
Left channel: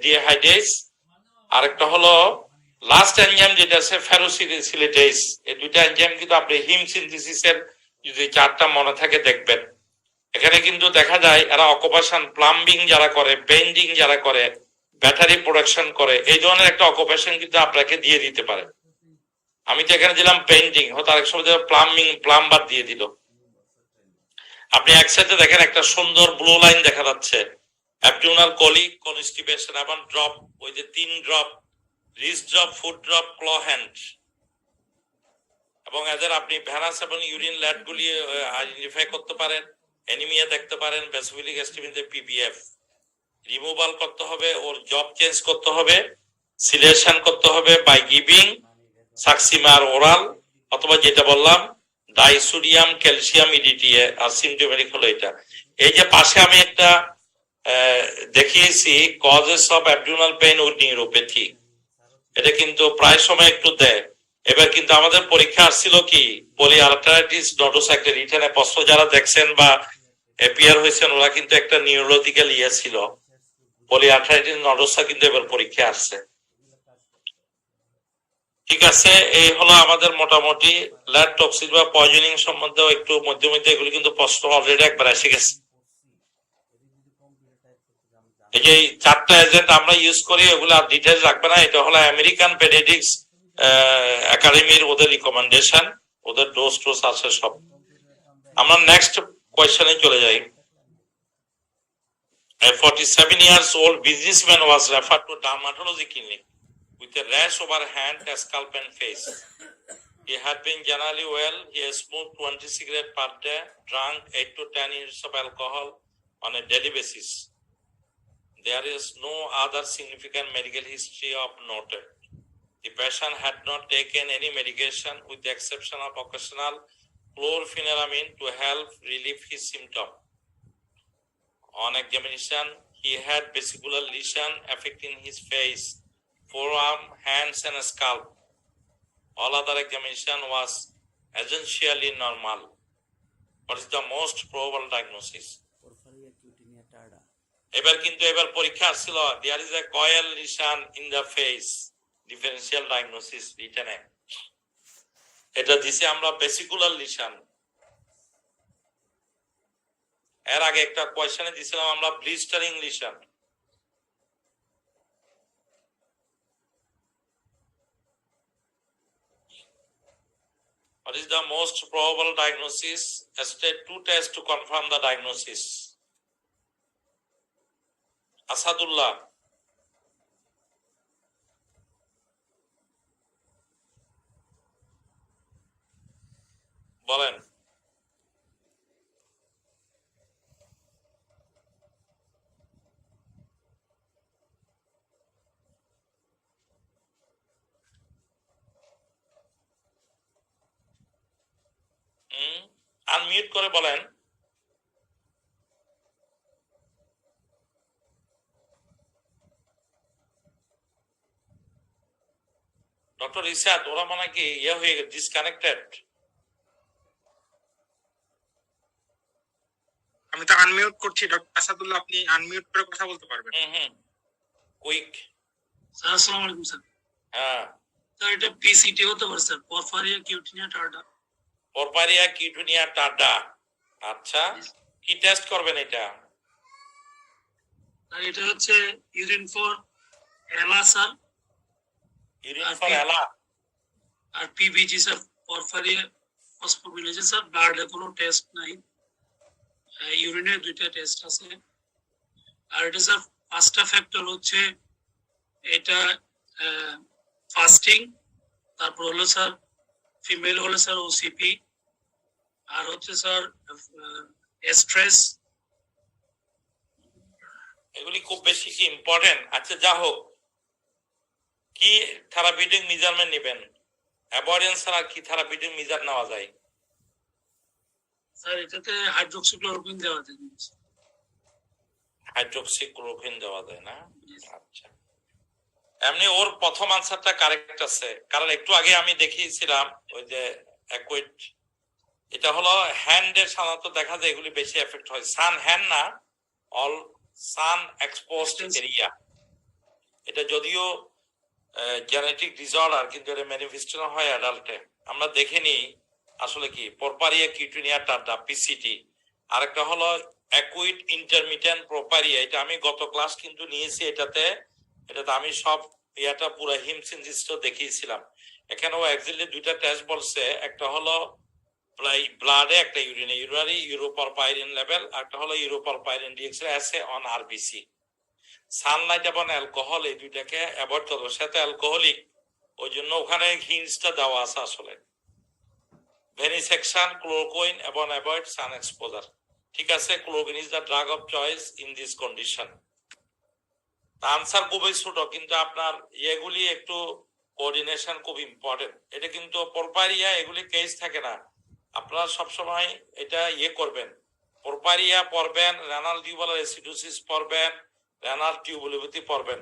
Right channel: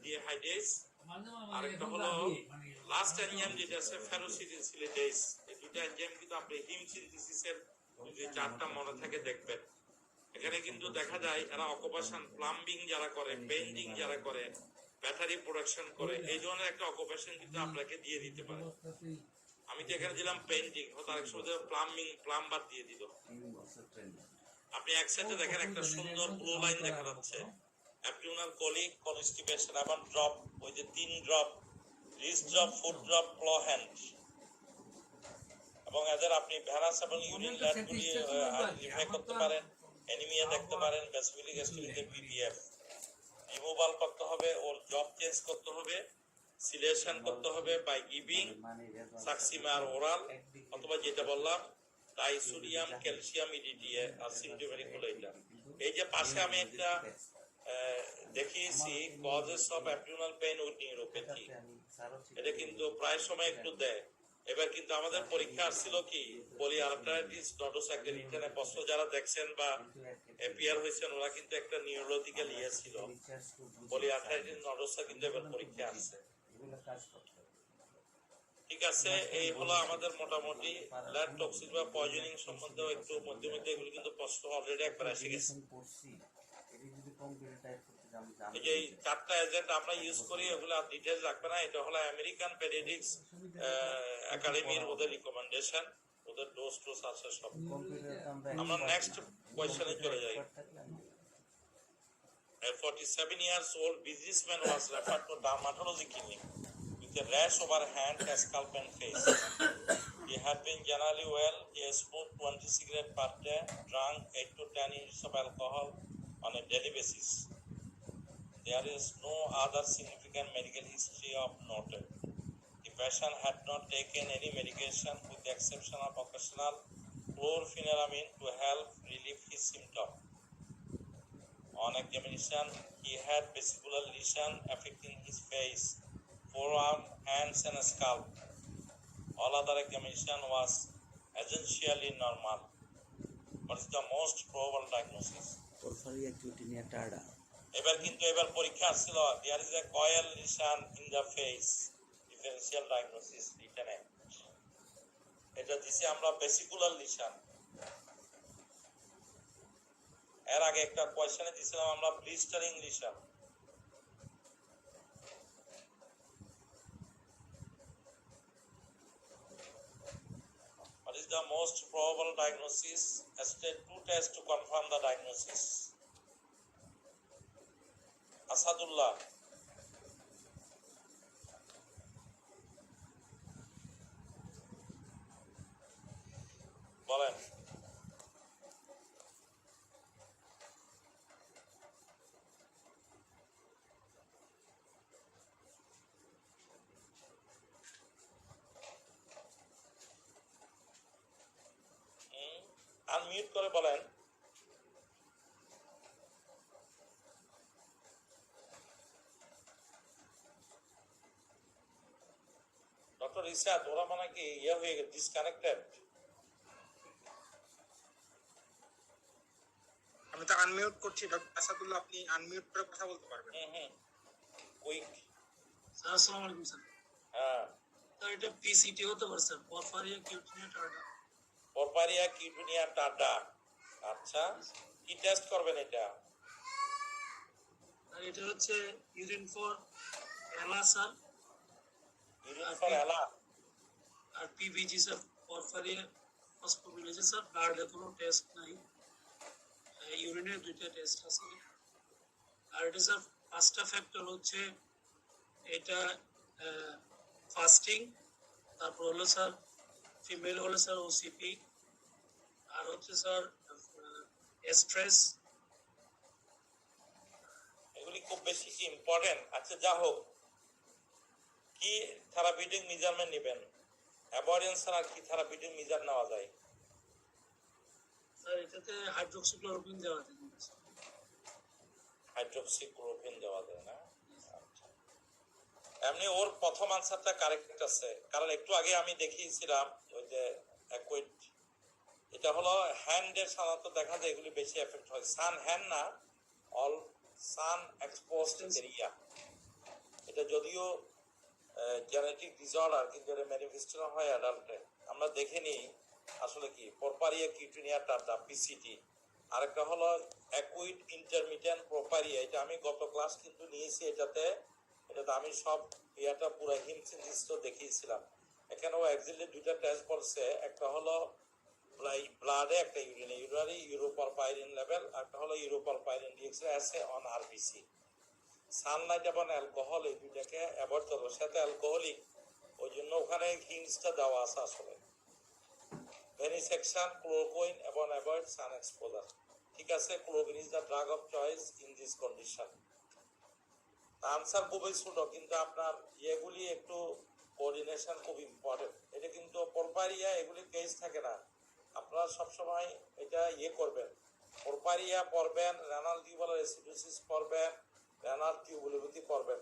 ডিহাইড্রেস। আরেকটা হলো লাস্ট এনজাইম যেটা আছে ফেরোসিলিটেজ। এই দুইটা এনজাইম কিন্তু আপনি হিম সিনথেসিসের যদি চারটা মনে থাকে দেখবেন। এখানে কিন্তু দেখা যায় এরা অকুপেশন, প্লাম্বিং যারা করে, বেন্ডিং যারা করে, ব্যাটারি প্রোডাকশন করে, এই ধরনের একটা অকুপেশন কিন্তু আপনাকে দিয়ে দিতে পারে। আমি তো এখানে দিলাম পেইন্টিং, হয়তো আরেক সময় প্লাম্বার দিয়ে দিল। আপনি একসাথে দেখেন একটা সুন্দর ব্লু লাইন দেখা যাচ্ছে, অ্যাবডোমিনাল কলিক, কনস্টিপেশন এবং ড্রপ, ওই যে 3 drop, wrist drop, foot drop, claw hand. এবং এদের আপনি ভ্যানাস এবং ইউরিন ল্যাড গুলি আইডেন্টিফাই করতে পারেন, অ্যানিমিয়া দেখতে পারেন, বেসোফিলিক স্টিমিতে পিপিএফ রিমুভাল করতে হবে, ওর জব চেঞ্জ করতে হবে, সিলেকশন করতে হবে বাই গিভিং সাক্সিমার ওরাল, অথবা যেটা বললাম ডাইসোডিয়াম ক্যালসিয়াম ইডিটিএ। আর সিম্পটোমেটিক হলো এটা। এই যে পাশে আমি একটা দেখিয়েছি causes of abdominal pain with neuropathy, এটা কিন্তু প্রায় সময় একটু দেয়। এবার কিন্তু আমাদের পরীক্ষা আসছিল কি পলিআর্থারাইটিস নোডোসা, একটা রিটেনে প্রশ্ন যারা দেখছেন বা অ্যাপিয়ার হয়েছেন ওরা কিন্তু একটা নিউরোলজিক্যাল ইয়ে ছিল, পলিআর্থারাইটিস নোডোসা কিন্তু এবার পরীক্ষা আসছে। ঠিক আছে, এই হলো আমাদের মোটামুটি ল্যাড টক্সিন বা পয়জনিং সম্বন্ধে একটু মধ্যে মধ্যে এগুলো কিন্তু প্রশ্ন অলরেডি একবার এসে গেছে। এই যে 4টা এজেন্ট আমরা ইউজ করি, ওগুলো আর ডিটেইলস রাখবে না। এটা হলো আমেরিকান পেডিয়াট্রিক্স একাডেমির ওদের রিকমেন্ডেশন, ওদের ডোজ আছে সব। আমরা নেক্সট কোয়েশ্চনে চলে যাই। A 47 years old businessman was referred to dermatology clinic with a rash over hand, scalp and face. He had been generally well. He has smoked 20 cigarettes per day, drank 8 to 10 units of alcohol on a daily basis. There is no other significant medical history of noted. The patient had not taken any medication with the exception of occasional chlorpheniramine to help relieve his symptoms. On examination, he had vesicular lesion affecting his face, forearm, hands and scalp. All other examination was essentially normal. What is the most probable diagnosis? এবার পরীক্ষা আসছিল, there is a coil lesion in the face, differential diagnosis written. এটা দিছে আমরা vesicular lesion এর আগে একটা কোয়েশ্চেনে দিছিলাম আমরা blistering lesion. What is the most probable diagnosis? State 2 test to confirm the diagnosis. Asadullah. বলেন। আনমিউট করে বলেন। ডক্টর ইসাদ, ওরা মানে কি ইয়ে হয়ে ডিসকানেক্টেড? আমি তো আনমিউট করছি ডক্টর আসাদুল্লাহ, আপনি আনমিউট করে কথা বলতে পারবেন। কুইক। স্যার আসসালামু আলাইকুম স্যার। হ্যাঁ স্যার এটা পিসিটি হতে পারে স্যার, পরফারিয়া কিউটিনিয়া টার্ডা। পরপারিয়া কিউটিনিয়া টার্ডা। আচ্ছা, কি টেস্ট করবেন এটা? আর এটা হচ্ছে ইউরিন ফর এলা স্যার। ইউরিন ফর এলা আর পিবিজি স্যার, পরফারিয়া ফসফোবিলেশন স্যার। ব্লাডে কোনো টেস্ট নাই, ইউরিনে দুইটা টেস্ট আছে। আর এটা স্যার পাঁচটা ফ্যাক্টর হচ্ছে, এটা ফাস্টিং, তারপর হলো স্যার ফিমেল হলো স্যার ওসিপি, আর হচ্ছে স্যার স্ট্রেস। এগুলি খুব বেশি কি ইম্পর্টেন্ট? আচ্ছা যা হোক, কি থেরাপিউটিক মেজারমেন্ট নেবেন? অ্যাভয়েডেন্স ছাড়া কি থেরাপিউটিক মেজার নেওয়া যায়? স্যার এটাতে হাইড্রোক্সিক্লোরোকুইন দেওয়া যায়। হাইড্রোক্সিক্লোরোকুইন দেওয়া যায় না? আচ্ছা, এমনি ওর প্রথম আনসারটা কারেক্ট আছে, কারণ একটু আগে আমি দেখিয়েছিলাম ওই যে অ্যাকুইট, এটা হলো হ্যান্ডের সাধারণত দেখা যায় এগুলি বেশি এফেক্ট হয়। সান হ্যান্ড না, অল সান এক্সপোজড এরিয়া। এটা যদিও জেনেটিক ডিসঅর্ডার, কিন্তু এটা ম্যানিফেস্টেশন হয় অ্যাডাল্টে। আমরা দেখে নিই আসলে কি পরপারিয়া কিউটিনিয়া টার্ডা পিসিটি। আরেকটা হলো অ্যাকুইট ইন্টারমিটেন্ট প্রোপারিয়া, এটা আমি গত ক্লাস কিন্তু নিয়েছি। এটাতে আমি সব ইয়াটা পুরো হিমসিনজিসটা দেখিয়েছিলাম। এখানেও এক্স্যাক্টলি দুইটা টেস্ট বলছে, একটা হলো ব্লাডে, একটা ইউরিনে, ইউরিনারি ইউরোপরপাইরিন লেভেল, একটা হলো uroporphyrin DX assay on RBC. Sunlight এবং অ্যালকোহল এই দুইটাকে অ্যাভয়েড করবো, সেটা অ্যালকোহলিক, ওই জন্য ওখানে হিন্টসটা দেওয়া আছে আসলে। ভেনিসেকশন, ক্লোরোকুইন এবং অ্যাভয়েড সান এক্সপোজার। ঠিক আছে, chloroquine is the drug of choice in this condition. Answer খুবই ছোট, কিন্তু আপনার এগুলি একটু কোঅর্ডিনেশন খুব ইম্পর্টেন্ট। এটা কিন্তু পরপারিয়া এগুলি কেস থাকে না, আপনারা সবসময় এটা করবেন। পরপারিয়া পড়বেন, রেনাল টিউবুলার অ্যাসিডোসিস পড়বেন, রেনাল টিউবুলোপ্যাথি পড়বেন।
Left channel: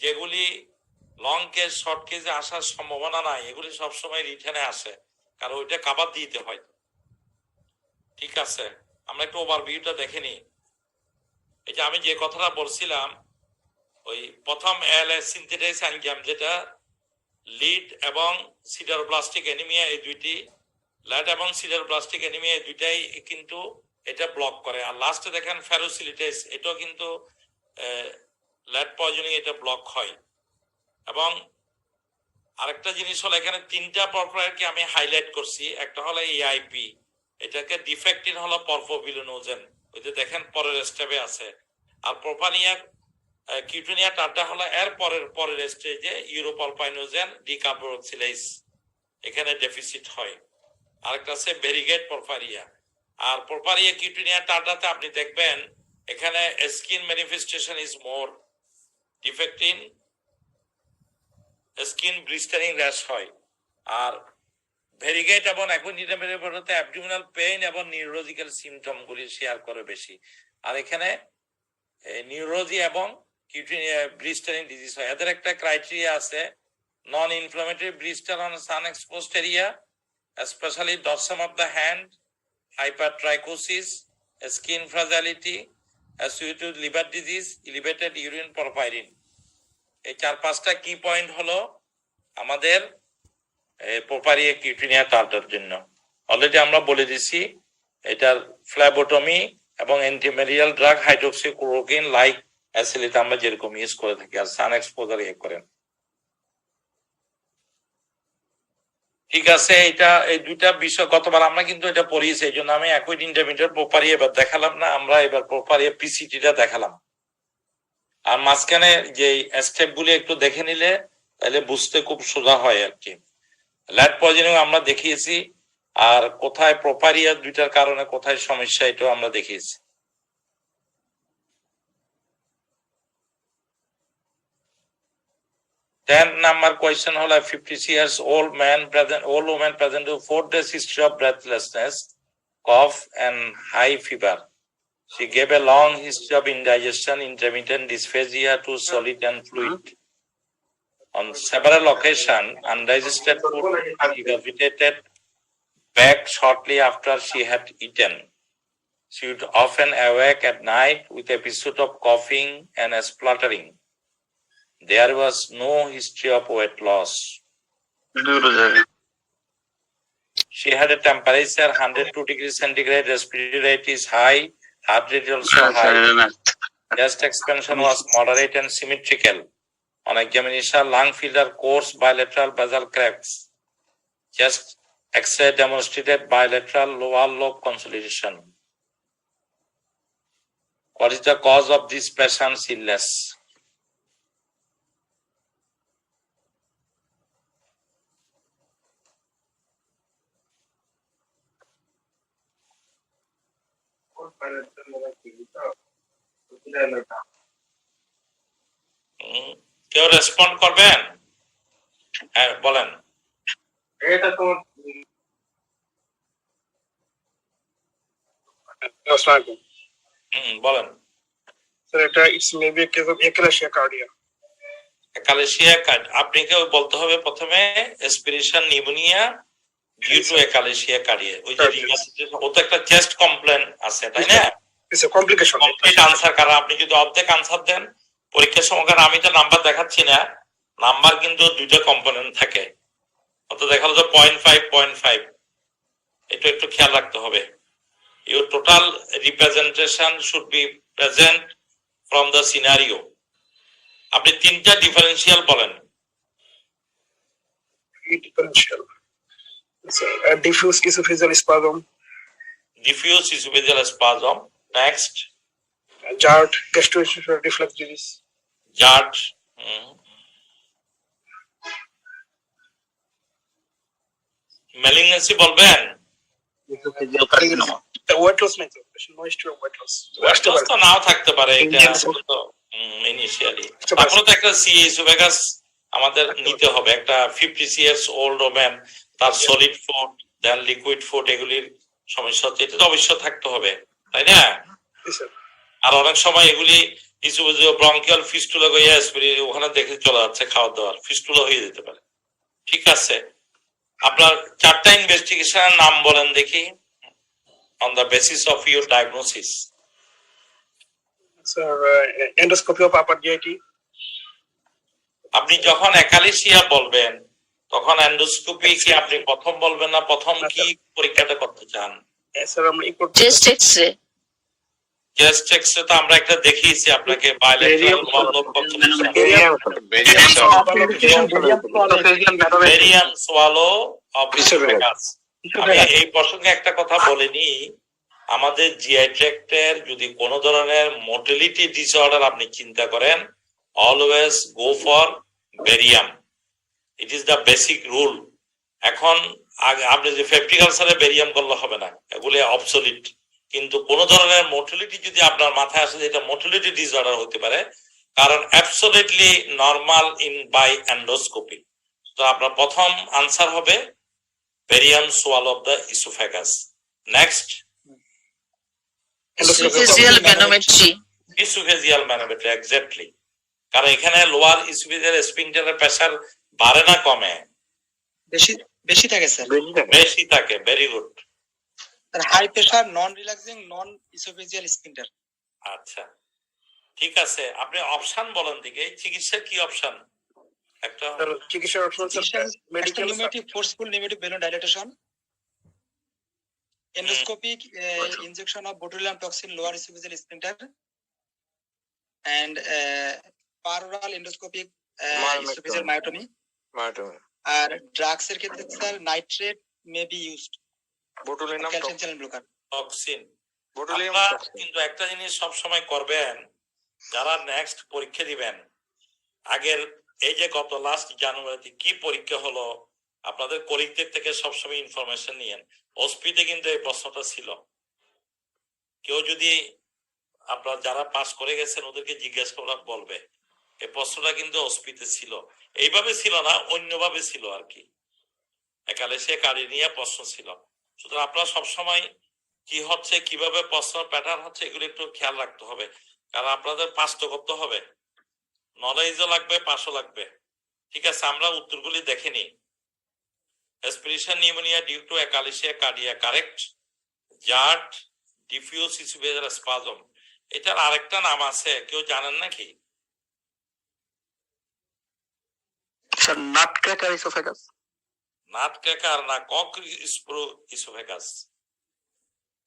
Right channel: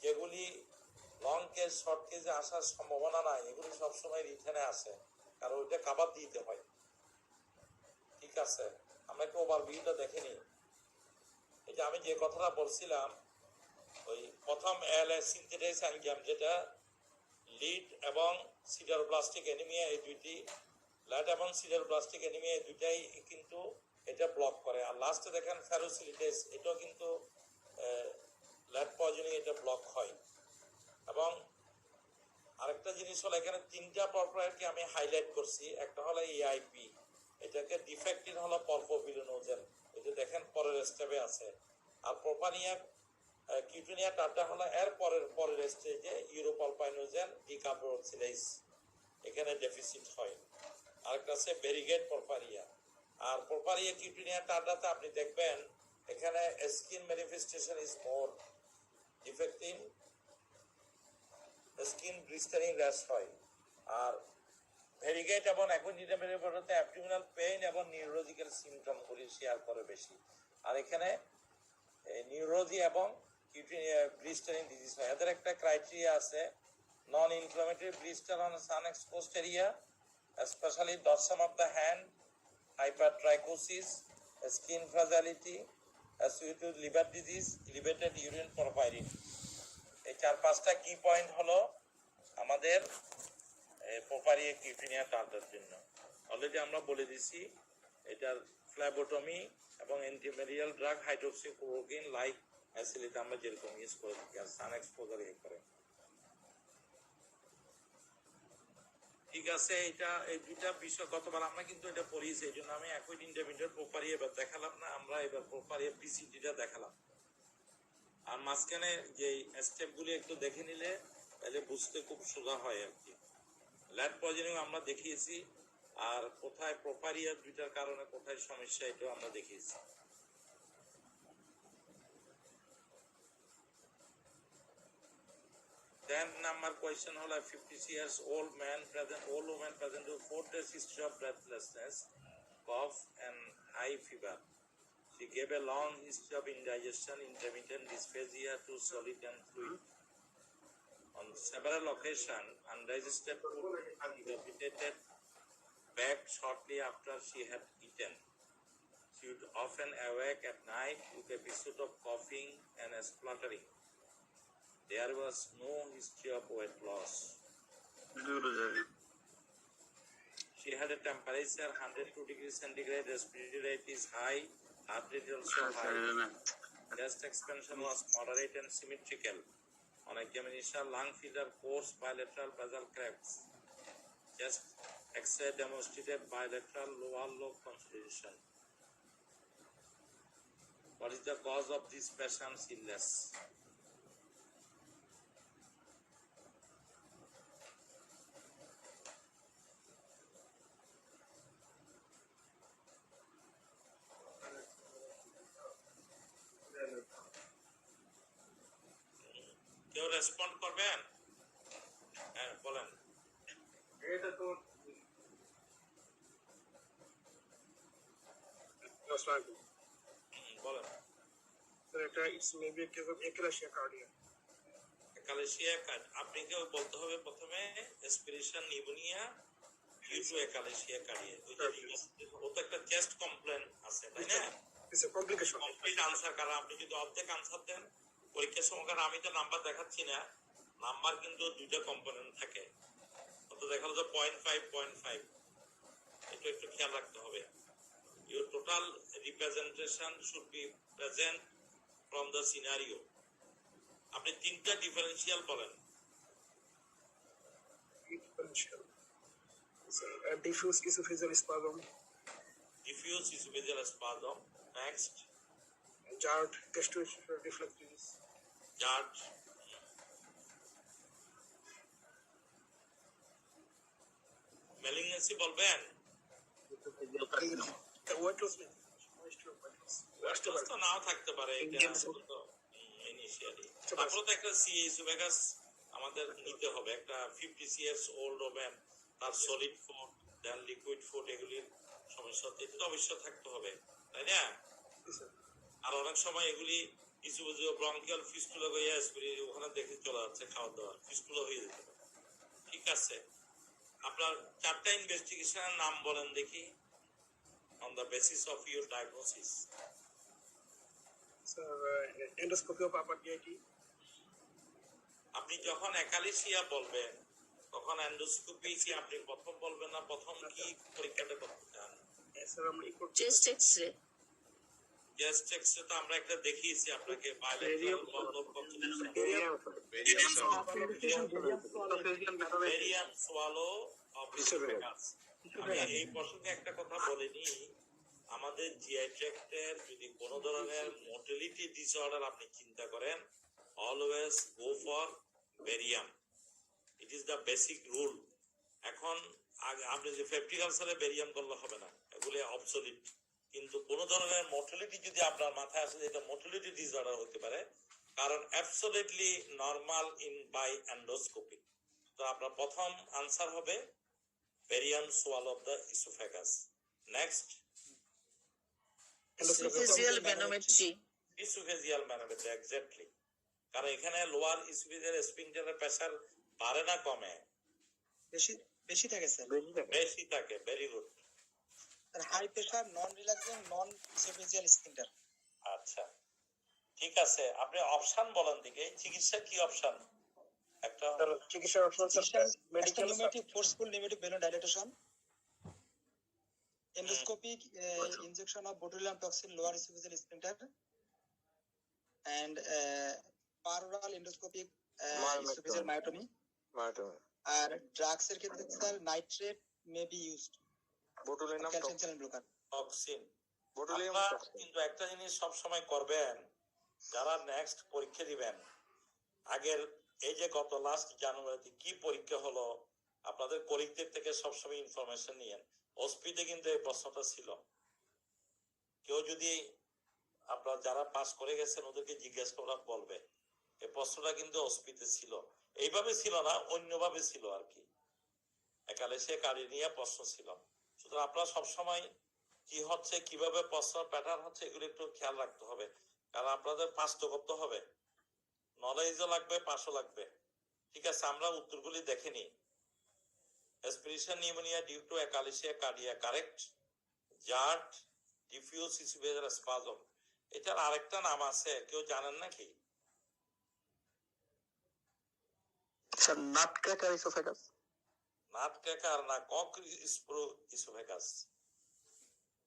যেগুলি লং কেস শর্ট কেসে আসার সম্ভাবনা নাই, এগুলি সবসময় রিটেনে আসে, কারণ ওইটা কাভার দিতে হয়। ঠিক আছে, আমরা একটু ওভারভিউটা দেখে নিই। এই যে আমি যে কথাটা বলছিলাম, ওই প্রথম এলএস সিনথেটাইজ এনজাইম, যেটা লিড এবং সিডারোব্লাস্টিক অ্যানিমিয়া, এই দুইটি, ল্যাড এবং সিডারোব্লাস্টিক অ্যানিমিয়া এই দুইটাই কিন্তু এটা ব্লক করে। আর লাস্টে দেখেন ফেরোসিলিটেজ, এটাও কিন্তু ল্যাড পয়জনিং এটা ব্লক হয়। এবং আরেকটা জিনিস হলো, এখানে তিনটা পরপরারকে আমি হাইলাইট করছি। একটা হলো এআইপি, এটাকে ডিফেক্টিন হলো পরফোভিলোনোজেন, ওই যে দেখেন পরের স্টেপে আছে। আর প্রোপানিয়া কিউটিনিয়া টার্ডা হলো এর পরের স্টেজে ইউরোপলপাইনোজেন ডিকার্বোক্সিলেজ, এখানে ডেফিসিট হয়। আরেকটা আছে ভেরিগেট পরপারিয়া। আর পরপারিয়া কিউটিনিয়া টার্ডাতে আপনি দেখবেন এখানে skin manifestation is more defective, skin blistering rash হয়। আর ভেরিগেট এবং অ্যাকুইন্টিনামেরিয়াতে অ্যাবডোমিনাল পেইন এবং নিউরোলজিক্যাল সিমটমগুলি শেয়ার করে বেশি। আর এখানে নিউরোলজি এবং কিউটিনিয়া ব্লিস্টারিং ডিজিজ হয়। এদের একটা ক্রাইটেরিয়া আছে, non inflammatory blister on sun exposed area, especially dorsum of the hand, hypertrichosis, skin fragility, associated with liver disease, elevated urine porphyrin. এই 4-5টা কি পয়েন্ট হলো আমাদের পরপারিয়া কিউটিনিয়া টার্ডার জন্য। অলরেডি আমরা বলে দিছি, এটার ফ্ল্যাবোটমি এবং অ্যান্টিম্যারিয়াল ড্রাগ হাইড্রোক্সিক্লোরোকুইন লাইক অ্যাসিলিট আমরা যেরকম ইউজ করে থাকি আর সান এক্সপোজার ইয়ে করেন। ঠিক আছে, এটা এই দুইটা বিষয় গতবার আমরা কিন্তু এটা পড়িয়েছি, এই জন্য আমি একই ইন্টারমিডিয়েট প্রপারি এবার দেখালাম না, আমরা এবার প্রপারি পিসিটিটা দেখালাম। আর মাঝখানে যে স্টেপ গুলি একটু দেখে নিলে তাহলে বুঝতে খুব সোজা হয় আর কি। ল্যাট পয়জনিং আমরা দেখিয়েছি, আর কোথায় প্রপারিয়া দুইটার কারণে কোথায় সমস্যা এটাও আমরা দেখিয়েছি। 10 number question হলো 50 years old woman present with 4 days history of breathlessness, cough and high fever. She gave a long history of indigestion, intermittent dysphagia to solid and fluid. On several occasions, undigested food regurgitated back shortly after she had eaten. She would often awake at night with episode of coughing and spluttering. There was no history of weight loss. She had a temperature 102 degrees centigrade, respiratory rate is high, heart rate also high. Chest expansion was moderate and symmetrical. On examination, lung filter coarse bilateral basal cracks. Chest X-ray demonstrated bilateral lower lobe consolidation. What is the cause of this patient's illness? কেউ রেসপন্ড করবেন? হ্যাঁ বলেন। এটা তো বলেন স্যার, এটা it's maybe case of achalasia কার্ডিয়া। একালেশিয়া আপনি কেউ বলতে হবে প্রথমে এসপিরেশন নিউমোনিয়া ডিউ টু একালেশিয়া কার্ডিয়া। ওই যে ও তো একটা চেস্ট কমপ্লেন আছে তাই না? It's a complication. Complete answer, কারণ আপনি যদি অর্ধেক আনসার দেন পরীক্ষার সময়, কারণ আমি তো নাম্বার দেখাচ্ছি না, নাম্বার কিন্তু দুইটা কম্পোনেন্ট থাকে, অত দেখালো যে 0.5 এটা একটু খেয়াল রাখতে হবে। Your total representation should be present from the scenario. আপনি তিনটা ডিফারেন্সিয়াল বলেন। Differential diffuse oesophageal spasm, diffuse oesophageal spasm, next GERD gastrointestinal reflux disease, GERD, malignancy বলবেন। ওয়েট লস নাই, ময়েশ্চার ওয়েট লস তো নাও থাকতে পারে, এটা তো ইনিশিয়ালি। তারপরে তো একটা সিএসওভেগাস আমাদের নিতে হবে, একটা 50 years old ওম্যান, তার সলিড ফুড দেন লিকুইড ফুড এগুলির সমস্যা হচ্ছে, এটা তো অবশ্যই থাকতে হবে তাই না? আর অনেক সময় এগুলি কিছু ব্রঙ্কিয়াল ফিস্টুলা ওখানে দেখে চলে যাচ্ছে, খাওয়া দাওয়ার ফিস্টুলা হয়ে যেতে পারে। ঠিক আছে, আপনার চারটা ইনভেস্টিগেশনের নাম বলেন দেখি on the basis of your diagnosis. Sir endoscopy of upper GIT. আপনি যখন একালেশিয়া বলবেন তখন এন্ডোস্কোপি কি আপনি প্রথম বলবেন না প্রথম কি পরীক্ষাটা করতে চান? স্যার আমরা চেস্ট এক্সরে। চেস্ট এক্সরে তো আমরা একটা দেখিয়েছি আপনাকে, বায়োলেট্রাল lobe consolidation, barium swallow of oesophagus. আমি এই প্রসঙ্গে একটা কথা বলিনি, আমাদের জিআই ট্র্যাক্টের যদি কোনো ধরনের মোটিলিটি ডিসঅর্ডার আপনি চিন্তা করেন, always go for barium, it is the basic rule. এখন আপনি যে পেপটিক আলসারে বেরিয়াম করলে হবে না, এগুলি অবসলিট। কিন্তু কোন ধরনের মোটিলিটি যদি আপনার মাথায় আসে, এটা মোটিলিটি ডিসঅর্ডার হতে পারে, কারণ absolutely normal in by endoscopy. তো আপনার প্রথম আনসার হবে barium swallow of the oesophagus. Next oesophageal manometry. Oesophageal manometry, exactly, কারণ এখানে লোয়ার ইসোফেজিয়াল স্ফিংক্টারের প্রেসার বাড়ে না কমে? বেশি থাকে স্যার, বেশি থাকে। Very good. হাই প্রেসার, নন রিল্যাক্সিং, নন ইসোফেজিয়াল স্ফিংক্টার। আচ্ছা ঠিক আছে, আপনি অপশন বলেন দিকে, চিকিৎসার কি অপশন? একটা চিকিৎসার option medical pneumatic forceful pneumatic balloon dilatation, endoscopic injection of botulinum toxin lower esophageal sphincter, and paroral endoscopic esophageal myotomy. R drugs এর ক্ষেত্রে sir nitrate may be used, botulinum calcium channel blocker, toxin. আপনারা কিন্তু একটা জিনিস সব সময় করবেন, যারা নেক্সট পরীক্ষা দিবেন, আগের এই যে গত লাস্ট জানুয়ারিতে কি পরীক্ষা হলো আপনাদের কলিগদের থেকে সবসময় ইনফরমেশন নিয়েন। ওসপিতে কিন্তু এই প্রশ্নটা ছিল, কেউ যদি আপনার যারা পাস করে গেছেন ওদেরকে জিজ্ঞেস করা বলবে এই প্রশ্নটা কিন্তু ওসপিতে ছিল, এইভাবে ছিল না, অন্যভাবে ছিল আর কি, একালে সে কারি নিয়ে প্রশ্ন ছিল। সুতরাং আপনারা সবসময় কি হচ্ছে, কিভাবে প্রশ্ন প্যাটার্ন হচ্ছে, এগুলো একটু খেয়াল রাখতে হবে, কারণ আপনাদের পাস তো করতে হবে, নলেজও লাগবে, পাসও লাগবে। ঠিক আছে, আমরা উত্তরগুলি দেখে নিই। Aspiration pneumonia due to echinacea cardia, correct? Jart, diffuse esophageal spasm. এটার আরেকটা নাম আছে, কেউ জানেন নাকি? Sir নাটক্র্যাকার oesophagus. নাটক্র্যাকার না, কক ইসোফেগাস।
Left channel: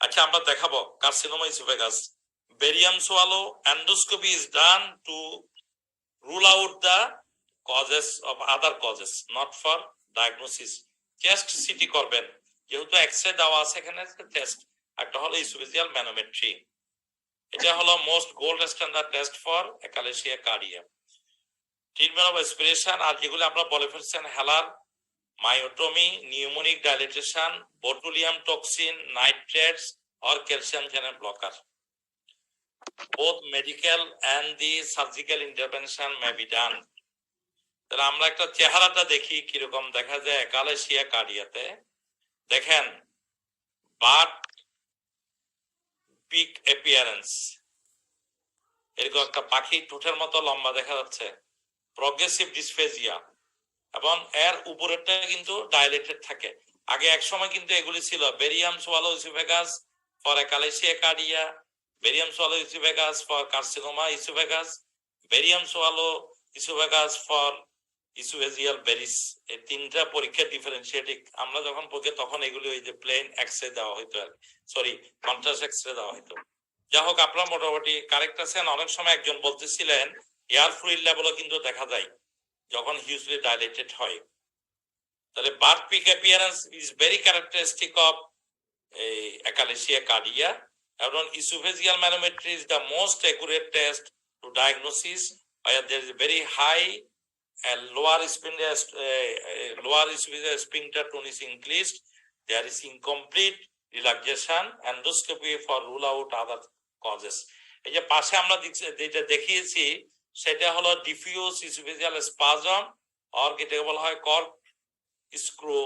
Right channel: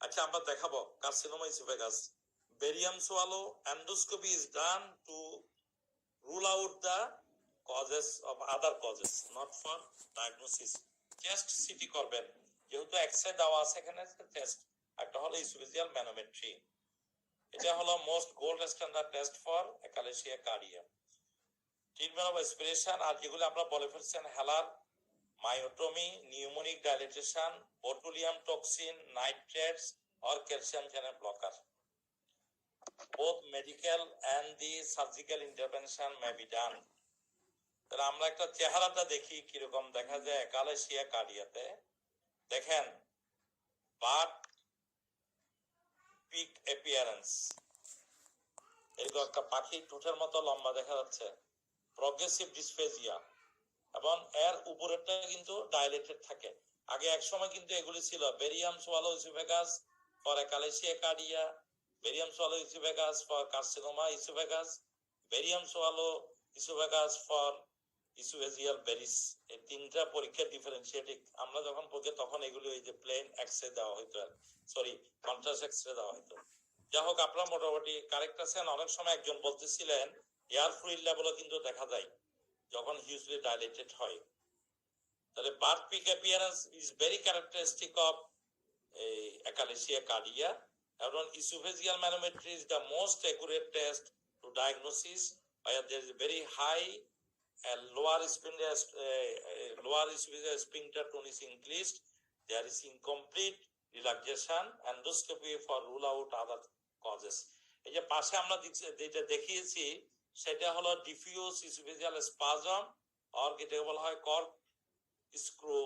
আচ্ছা, আমরা দেখাবো carcinoma oesophagus. Barium swallow endoscopy is done to rule out the causes of other causes, not for diagnosis. Chest city করবেন, যেহেতু এক্সরে দেওয়া আছে এখানে, টেস্ট একটা হলো ইসোফেজিয়াল ম্যানোমেট্রি, এটা হলো most gold standard test for achalasia cardia. Treatment of aspiration, আর যেগুলো আমরা বলে ফেলছেন, Heller, myotomy, pneumonic dilatation, botulinum toxin, nitrates or calcium channel blocker. Both medical and the surgical intervention may be done. তাহলে আমরা একটা চেহারাটা দেখি কিরকম দেখা যায় একালেশিয়া কার্ডিয়াতে। দেখেন, বাট পিক অ্যাপিয়ারেন্স, এরকম একটা পাখি ঠোঁটের মতো লম্বা দেখা যাচ্ছে, প্রগ্রেসিভ ডিসফেজিয়া, এবং এর উপরেরটা কিন্তু ডাইলেটেড থাকে। আগে এক সময় কিন্তু এগুলি ছিল barium swallow oesophagus for achalasia cardia, barium swallow oesophagus for carcinoma oesophagus, barium swallow oesophagus for oesophageal varices. এই তিনটা পরীক্ষা ডিফারেন্সিয়েটিং। আমরা যখন পড়ি তখন এগুলি ওই যে প্লেন এক্সরে দেওয়া হইতো, সরি কন্ট্রাস্ট এক্সরে দেওয়া হইতো। যাই হোক, আপনারা মোটামুটি কারেক্ট আছেন। অনেক সময় একজন বলতেছিলেন এয়ার ফ্লুইড লেভেলও কিন্তু দেখা যায় যখন হিউজলি ডাইলেটেড হয়। তাহলে bird beak appearance is very characteristic of achalasia cardia, এবং oesophageal manometry is the most accurate test to diagnosis where there is a very high lower esophageal sphincter tone is increased, there is incomplete relaxation, endoscopy for rule out other causes. এই যে পাশে আমরা যেটা দেখিয়েছি সেটা হলো ডিফিউজ ইসোফেজিয়াল স্পাজম, আর যেটাকে বলা হয় কর্ক স্ক্রু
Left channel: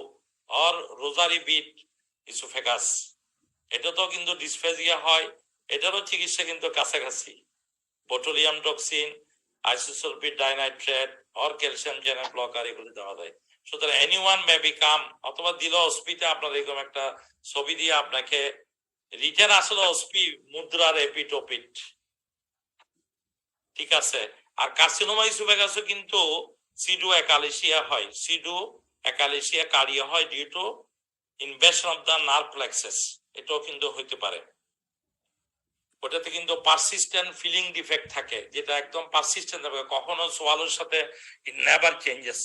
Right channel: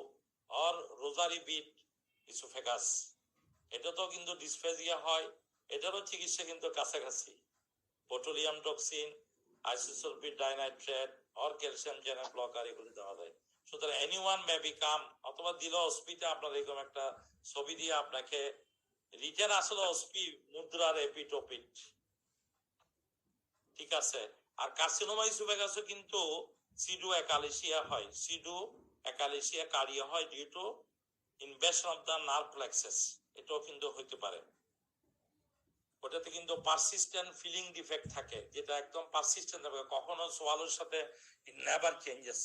আর রোজারি বিট ইসোফেগাস। এটা তো কিন্তু ডিসফেজিয়া হয়, এটারও চিকিৎসা কিন্তু কাছাকাছি। বোটুলিয়াম টক্সিন, আইসোসালফেট ডাইনাইট্রেট আর ক্যালসিয়াম চ্যানেল ব্লকার এগুলো দেওয়া যায়। সুতরাং এনিওয়ান মে বিকাম, অথবা দিল অস্পিতে আপনার এরকম একটা ছবি দিয়ে আপনাকে রিটেন আসলে অস্পি মুদ্রার এপিটোপিট, ঠিক আছে। আর কার্সিনোমা ইসোফেগাসও কিন্তু সিডু একালেশিয়া হয়, সিডু একালেশিয়া কার্ডিয়া হয় due to invasion of the nerve plexus, এটাও কিন্তু হইতে পারে। ওটাতে কিন্তু পারসিস্টেন্ট ফিলিং ডিফেক্ট থাকে, যেটা একদম পারসিস্টেন্ট থাকে, কখনো সোয়ালোর সাথে ইট নেভার চেঞ্জেস।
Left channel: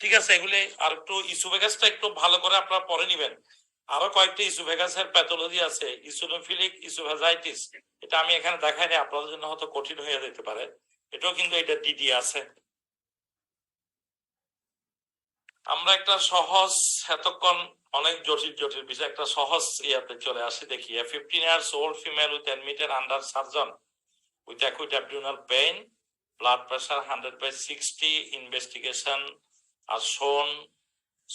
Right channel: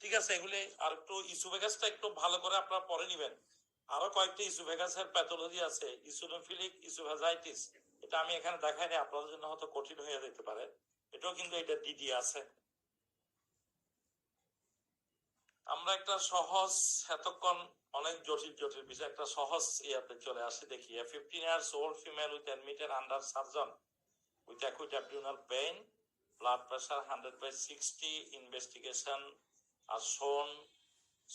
ঠিক আছে, এগুলি আর একটু ইসোফেগাসটা একটু ভালো করে আপনারা পড়ে নিবেন। আরো কয়েকটা ইসোফেগাসের প্যাথোলজি আছে, ইসোনোফিলিক ইসোফেজাইটিস, এটা আমি এখানে দেখাইনি, আপনাদের জন্য হয়তো কঠিন হয়ে যেতে পারে, এটাও কিন্তু এটা ডিডি আছে। আমরা একটা সহজ, এতক্ষণ অনেক জটিল জটিল বিষয়, একটা সহজ ইয়াতে চলে আসি। দেখি, 15 years old female with admitted under surgeon with acute abdominal pain, blood pressure 100/60, investigation are shown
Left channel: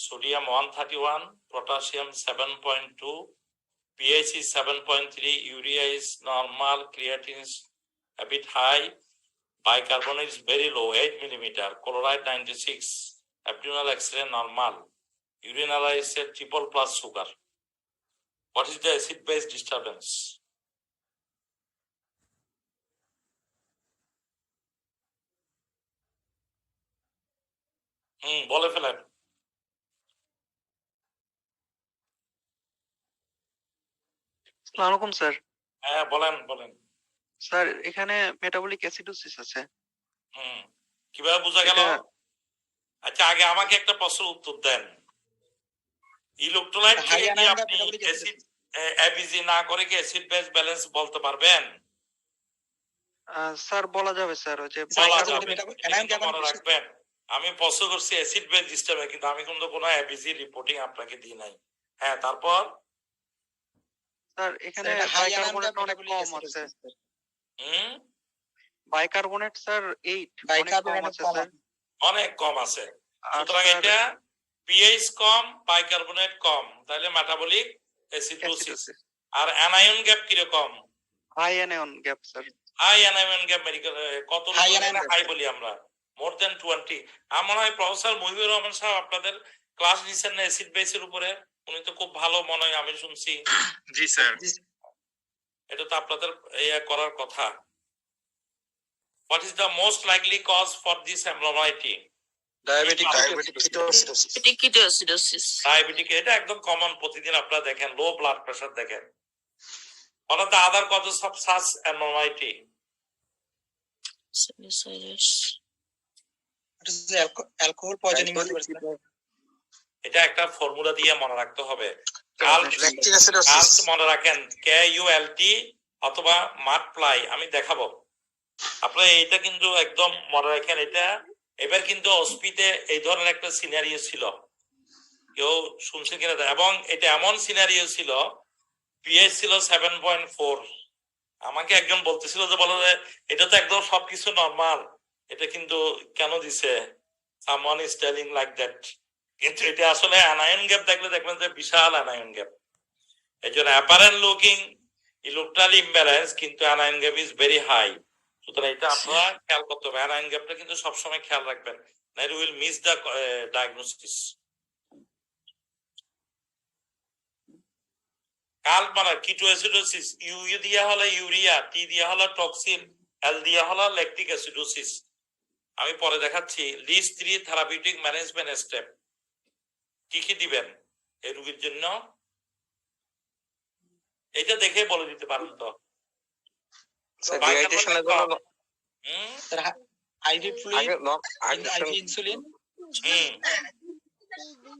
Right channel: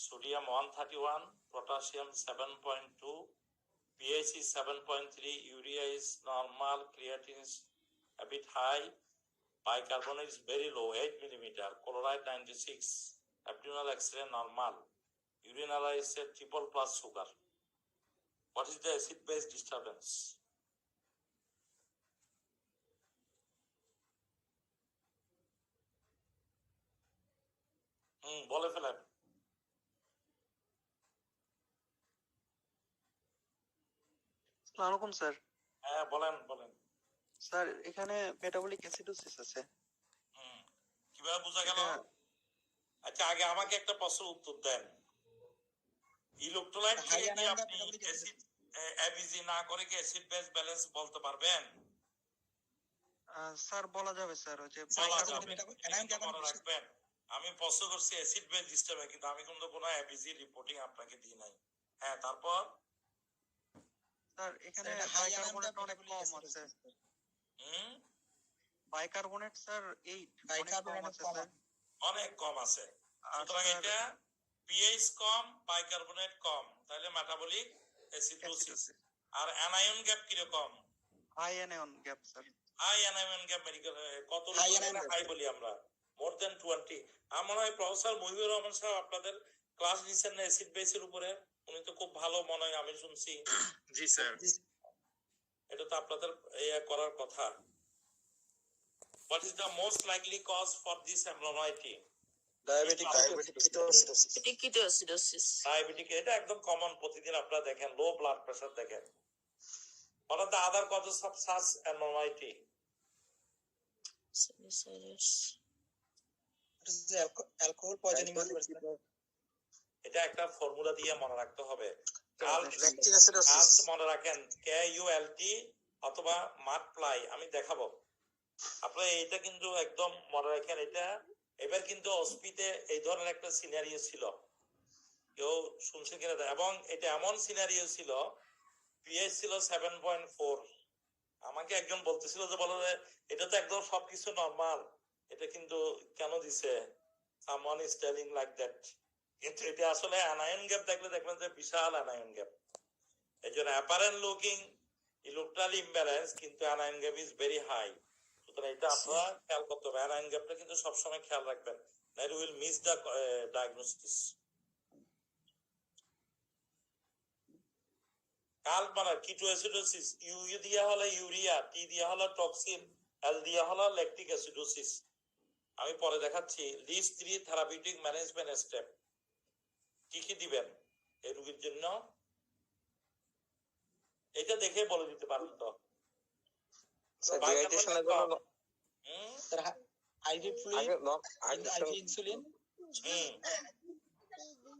sodium 131, potassium 7.2, pH is 7.3, urea is normal, creatinine is a bit high, bicarbonate is very low 8 millimeter, chloride 96, abdominal X-ray normal, urine analysis said triple plus sugar. What is the acid base disturbance? বলে ফেলেন। আসসালামু আলাইকুম স্যার। হ্যাঁ, বলেন বলেন। স্যার এখানে মেটাবলিক অ্যাসিডোসিস আছে। হুম, কিভাবে বোঝা গেল? এটা আচ্ছা, আগে আমাকে একটা প্রশ্নের উত্তর দেন। ইলেকট্রোলাইট হাই থেকে কি আনায়ন আপনি মেটাবলিক অ্যাসিড এবিজি না করে কি অ্যাসিড বেস ব্যালেন্স বলতে পারবেন? স্যার বলা যাবে স্যার, ওই যে বলা স্যার, যাবে। মেটাবলিক এটা কিন্তু মনে রাখবেন। আমি প্রশ্ন করছি অ্যাসিড বেস সিস্টেমে, কিন্তু আমি কিন্তু কোনো এবিজি রিপোর্টিং আপনাকে দিই নাই। হ্যাঁ, তারপর স্যার এখানে হাই আনায়ন বাইকার্বনেট অনেক মেটাবলিক কম অ্যাসিড আছে। হুম, বাইকার্বনেট স্যার 8 অনেক কম বাইকার্বনেট আছে কম স্যার। অনেক কম আছে। আর সুতরাং স্যার এটা পিএইচ কম, বাইকার্বনেট কম, তাহলে মেটাবলিক অ্যাসিডোসিস। অ্যাসিডোসিস। আর অ্যানায়ন গ্যাপ কিরকম? High anion gap sir. High anion gap medical কত High anion gap, high sir. বলি আমরা? মোর দেন 20। আমার মনে হয় প্রফেসর মহিবুর রহমান সাহেব আপনাদের ক্লাস নিচ্ছেন না অ্যাসিড বেসের উপরে? উনি তো খুব ভালো মনে হয়, আমি শুনছি। জি স্যার। এটা তো আপনাদের করার কথা। What is the most likely cause for this abnormality? Diabetic Ketoacidosis. Diabetic, এটা একদম কমন, প্রতিদিন আপনারা দেখেন। লো ব্লাড প্রেশার দেখেন। What are the other causes of such abnormality? Sinusitis. Alcohol poisoning হতে পারে স্যার। এটা একটা ফর্মুলা দিয়ে মনে রাখতে হবে। Lactic acidosis. কাল্ট মনে রাখেন, KULT অথবা মাল্টিপ্লাই, আমি দেখাবো। আপনারা এইটা কিন্তু একদম মনে রাখেন। এটা এবার কিন্তু অস্পিতে এই ধরনের একটা সিনারিও ছিল, কেউ শুনছে কিনা, এবং এটা এমন সিনারিও ছিল, পিএইচ ছিল 7.4। আমাকে একজন বলতেছিল যে বলো যে এটা তো একদম সবকিছু নরমাল, এটা কিন্তু কেন দিছে, someone is telling like that. কিন্তু এটা আসলে অ্যানায়ন গ্যাপ দেখলে দেখবেন যে বিশাল অ্যানায়ন গ্যাপ। এই জন্য অ্যাপারেন্ট লুকিং ইলেকট্রাল ইমব্যালেন্স, কিন্তু anion gap is very high. সুতরাং এটা আপনারা খেয়াল করতে হবে। অ্যানায়ন গ্যাপটা কিন্তু সবসময় খেয়াল রাখবেন, নাইলে will miss the diagnosis. Cult মানে কিটোঅ্যাসিডোসিস, ইউ দিয়া হলো ইউরিয়া, টি দিয়া হলো টক্সিন, এল দিয়া হলো ল্যাকটিক অ্যাসিডোসিস। আমি পরে দেখাচ্ছি। List 3 therapeutic management step. কি কি দিবেন এই রোগীর জন্য, এটা দেখে বলে দিতে পারেন তো। Sir IV fluid, IV insulin,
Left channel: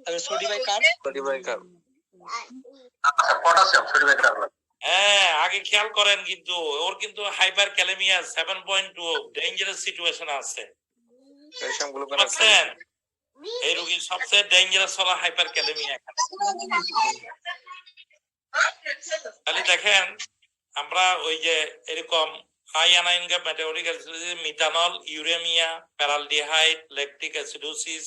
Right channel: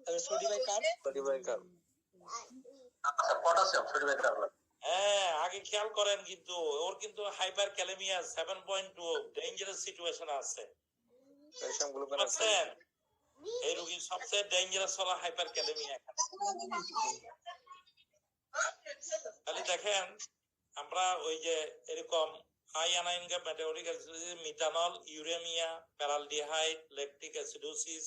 তারপর সোডিবাইকার্ব, পটাশিয়াম সোডিয়াম। হ্যাঁ, আগে খেয়াল করেন, কিন্তু ওর কিন্তু হাইপার ক্যালেমিয়া 7.2 ডেঞ্জারাস সিচুয়েশন আছে। বুঝছেন? এই রোগীর সবচেয়ে ডেঞ্জারাস হলো হাইপার ক্যালেমিয়া। তাহলে দেখেন, আমরা ওই যে এরকম high anion gap, metabolic acidosis, methanol, uraemia, paraldehyde, lactic acidosis,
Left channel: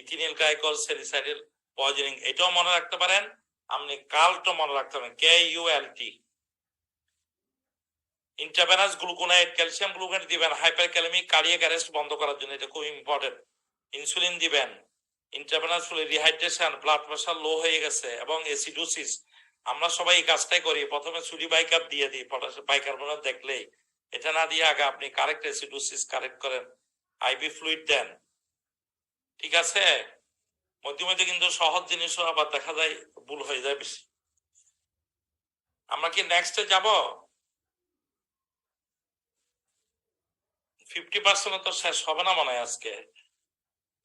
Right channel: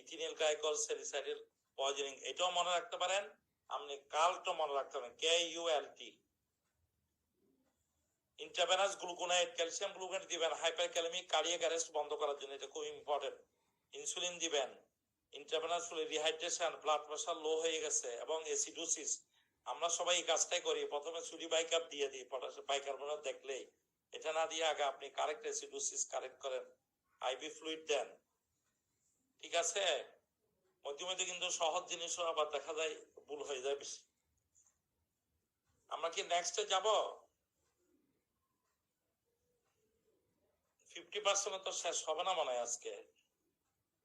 ইথিনিল গ্লাইকল, স্যালিসাইডাল পয়জনিং, এটাও মনে রাখতে পারেন। আপনি কাল্টও মনে রাখতে পারেন, KULT। ইন্ট্রাভেনাস গ্লুকোনাইড, ক্যালসিয়াম গ্লুকোনাইড দিবেন হাইপার ক্যালেমিক কার্ডিয়াক অ্যারেস্ট বন্ধ করার জন্য, এটা খুব ইম্পর্টেন্ট। ইনসুলিন দিবেন। Intravenous rehydration, blood pressure low হয়ে গেছে, এবং অ্যাসিডোসিস, আমরা সবাই এই কাজটাই করি। প্রথমে সোডিয়াম দিয়ে দিই, বাইকার্বনেট দেখলেই। এটা না দিয়ে আগে আপনি কারেক্ট অ্যাসিডোসিস কারেক্ট করেন, আইভি ফ্লুইড দেন। ঠিক আছে? মধ্যে মধ্যে কিন্তু সহজ জিনিসও আবার দেখা যায় ভুল হয়ে যায় বেশি। আমরা কি নেক্সটে যাব? 50% তো শেষ হবে না মনে হয় আজকে।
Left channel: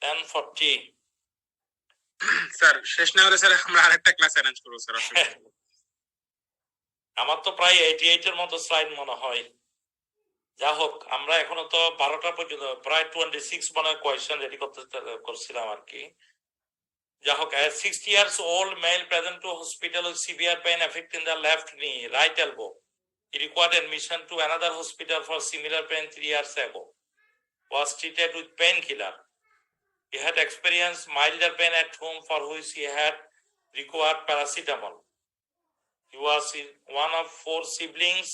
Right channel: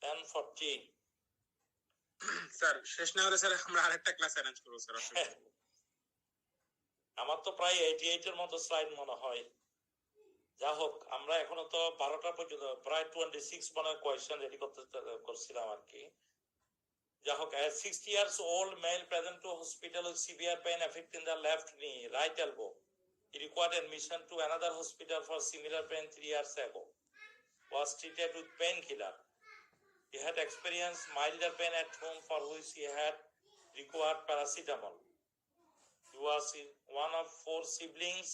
10:40। স্যার শেষ না হলে স্যার আমরা আরেকটা ক্লাস অ্যারেঞ্জ করব স্যার। আমার তো প্রায় 88 এর মতো স্লাইড মনে হয়। যা হোক, আমরা এখনো তো 12টা পর্যন্ত, প্রায় 26 মনে কোয়েশ্চেন রেডি করছিলাম আর কি। যা হোক, 60 years old male present to hospital with severe pain affecting the left knee, right elbow. He required admission to another hospital for similar pain 3 years ago. Was treated with painkiller. He had experienced milder pain at home, for which he had required paracetamol. He was one of 4 siblings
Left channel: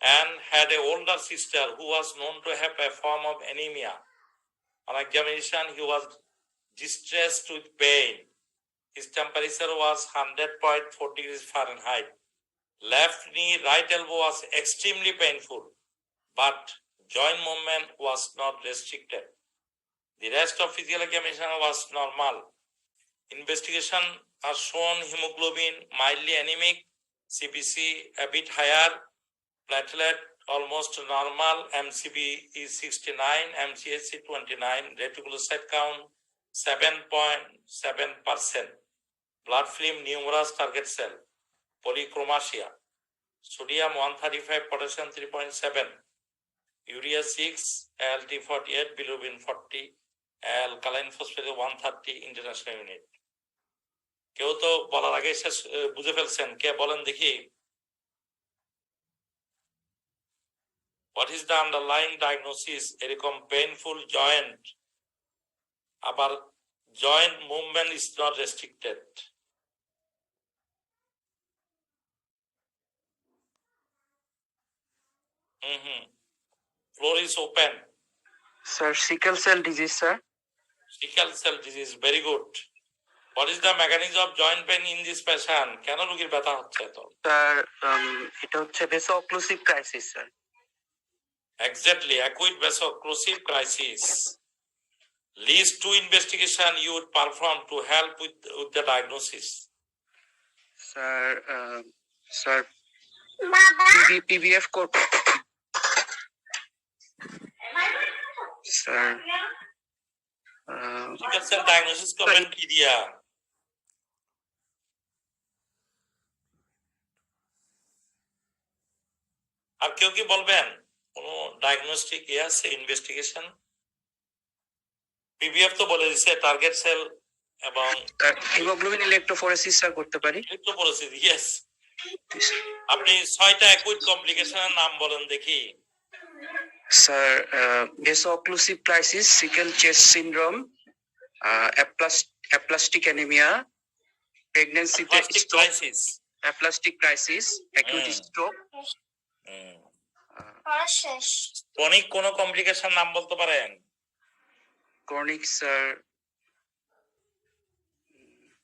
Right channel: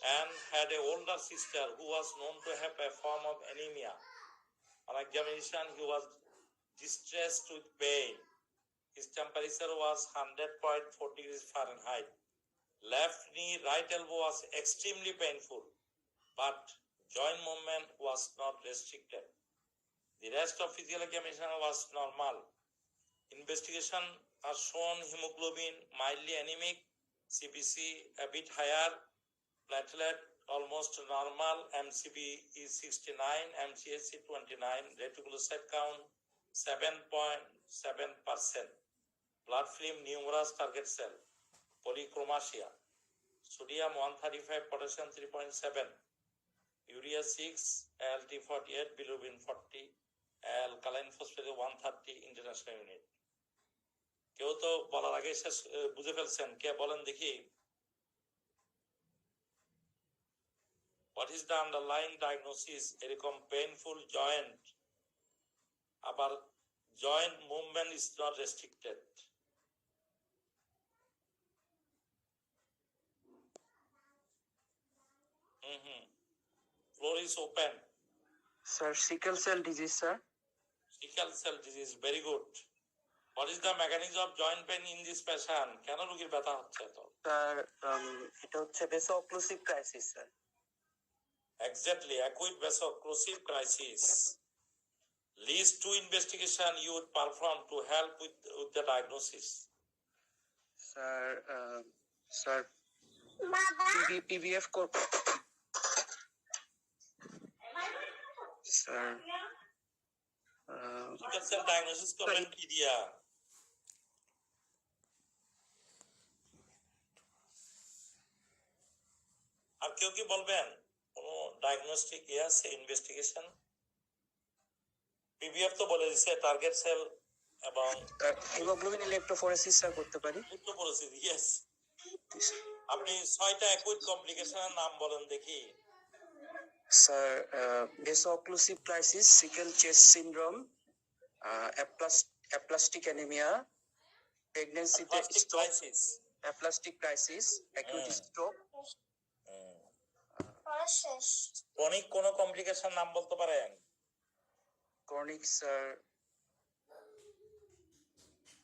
and had an older sister who was known to have a form of anemia. On examination, he was distressed with pain. His temperature was 100.4 degrees Fahrenheit. Left knee, right elbow was extremely painful, but joint movement was not restricted. The rest of physical examination was normal. Investigation has shown hemoglobin mildly anemic, CBC a bit higher, platelet almost normal, MCB is 69, MCHC 29, reticulocyte count 7.7%, blood film numerous target cell, polychromasia, sodium 135, potassium 3.7, urea 6, ALT 48, bilirubin 40, alkaline phosphate 130 international unit. কেউ তো বলার আগে শেষ বুঝে ফেলছেন, কে বলেন দেখি? What is the underlying diagnosis? এরকম painful joint, আবার joint movement is not restricted. Floor is open. Sir sickle cell disease sir. Sickle cell disease, very good. What is the mechanism of joint pain in this patient? কেন রোগীর ব্যথা হচ্ছে এত? স্যার এটা হচ্ছে vaso-occlusive crisis sir. Exactly, acute vaso-occlusive crisis. Least two investigation you would perform to help with the diagnosis. Sir PBF code sir Sickle cell diagnosis করবেন কি দিয়া? আর কেউ কি বলবেন কোন ডায়াগনস্টিক আছে ইনভেস্টিগেশন? পিবিএফ তো বলে দিছে টার্গেট সেল এবং হিমোগ্লোবিন ইলেকট্রোফোরেসিস স্যার করতে পারি। Electrophoresis, yes. আপনি 6টা অ্যাকুইট কমপ্লিকেশনের নাম বলেন দেখি। Sir vaso-occlusive crisis, sickle chest syndrome, aplastic anaemia, প্রেগন্যান্সিতে stroke, aplastic crisis, acute stroke. Chronic কোন কমপ্লিকেশন নাম বলতে পারেন? ক্রনিক স্যার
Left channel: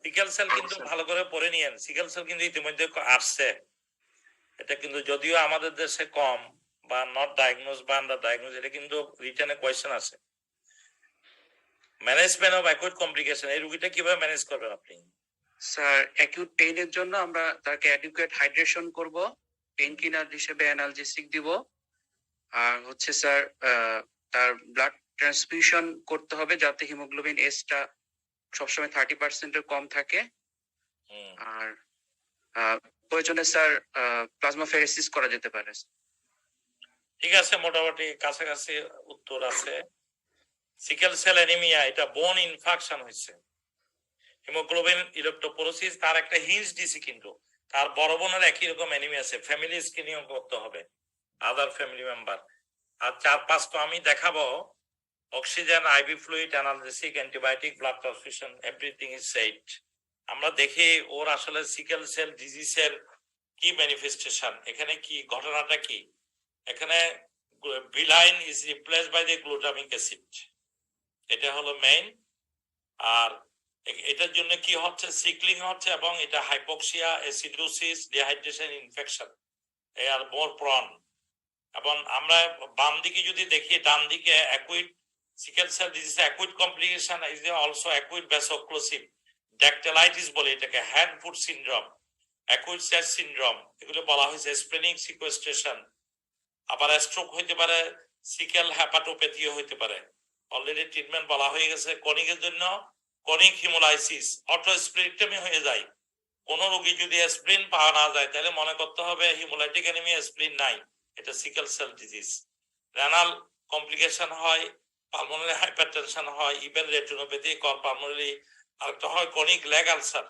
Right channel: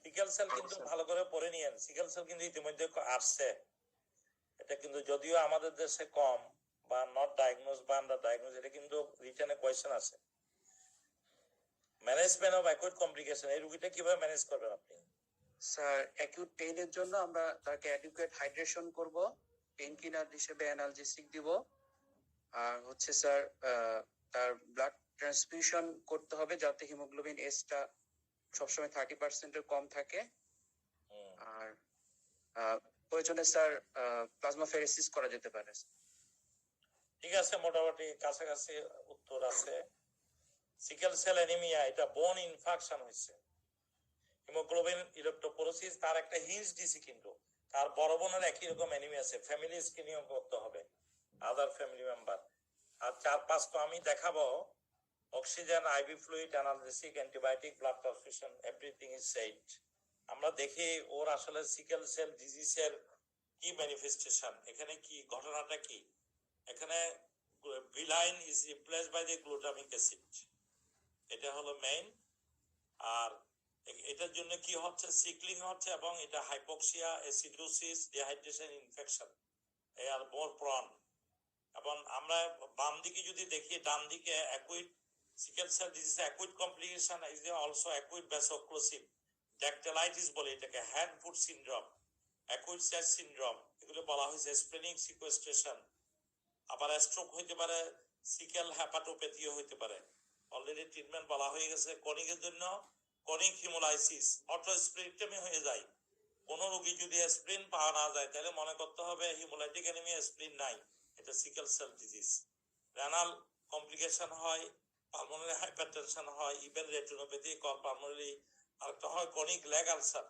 সিকেল সেল কিন্তু ভালো করে পড়ে নিয়েন। সিকেল সেল কিন্তু ইতিমধ্যে আসছে, এটা কিন্তু যদিও আমাদের দেশে কম বা নট ডায়াগনোজ বা আন্ডার ডায়াগনোজ, এটা কিন্তু রিটেনে কোয়েশ্চেন আছে। ম্যানেজমেন্ট অফ অ্যাকুইট কমপ্লিকেশন, এই রোগীটা কিভাবে ম্যানেজ করবেন আপনি? স্যার অ্যাকিউট পেইনের জন্য আমরা তাকে অ্যাডিকুয়েট হাইড্রেশন করব, পেইন কিলার হিসেবে অ্যানালজেসিক দিব, আর হচ্ছে স্যার তার ব্লাড ট্রান্সফিউশন করতে হবে যাতে হিমোগ্লোবিন এসটা সবসময় 30% কম থাকে, আর প্রয়োজনে স্যার প্লাজমাফেরেসিস করা যেতে পারে। ঠিক আছে, মোটামুটি কাছাকাছি উত্তর আছে। সিকেল সেল অ্যানিমিয়া, এটা বোন ইনফেকশন হয়েছে, হিমোগ্লোবিন ইলেকট্রোপোরোসিস, তার একটা হিঞ্জ দিছি, কিন্তু তার বড় বোনের একই রকম অ্যানিমিয়া আছে, ফ্যামিলি স্ক্রিনিং করতে হবে, আদার ফ্যামিলি মেম্বার। আর 4-5টা আমি দেখাবো, oxygen, IV fluid, analgesic, antibiotic, blood transfusion, everything is set. আমরা দেখি ওর আসলে সিকেল সেল ডিজিজের কি ম্যানিফেস্টেশন, এখানে কি ঘটনাটা কি। এখানে valine is replaced by the glutamic acid, এটা হলো মেইন। আর এটার জন্য কি হচ্ছে, সিকলিং হচ্ছে, এবং এটা হাইপোক্সিয়া, অ্যাসিডোসিস, ডিহাইড্রেশন, ইনফেকশন, এ আর মোর প্রন। এবং আমরা বাম দিকে যদি দেখি, ডান দিকে acute sickle cell disease acute complication is also acute vaso-occlusive dactylitis বলে এটাকে, hand foot syndrome, acute chest syndrome, এগুলো বলা হয়েছে স্প্লেনিক সিকোয়েস্ট্রেশন। আবার স্ট্রোক হইতে পারে, সিকেল হ্যাপাটোপ্যাথিও হইতে পারে, অলরেডি ট্রিটমেন্ট বলা হয়ে গেছে। কনিকের জন্য কনিক হিমোলাইসিস, অটোস্প্লেনেক্টমি হয়ে যায়। কোন রোগী যদি স্প্লিন পাওয়া না যায় তাহলে মনে করতে হবে হিমোলাইটিক অ্যানিমিয়া, স্প্লিন নাই, এটা sickle cell disease. Renal complication হয়, পালমোনারি হাইপারটেনশন হয়, ইভেন রেটিনোপ্যাথি, কর পালমোনারি, আরেকটা হয় কনিক লেগ আলসার।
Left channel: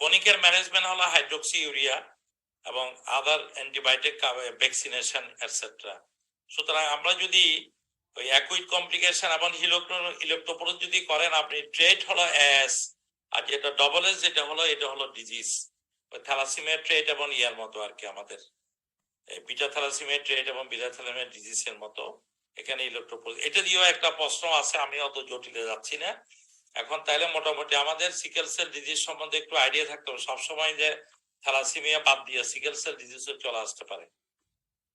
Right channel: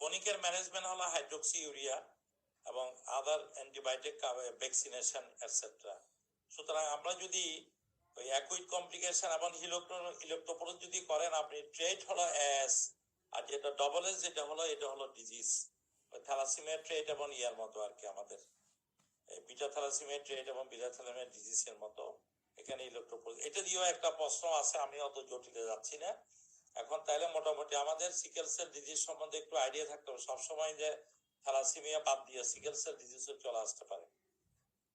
কনিকের ম্যানেজমেন্ট হলো হাইড্রোক্সি ইউরিয়া এবং আদার অ্যান্টিবায়োটিক, ভ্যাকসিনেশন এটসেট্রা। সুতরাং আমরা যদি ওই অ্যাকুইট কমপ্লিকেশন এবং ইলেকট্রোপোরোস যদি করেন, আপনি ট্রেট হলো এস, আর যেটা ডবল এস যেটা হলো, এটা হলো ডিজিজ। ওই থ্যালাসিমিয়া ট্রেট এবং ইয়ার মতো আর কি, আমাদের বিটা থ্যালাসিমিয়া ট্রেট এবং বিটা থ্যালাসিমিয়া ডিজিজের মতো এখানে ইলেকট্রোপোরোস। এটা দিয়েও একটা প্রশ্ন আছে, আমি অত জটিলে যাচ্ছি না এখন। তাইলে মোটামুটি আমাদের সিকেল সেল ডিজিজ সম্বন্ধে একটু আইডিয়া থাকতে হবে সবসময়, যে থ্যালাসিমিয়া বাদ দিয়ে সিকেল সেল ডিজিজও চলে আসতে পারে।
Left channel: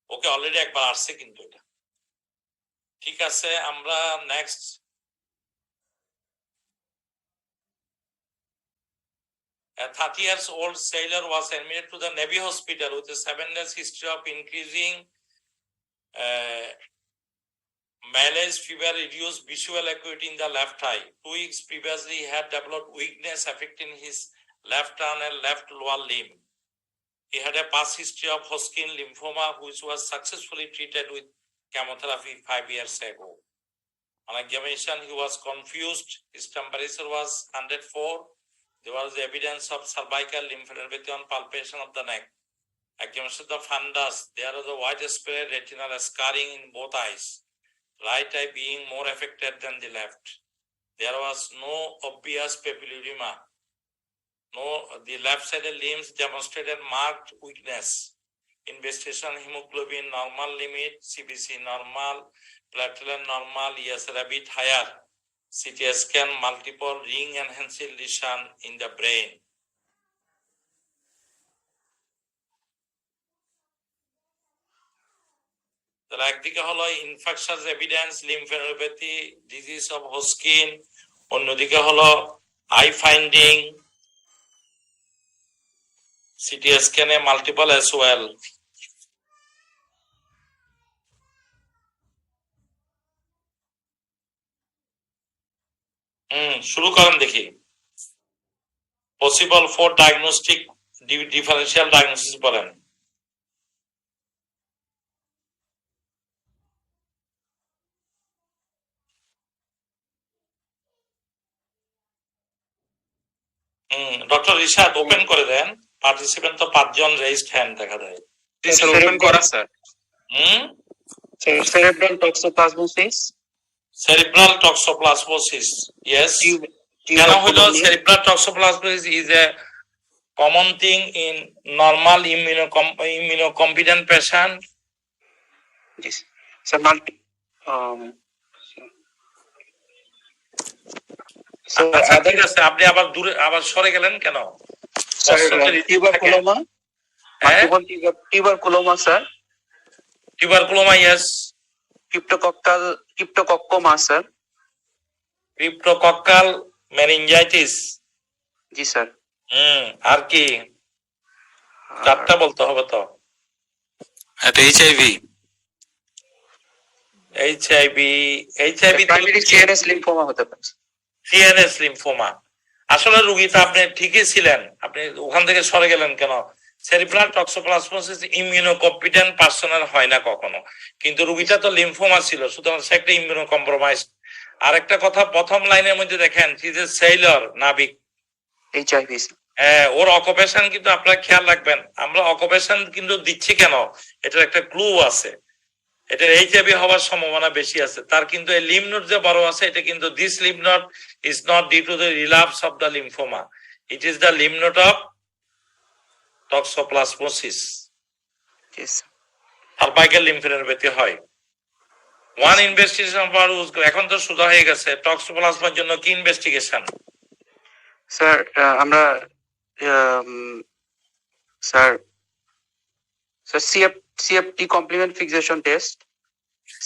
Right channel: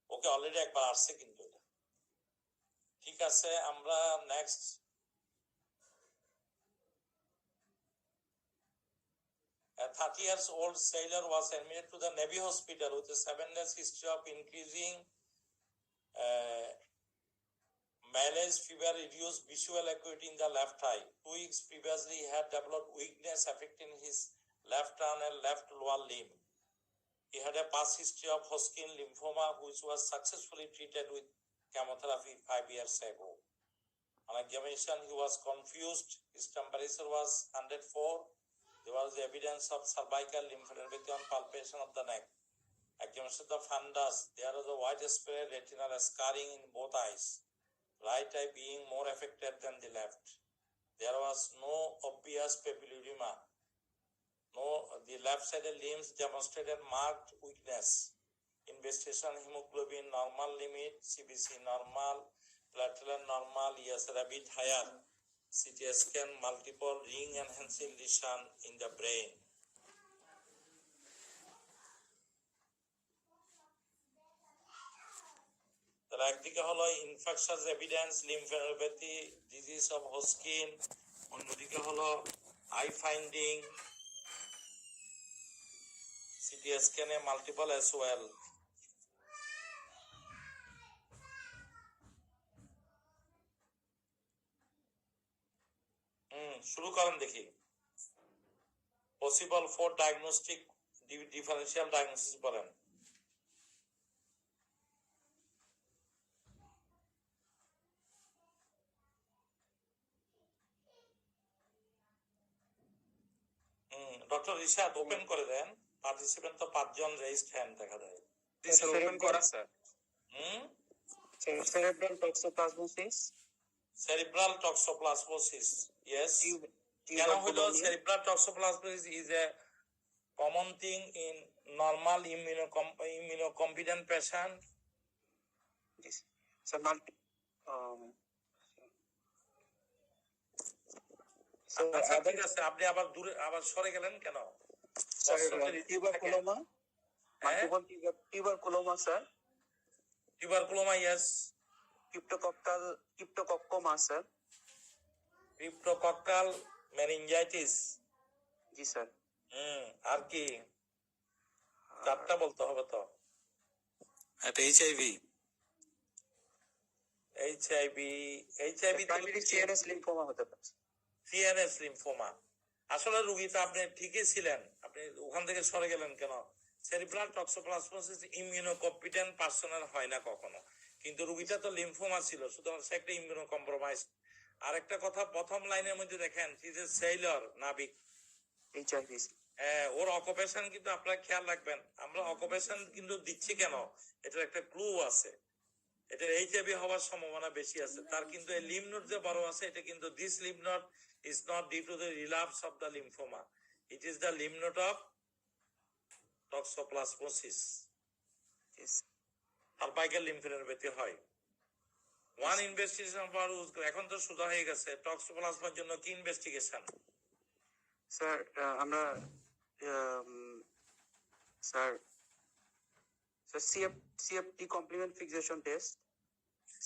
ওকে অলরেডি একবার আসছে কিন্তু এটা। ঠিক আছে, আমরা next A 30 years old sailor was admitted to the Navy hospital with a 7 days history of increasing malaise, fever, reduced visual acuity in the left eye. 2 weeks previously, he had developed weakness affecting his left arm and left lower limb. He had a past history of Hodgkin lymphoma, which was successfully treated with chemotherapy 5 years ago. On examination, he was confused. His temperature was 104. There was evidence of cervical lymphadenopathy on palpation of the neck. Examination of the fundus. There was a widespread retinal scarring in both eyes, right eye being more affected than the left. There was no obvious papilledema. The left-sided limbs demonstrated marked weakness. Investigation: hemoglobin normal limit, CBC normal, platelet normal, ESR a bit higher. CT scan, multiple ring enhancing lesion in the brain. তাহলে একদিকে হলো infectious evidence, lymphadenopathy, disease of Hodgkin, অন্যদিকে হলো আই ফাইন্ডিং, সিটি স্ক্যানে মাল্টিপল অ্যাজ ওয়েল। শুরু করেন দেখি। Possible for diagnostic differential diagnosis বলেন। ডক্টর রিশাদ ওপেন করে দেন। পার্টিসিপেন্ট তো 5 জন রেইজড হ্যান্ড দেখা যায়। ওপেন করা sir. Cerebral toxoplasmosis. Cerebral toxoplasmosis, yes. কেন হলো cerebral toxoplasmosis is a common thing in normal immunocompetent patient. Yes. So আচ্ছা ঠিক আছে, আপনি আবার দূরে আবার সরে গেলেন কেন? tuberculoma, tuberculoma sir. Tuberculoma, yes. Cryptococcoma sir. Cryptococcal meningitis. জি স্যার। আর কি? চারটা বলতে হবে তো। এটা এইচআইভি প্রাইমারি সিএনএস লিম্ফোমা হতে পারে। CNS lymphoma. আসলে রোগীটা আপনি ঠিকই ছিলেন, আপনি ওখান থেকে সরে গেলেন কেন? সেরিব্রাল টক্সোপ্লাজমোসিস ইমিউনোকম্পিটেন্ট পার্সনের হয় না কখনো, কিন্তু রোগীটা তো লিম্ফোমা ছিল, সুতরাং সে একটা ইমিউনোকম্প্রোমাইজ। আরেকটা কথা, প্রথম লাইনের মধ্যে দেখেন যে সেইলর নাবিক, এইচআইভি। হ্যাঁ, ওর অকুপেশন কিন্তু আপনারা খেয়াল রাখবেন। আমরা অকুপেশন কিন্তু দিচ্ছি কেন, এটার একটা ক্লু আছে। এটা এইচআইভি হওয়ার সম্ভাবনা বেশি আছে। তার কিন্তু এই লিম্ফ নোড যে বড় আছে, এটা কিন্তু this lymph node is not due to the relapse of the lymphoma, it is the lymph node of toxoplasmosis. Cervical lymphadenopathy হয়। ওয়ান ইনভেস্টিগেশন ফর এখন তো সোজা হয়ে গেছে। টক্সোপ্লাজমার জন্য কি ইনভেস্টিগেশন? স্যার আমরা sir CFT complement fixation test.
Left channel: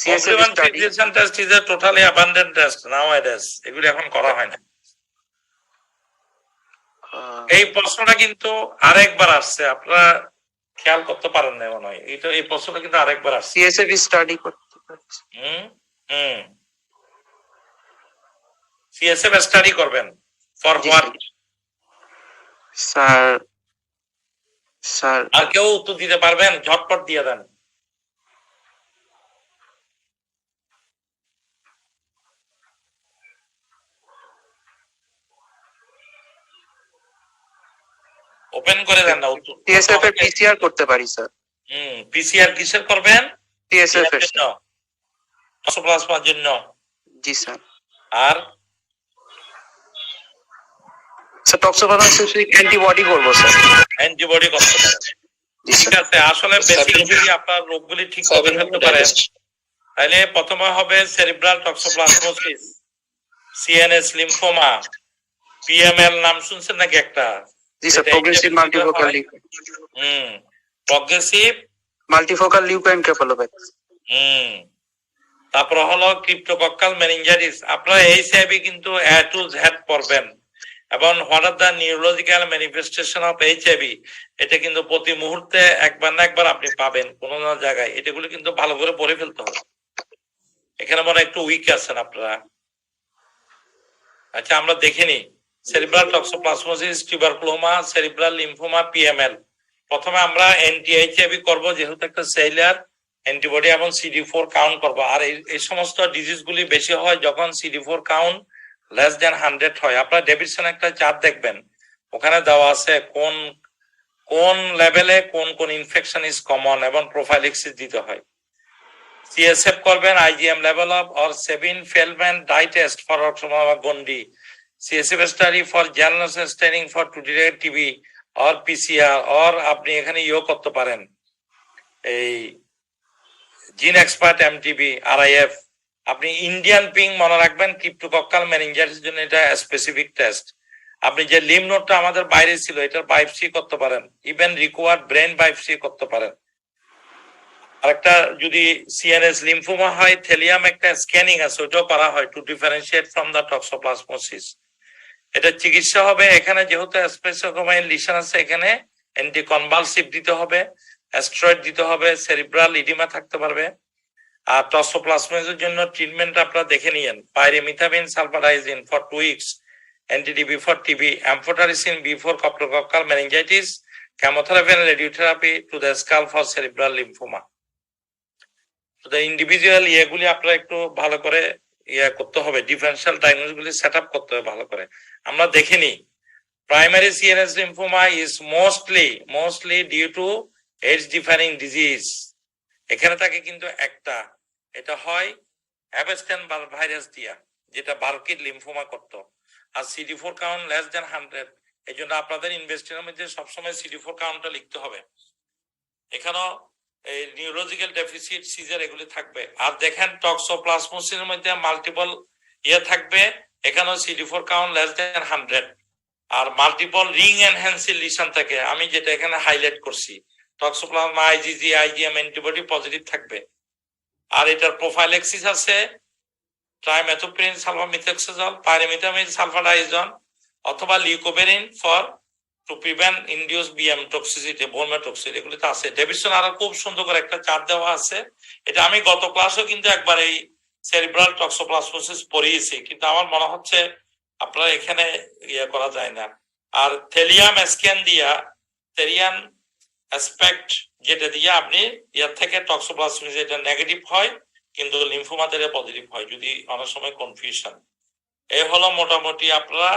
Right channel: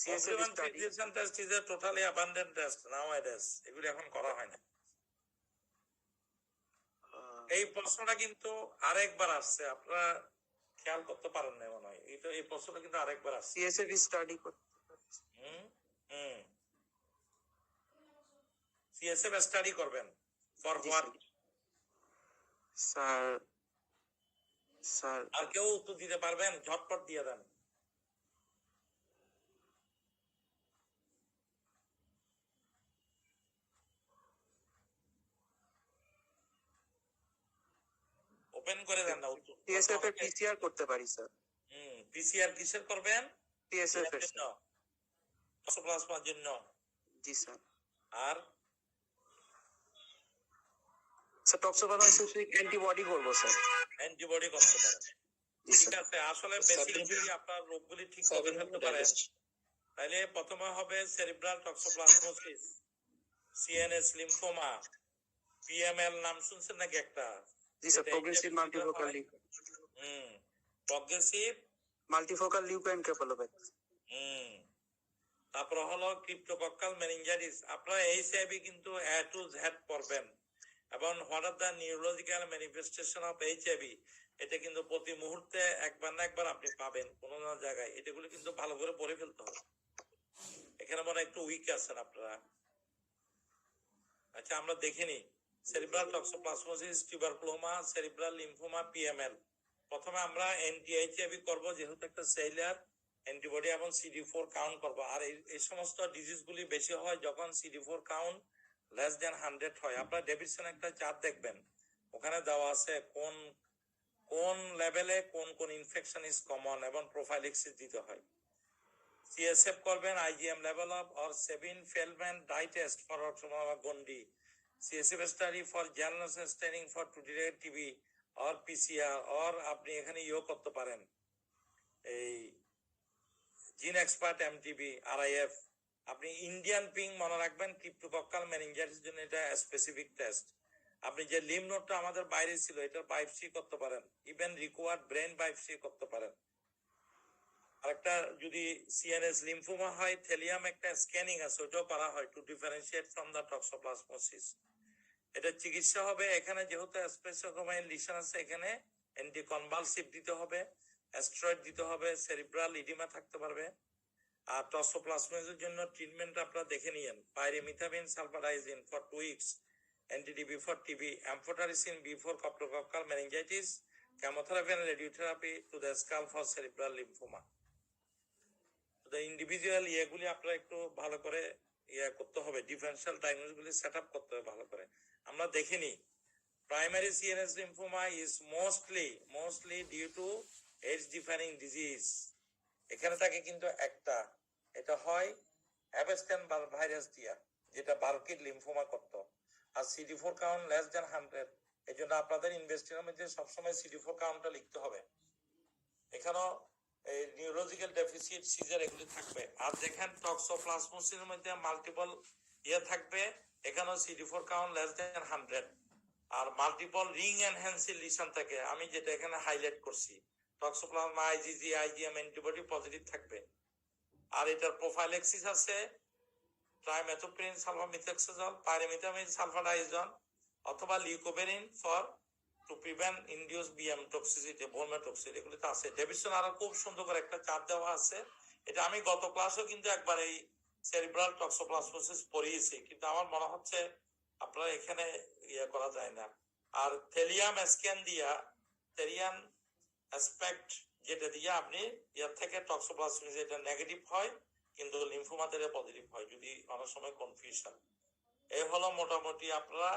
Complement fixation test is a totally abandoned test nowadays. এগুলো এখন করা হয় না। এই প্রশ্নটা কিন্তু আরেকবার আসছে, আপনারা খেয়াল করতে পারেন না মনে হয়। এই প্রশ্নটা কিন্তু আরেকবার আসছে। CSF স্টাডি করতে পারছি। CSF স্টাডি করবেন ফর হোয়াট? স্যার আর কেউ উত্তর দিতে পারবেন? ঝটপট দিয়ে দেন। ওপেন করে দেন না উত্তর। CSF এর PCR করতে পারি স্যার। PCR কিসের করবেন? CSF এর জন্য, টক্সোপ্লাজমার জন্য। জি স্যার। আর স্যার টক্সোপ্লাজমোসিস অ্যান্টিবডি করব স্যার। অ্যান্টিবডি করতে পারেন, ঠিক আছে। আসলে বেসিক যদি আপনার রোগগুলি ঠিক করে ফেলতে পারেন, তাহলে প্রথমে হবে cerebral toxoplasmosis, CNS lymphoma, PML নাম শুনছেন নাকি একটা? জি sir, progressive multifocal progressive multifocal leukoencephalopathy. তারপর হলো ক্রিপ্টোকক্কাল মেনিনজাইটিস। আপনারা এইচআইভি কিন্তু এ টু জেড পড়বেন এবং what are the neurological manifestation of HIV, এটা কিন্তু প্রতি মুহূর্তে একবার না একবার আপনি পাবেন কোনো না জায়গায়, এটাগুলো কিন্তু ভালো করে পড়ে ফেলতে হবে। এখানে মনে একটু উইক আছেন আপনারা। আচ্ছা আমরা দেখিনি cerebral toxoplasmosis, tuberculoma, cerebral lymphoma, PML. প্রথমে আমরা অ্যান্টি এইচআইভি করব, যেহেতু একটা সেলুলার অ্যান্টিবডি এবং CD4 কাউন্ট করব। আর এই সমস্ত ডিজিজগুলি বেশি হয় যখন CD4 কাউন্ট লেস দেন 100 হয়। আপনারা ডেভিডসন একটা চার্ট দেখবেন, ওখানে দেওয়া আছে কোন কোন লেভেলে কোন কোন ইনফেকশন ইজ কমন এবং প্রোফাইলিক্সিস দিতে হয়। CSF করবেন, IgM level of or Sabin Feldman dye test for Gondi, CSF study for general staining for to detect TB or PCR, or আপনি এখানে ইও করতে পারেন এই জিন এক্সপার্ট MTB RIF। আপনি ইন্ডিয়ান পিং মনে রাখবেন, ক্রিপ্টোকক্কাল মেনিনজাইটিস জন্য এটা স্পেসিফিক টেস্ট। আপনি যে লিম নোটটা আমাদের বাইরে ছিল, এটার বায়োপসি করতে পারেন, ইভেন রিকোয়ার্ড ব্রেন বায়োপসি করতে পারেন। আরেকটা যদি সিএনএস লিম্ফোমা হয়, থেলিয়াম একটা স্ক্যানিং আছে, ওটাও করা হয় two differentiate from the toxoplasmosis. এটা চিকিৎসা হবে, এখানে যেহেতু স্পেসোকোমাইন লিশন আছে, এখানে অ্যান্টিকনভালসিভ দিতে হবে, অ্যাস্টেরয়েড দিতে হবে, সেরিব্রাল ইডিমা থাকতে পারবে। আর টক্সোপ্লাজমোসিসের জন্য ট্রিটমেন্ট আপনারা দেখে নিয়েন, pyrimethamine sulfadiazine for 2 weeks, anti-TB for TB, amphotericin B for cryptococcal meningitis, chemotherapy and radiotherapy to the skull for cerebral lymphoma. Individual ইয়েগুলি আপনারা একটু ভালো করে করতে হবে, ডিফারেন্সিয়াল ডায়াগনোসিস গুলি সেট আপ করতে হবে ভালো করে। আমরা দেখিনি primary CNS lymphoma is mostly due to AIDS defining disease. এখানে থাকে কিন্তু একটা, এটা হয় অ্যাবেস্টেন ভাইরাস দিয়া, যেটা বার্কিড লিম্ফোমা করত। আর CD4 কাউন্ট লেস দেন 100, এই জন্য আপনাদের ইনভেস্টিগেশনের মধ্যে সবসময় CD4 কাউন্টটা লিখতে হবে। এখানেও এই নিউরোলজিক্যাল ডেফিসিট, সিজার এগুলি থাকবে। আর দেখেন টক্সোপ্লাজমোসিসের মধ্যে মাল্টিপল থাকবে, এখানেও CD4 কাউন্ট লেস দেন 100, আর মাল্টিপল রিং এনহ্যান্সিং লিশন থাকে, আমি যেটা এখানে হাইলাইট করছি। Toxoplasma, IgG, IgM antibody positive থাকবে। আর এটার প্রোফাইলেক্সিস আছে ট্রাইমেথোপ্রিন সালফামিথক্সোজল, পাইরিমিথামিন সালফাডাইজন অথবা leucovorin for to prevent induced BM toxicity, bone toxicity, এগুলিতে আছে। ডেভিডসন আরো খুব সুন্দর করে একটা চার্ট দেওয়া আছে, এটা আমি গত ক্লাসেও কিন্তু একবার এই সেরিব্রাল টক্সোপ্লাজমোসিস পড়িয়েছি, কিন্তু আমার মনে হচ্ছে আপনারা এখানে করা যায় না। আর থেলিয়াম স্ক্যান দিয়া, থেরিয়ান অ্যাসপেক্ট যেটা দিয়ে আপনি ইয়ার থেকে টক্সোপ্লাজমোসিস এটা নেগেটিভ হয়, কিন্তু লিম্ফোমাতে পজিটিভ হয়, যদি অনেক সময় কনফিউশন। এই হলো মোটামুটি আপনারা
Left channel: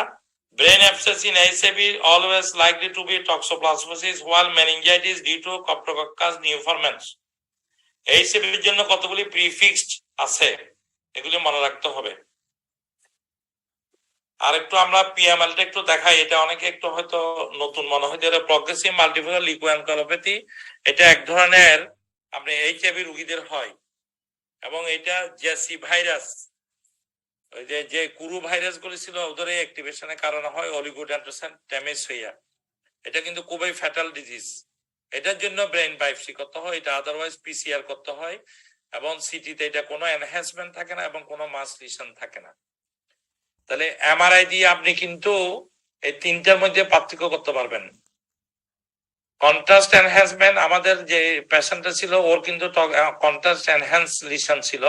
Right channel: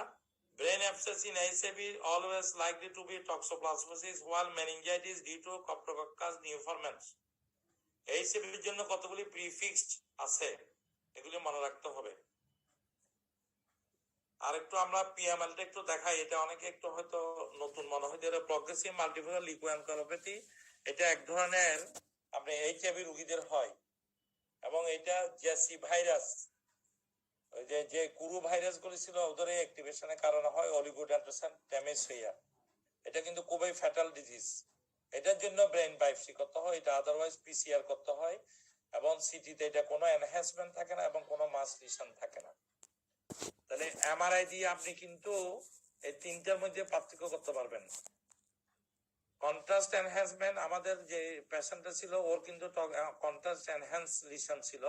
brain abscess in HAV always likely to be toxoplasmosis, while meningitis due to Cryptococcus neoformans. HAV এর জন্য কতগুলি প্রিফিক্সড আছে, এগুলি মনে রাখতে হবে। আর একটু আমরা PML টা একটু দেখাই, এটা অনেকে একটু হয়তো নতুন মনে হয়, যেটা প্রগ্রেসিভ মাল্টিপল লিউকোএনকেফালোপ্যাথি। এটা এক ধরনের আপনি HAV রোগীদের হয়, এবং এটা জেসি ভাইরাস, ওই যে কুরু ভাইরাস গুলি ছিল ওদের অ্যাক্টিভেশনের কারণে হয় অলিগোডেন্ড্রোসাইট ড্যামেজ হইয়া। এটা কিন্তু খুবই ফ্যাটাল ডিজিজ, এটার জন্য ব্রেন বায়োপসি করতে হয়, এটা আদারওয়াইজ PCR করতে হয়, এবং সিটিতে এটা কোনো এনহ্যান্সমেন্ট থাকে না এবং কোনো মাস লিশন থাকে না। তাহলে MRI দিয়ে আপনি কিন্তু এই তিনটার মধ্যে পার্থক্য করতে পারবেন। কন্ট্রাস্ট এনহ্যান্সমেন্ট, আমাদের যে পেশেন্টটা ছিল ওর কিন্তু কন্ট্রাস্ট এনহ্যান্স লিশন ছিল,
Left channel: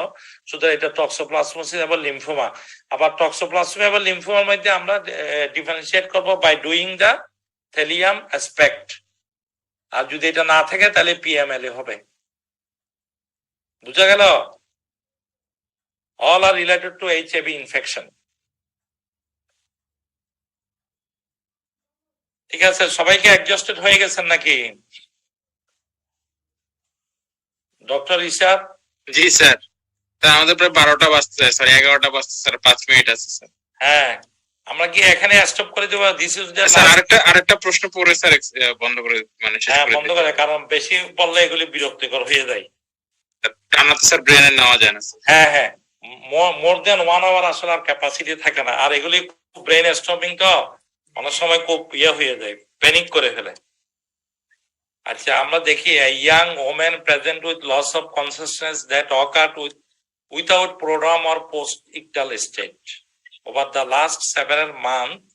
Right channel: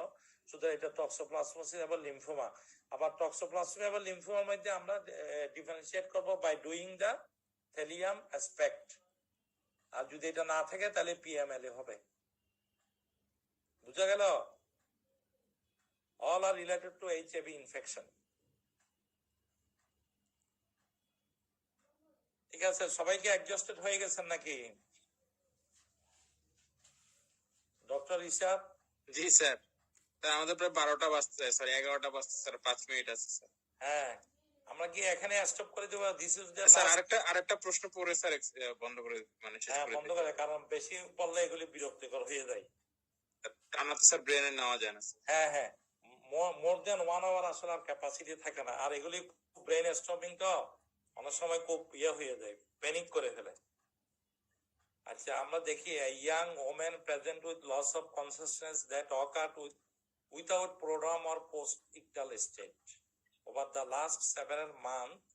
শুধু এটা টক্সোপ্লাজমোসিস এবং লিম্ফোমা। আবার টক্সোপ্লাজমা এবং লিম্ফোমার মধ্যে আমরা ডিফারেন্সিয়েট করব by doing the thallium aspect. আর যদি এটা না থাকে তাহলে PML হবে। বুঝা গেল? All are related to HAV infection. ঠিক আছে, সবাইকে অ্যাডজাস্টেড হয়ে গেছেন নাকি? ডক্টর ইশাদ? জি স্যার, আমাদের প্রায় 12টা বাজছে স্যার, 11টা বাজছে স্যার, 5 মিনিট আছে স্যার। হ্যাঁ, আমরা কি এখানে স্টপ করে দেব? দিস ইজ দ্য স্যার আরেকটা প্রশ্ন পড়ে স্যার বন্ধ করে মানে শেষ করে বন্ধ করে, কারণ বেশি বললে এগুলি বিরক্তিকর হয়ে যায়। টানা তো স্যার ব্রেনে নেওয়া যায় না। হ্যাঁ, মোর দেন 1 আওয়ার আসলে আর ক্যাপাসিটি থাকে না। আর এগুলি ব্রেন স্টপিং তো অনেক সময় খুব হয়ে যায়, প্যানিক করে ফেলে। আচ্ছা, আমরা দেখি young women present with loss of consciousness that occurred without prodrome or post-ictal state over the last several months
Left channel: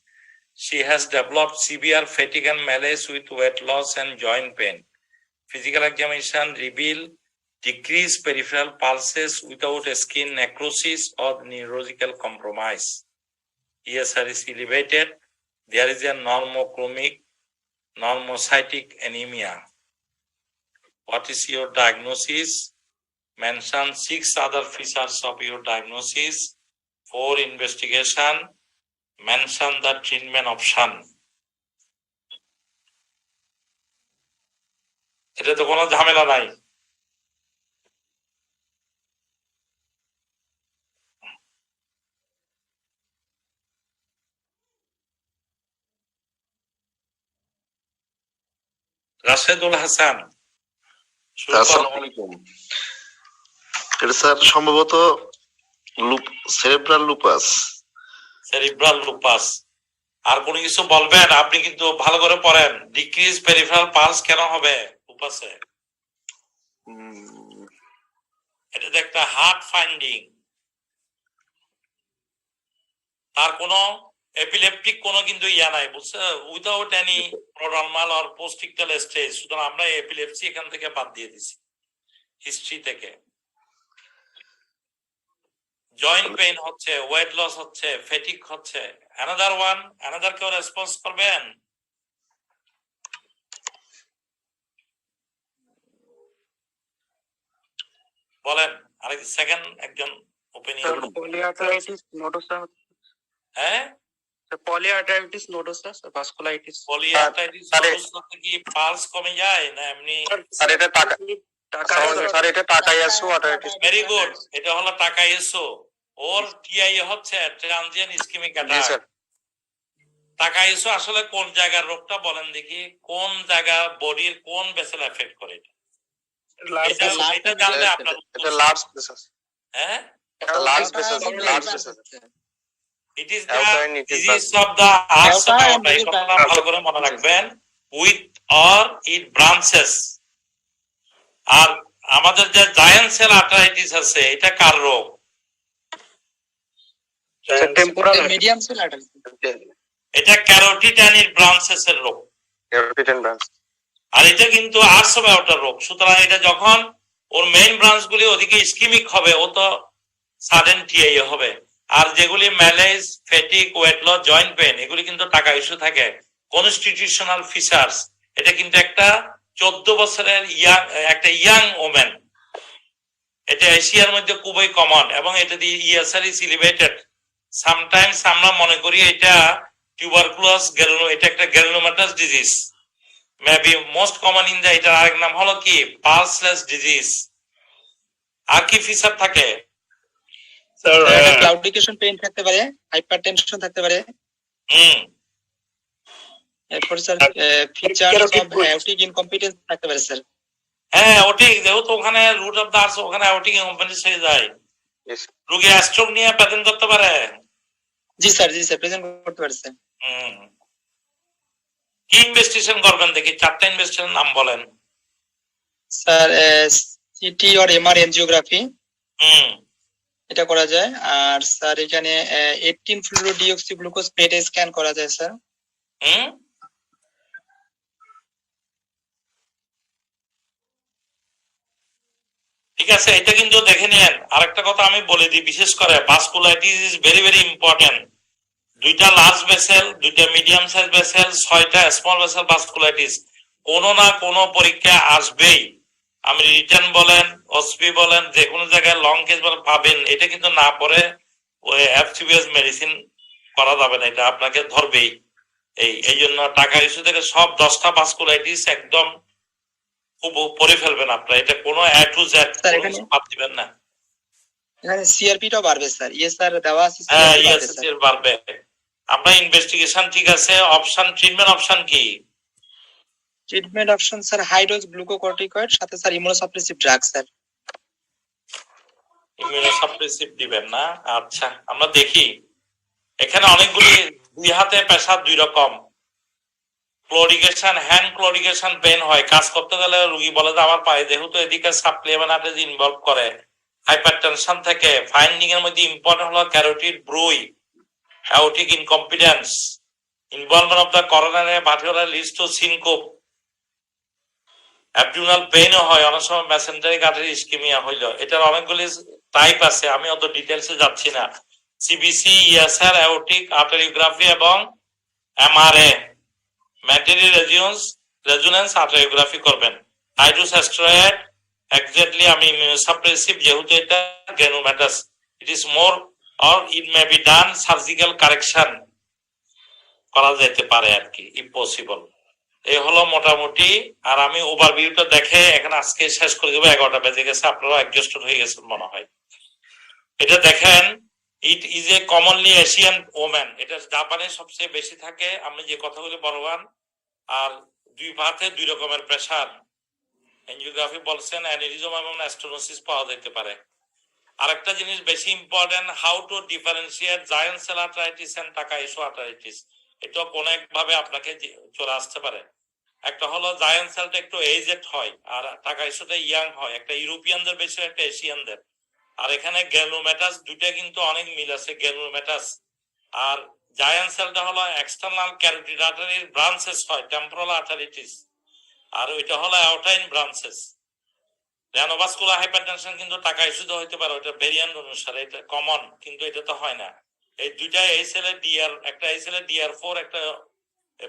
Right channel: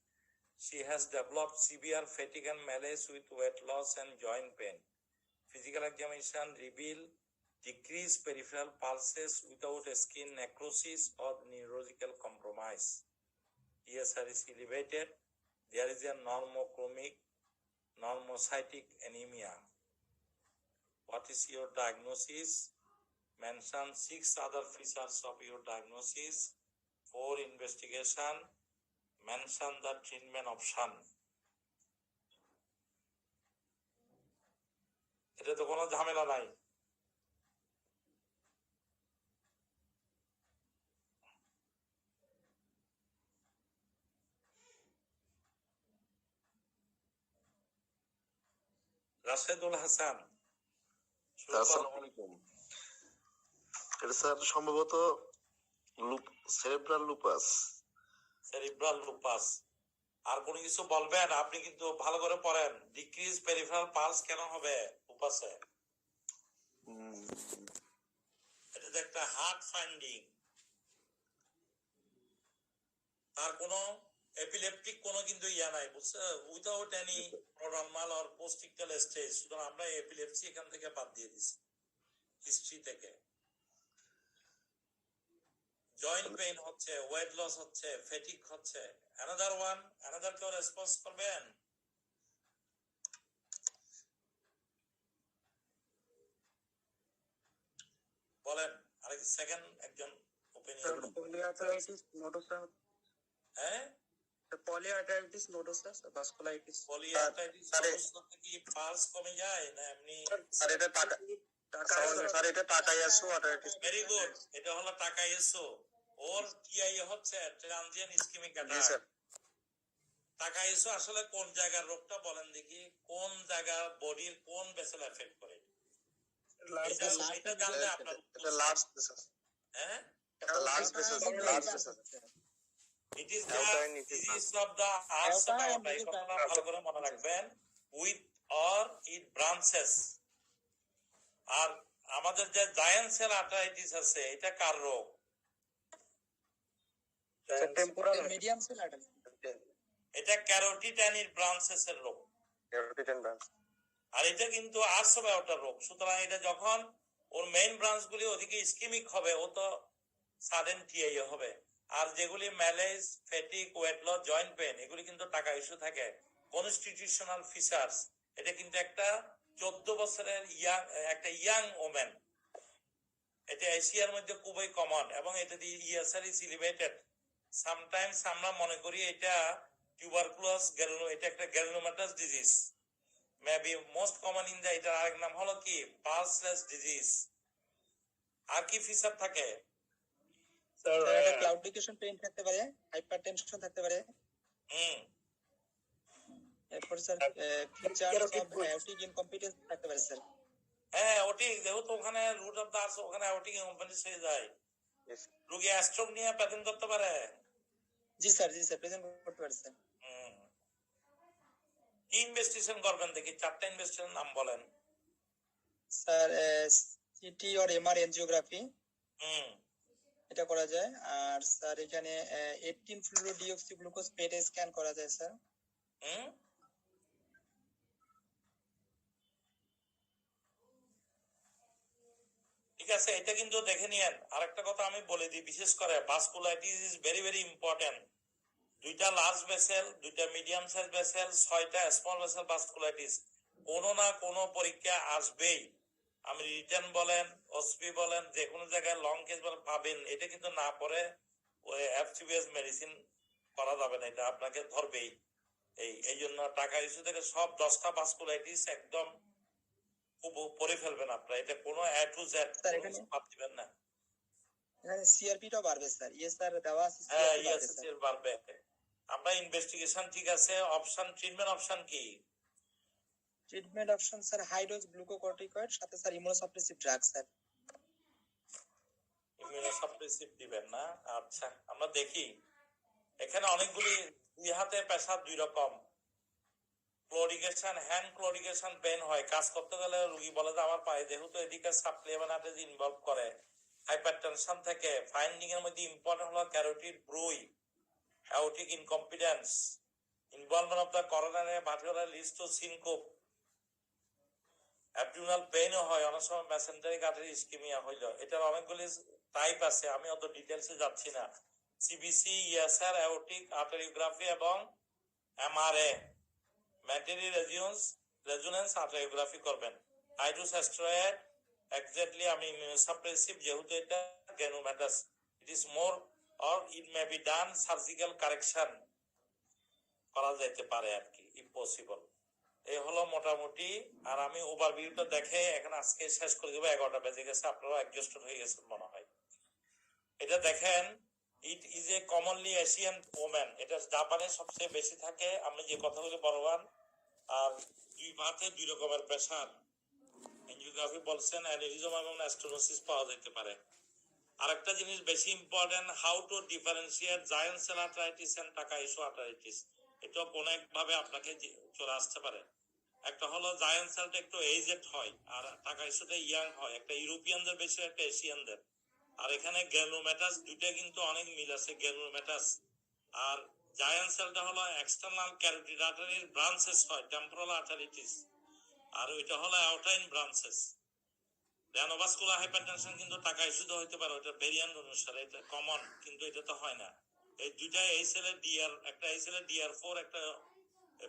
She has developed severe fatigue and malaise with weight loss and joint pain. Physical examination revealed decreased peripheral pulses without skin necrosis or neurological compromise. ESR is elevated. There is a normochromic, normocytic anemia. What is your diagnosis? Mention 6 other features of your diagnosis. 4 investigation. Mention the treatment option. এটা তো কোনো ঝামেলা নাই। রাশেদুল হাসান, আসসালামু আলাইকুম। এটা স্যার সম্ভবত সেরেব্রাল লুপাস। Cerebral lupus. আর কোনো কিছু বলবেন? আপনি কিন্তু ভালো করে পড়েন। ডিক্রিজ পেরিফেরাল পালস কেন হবে লুপাসে? এটা তো একটা হার্ট ফাইন্ডিং। তার কোনো এপিলেপটিক কোনো কিন্তু ইয়া নাই, বুঝছে, উইদাউট এনি প্রোড্রামাল অর পোস্টিকটাল স্টেজ। সুতরাং আমরা এপিলেপসি এখান থেকে বাদ দিয়ে দিছি হিস্ট্রি থেকে। জয়েন্ট পেইন হচ্ছে, ওয়েট লস হচ্ছে, ফেটিক হচ্ছে। অ্যানাদার ওয়ান, অ্যানাদার কেউ রেসপন্স করবেন? বলেন আরেক সেকেন্ড একজন ওপিনিয়ন। পলিআর্টারাইটিস নোডোসা। হ্যাঁ, পলিআর্টারাইটিস নোডোসা, ভাস্কুলাইটিস। পলিআর্টারাইটিস নোডোসা কি পালস কমে যায় না এমনি? স্যার এটা স্যার এটা টাকাইয়াসু আর্টারাইটিস। ভেরি গুড, এটা হলো টাকাইয়াসু। ওর টিআই হচ্ছে ট্রানজিয়েন্ট ইসকেমিক অ্যাটাক। টাকাইয়াসু আসলে কোন জায়গার রোগটা বলেন দেখি, কোন জায়গা বডির কোন ভেসেল এফেক্ট করে? এটা জানলে আপনার এটা লার্জ ভেসেল। হ্যাঁ, এটা large vessel, large vessel. It is the disease of the arts of aorta. এই কথাটা ভালো করে মনে রাখবেন। With or it branches. আর আমাদের যে জায়ান্ট সেল আর্টারাইটিস আছে, এটা কার রোগ? Temporal medium cell artery. এটা ক্যারোটিড অ্যান্ড ইট ব্রাঞ্চেস এর রোগ। Carotid and branch. আর এটা কিন্তু আর্টস অফ আউটার রোগ। সুতরাং এটা যখন ওর মেইন ব্রাঞ্চ গুলি ওদিকে ইসকিমিক হবে, ও তো সাডেন টিআই হবে। আর যেগুলি ম্যালেজ, ফেটিক, ওয়েট লস, জয়েন্ট পেন, এগুলি কিন্তু টাকা ইস্যু থাকে। কনস্টিটিউশনাল ফিচার্স, এটা কিন্তু একটা 14 বছরের একটা ইয়াং ওমেন। এটা এশিয়ার মধ্যে খুবই কমন এবং এটা দিয়ে ইএসআর ইজ এলিভেটেড। সামটাইমস আমরা মনে করি এটা টিউবারকুলোস, এটা একটা granulomatous disease. Maybe most common in the, এটার আরেক নাম হলো কি পালসলেস ডিজিজ। আর কি ফিচার থাকে? ক্লাউডিকেশন পেইন থাকতে পারে, হাইপারটেনশন থাকতে পারে। এরপর sir features of aortic incompetence থাকতে পারে স্যার। হ্যাঁ, অটিক যেহেতু ওখানে রুট অফ দ্য আর্টস, ওখানে অটিক ইনকম্পিটেন্স হয়ে যায়। রোগী স্ট্রোক নিয়ে প্রেজেন্ট করতে পারে। জি স্যার, জি স্যার, প্রেজেন্ট করতে পারে স্যার। কি ইনভেস্টিগেশন করবেন দেখি? 4টা ইনভেস্টিগেশন নাম বলেন। Sir city or MR angiography এটা করা যায়। আর স্যার এখানে 18 ফ্লুরোডিঅক্সি গ্লুকোজ পেট স্ক্যান করা যায় স্যার। ঠিক আছে, এটা কিন্তু দেখে নিয়েন। আরেকটা কথা আমি বলে দিই, বিশেষ করে vasculitis is very very important. 2টা লার্জ ভেসেল, 2টা মিডিয়াম সাইজ ভেসেল, 6টা স্মল ভেসেল ভাস্কুলাইটিস কোনো না কোনো পরীক্ষা আসবেই। আমি রিটার্ন বলেন, ওসপি বলেন, যে কোনো জায়গায় লং কেস বলেন পাবেন। এটা কিন্তু না পরে ওই এফসিবিএস মেডিসিন করা যাবে না, এটা আপনাকে ধরবেই। এই জন্য টাকা ইস্যু থেকে সব 10টা ভাস্কুলাইটিস একদম খুব পরে ফেলবেন আপনারা। এটা কোনো এ টু জেড বাদ দিবেন না। এখানে সিআরপিটাও বাড়বে স্যার। ইয়েস স্যার, দেওয়া আছে। হ্যাঁ, ইএসএসির বাড়বে। আপনার ইনভেস্টিগেশন ঠিক আছে। অপশন, ট্রিটমেন্ট অপশন কি? Treatment option sir high dose glucocorticoid, সাথে sir immunosuppressive drug sir. Immunosuppressive দিবেন না? আচ্ছা, আমরা দেখি। এখানে অনেকগুলি, 2 হাতে প্রেসার 2 রকম। ক্লোরিগেশন, হ্যান্ড ক্লোরিগেশন পেন হয়। কাজ করতে গেলে রোগী বলে যে আমার পায়ে, যেহেতু এদিকে সাপ্লিমেন্টারিজ ইনভলভ করে, হাইপারটেনশন থেকে। ফাইন্ডিং এর মধ্যে ইম্পর্টেন্ট হলো carotid bruit, aortic incompetence, Involvement of the coronary arterial leads to syncope. Abdominal পেইনও হয়, অনেক সময় মেসেঞ্জারিক আর্টারি ইসকেমিয়া হইলো। এটার অনেকগুলি টাইপ আছে, আমি অত ডিটেলসে যাচ্ছি না। সিবিসি, ইএসআর, অ্যাওর্টিক আর্টেরিওগ্রাফি এবং এমআরএ ম্যাটেরি রেজোনেন্স আর্টেরিওগ্রাফি করবেন। হাইড্রোস্টেরয়েড এক্স্যাক্টলি আমি ইমিউনোসাপ্রেসিভ, যেহেতু এটা granulomatous, it is more or it may be done surgical correction করা যেতে পারে আর কি, ইফ পসিবল। এই হলো মোটামুটি। আর আমি ওভারভিউটা দেখে এখানে আজকে শেষ করে দেবো, 11টা বেজে গেছে, আপনারা এক্সস্টেড হয়ে গেছেন মনে হয়। এটা দেখেন, ইট is A commonly Asian woman, এটা জাপানে সবচেয়ে বেশি থাকে। আমি যে কথাগুলি বলবান, আর দুই পাতে দুই রকমের প্রেসার, এনজিওগ্রাফি বলছেন, অ্যানিরিজম এবং অ্যাস্টোনোসিস পাওয়া যেতে পারে। আরেকটা জিনিস বেশি important, how to differentiate giant cell arteritis and Takayasu arteritis. এটা কোন একভাবে আপনাকে চলে আসতে পারে। একটা হলো জায়ান্ট সেলটা একটু এজেড হয়, আর টাকাইশোটা ইয়াং হয়, একটা ইউরোপিয়ানদের বেশি, একটা এশিয়ানদের। আর এখানে গ্রানুলোমাটাস, দুইটা কিন্তু অনেক মিল আছে, গ্রানুলোমাটাস। আর জায়ান্ট সেলটা হলো এক্সটার্নাল ক্যারোটিড আর্টারির ব্রাঞ্চেস হয়, টেম্পোরাল আর্টারিটিস। আর ওইটা হলো অ্যাওটাইন ব্রাঞ্চেস। রেনোভাস্কুলার হাইপারটেনশন কিন্তু টাকাইশোতে হইতে পারে, ওটা ভেরিয়েন্ট অনুসারে, এটা কমন, কিন্তু এটা তো হয় না। এই দুইটা এই সেলে ডিআর, একটা এই সেলে ডিআর4, একটা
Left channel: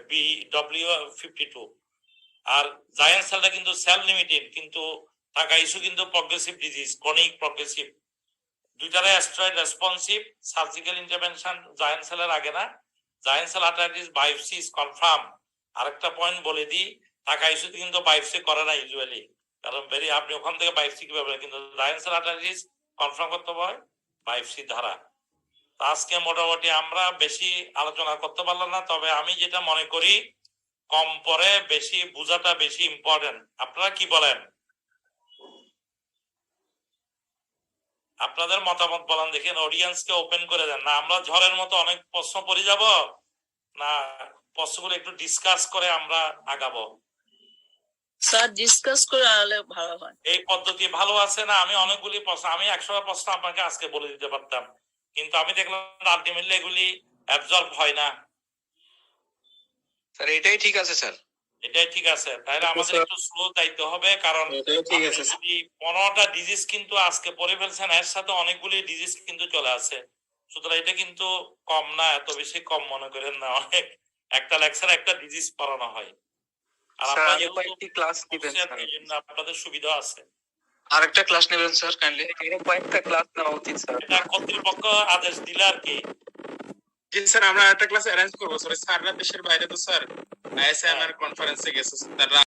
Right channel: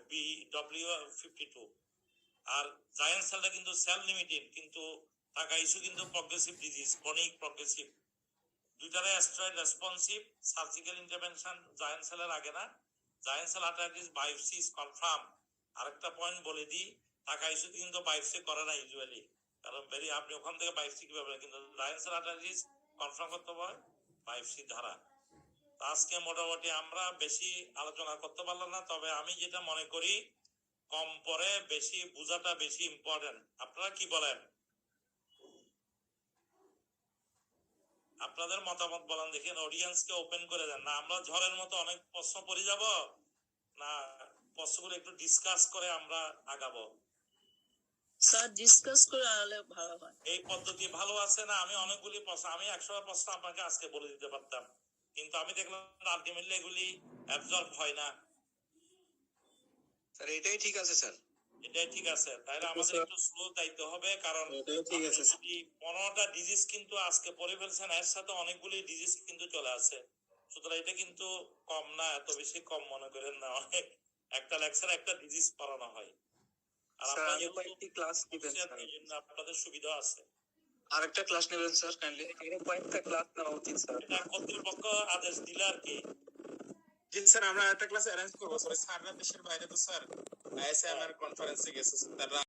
BW52। আর জায়ান্ট সেলটা কিন্তু সেল লিমিটেড, কিন্তু টাকাইশো কিন্তু প্রগ্রেসিভ ডিজিজ, ক্রনিক প্রগ্রেসিভ। দুইটারে steroid responsive, surgical intervention giant সেলের আগে না। Giant cell arteritis biopsy is confirm. আরেকটা পয়েন্ট বলে দিই, টাকাইশোতে কিন্তু বায়োপসি করে না ইউজুয়ালি, কারণ আপনি ওখান থেকে বায়োপসি কিভাবে, কিন্তু জায়ান্ট সেল আর্টারাইটিস কনফার্ম করতে হয় বায়োপসি দ্বারা। আজকে মোটামুটি আমরা বেশি আলোচনা করতে পারলাম না, তবে আমি যেটা মনে করি, কম পরে বেশি বোঝাটা বেশি ইম্পর্টেন্ট। আপনারা কি বলেন? আপনাদের মতামত বলেন, দেখেন অডিয়েন্সকে ওপেন করে দেন না। আমরা ঝড়ের মতো অনেক প্রশ্ন পড়ে যাব না, প্রশ্নগুলো একটু ডিসকাস করে আমরা আগাবো? স্যার ডিসকাস করে আনলে ভালো হয়। এই পদ্ধতি ভালো আছে না? আমি অনেকগুলি প্রশ্ন, আমি 100টা প্রশ্ন আপনাকে আজকে বলে দিতে পারতাম, কিন্তু আমি দেখলাম আলটিমেটলি এগুলি অ্যাবজর্ব হয় না। স্যার এটাই ঠিক আছে স্যার, এটাই ঠিক আছে। তাহলে আমাদের একটু স্লো যাইতে হবে, কারণ 15টা ডিজিজ কিন্তু আজকে পড়ে ফেলছেন, এর সাথে অনেকগুলি ডিজিজ কিন্তু চলে আসে। সুতরাং এটা কিন্তু কম না, এত বেশি কম মনে করেন না। অনেক, একটা লেকচার একটা ডিজিজ পড়ানো হয়। আর আপনারা কয়েকটি ক্লাস নেবেন স্যার, এই জন্য আপনাদের সুবিধা আছে। আরেকটা ক্লাস নেবেন স্যার কাইন্ডলি। কয়েকটা ক্লাস নেওয়া উচিত স্যার। এটা কর্তৃপক্ষ আদেশ দিলে আর কি। জি স্যার, আমরা একটা ক্লাস অ্যারেঞ্জ করবো। স্যাররা দেশের বাইরে তো স্যার আইএসএমআর কনফারেন্সে গেছে, তারা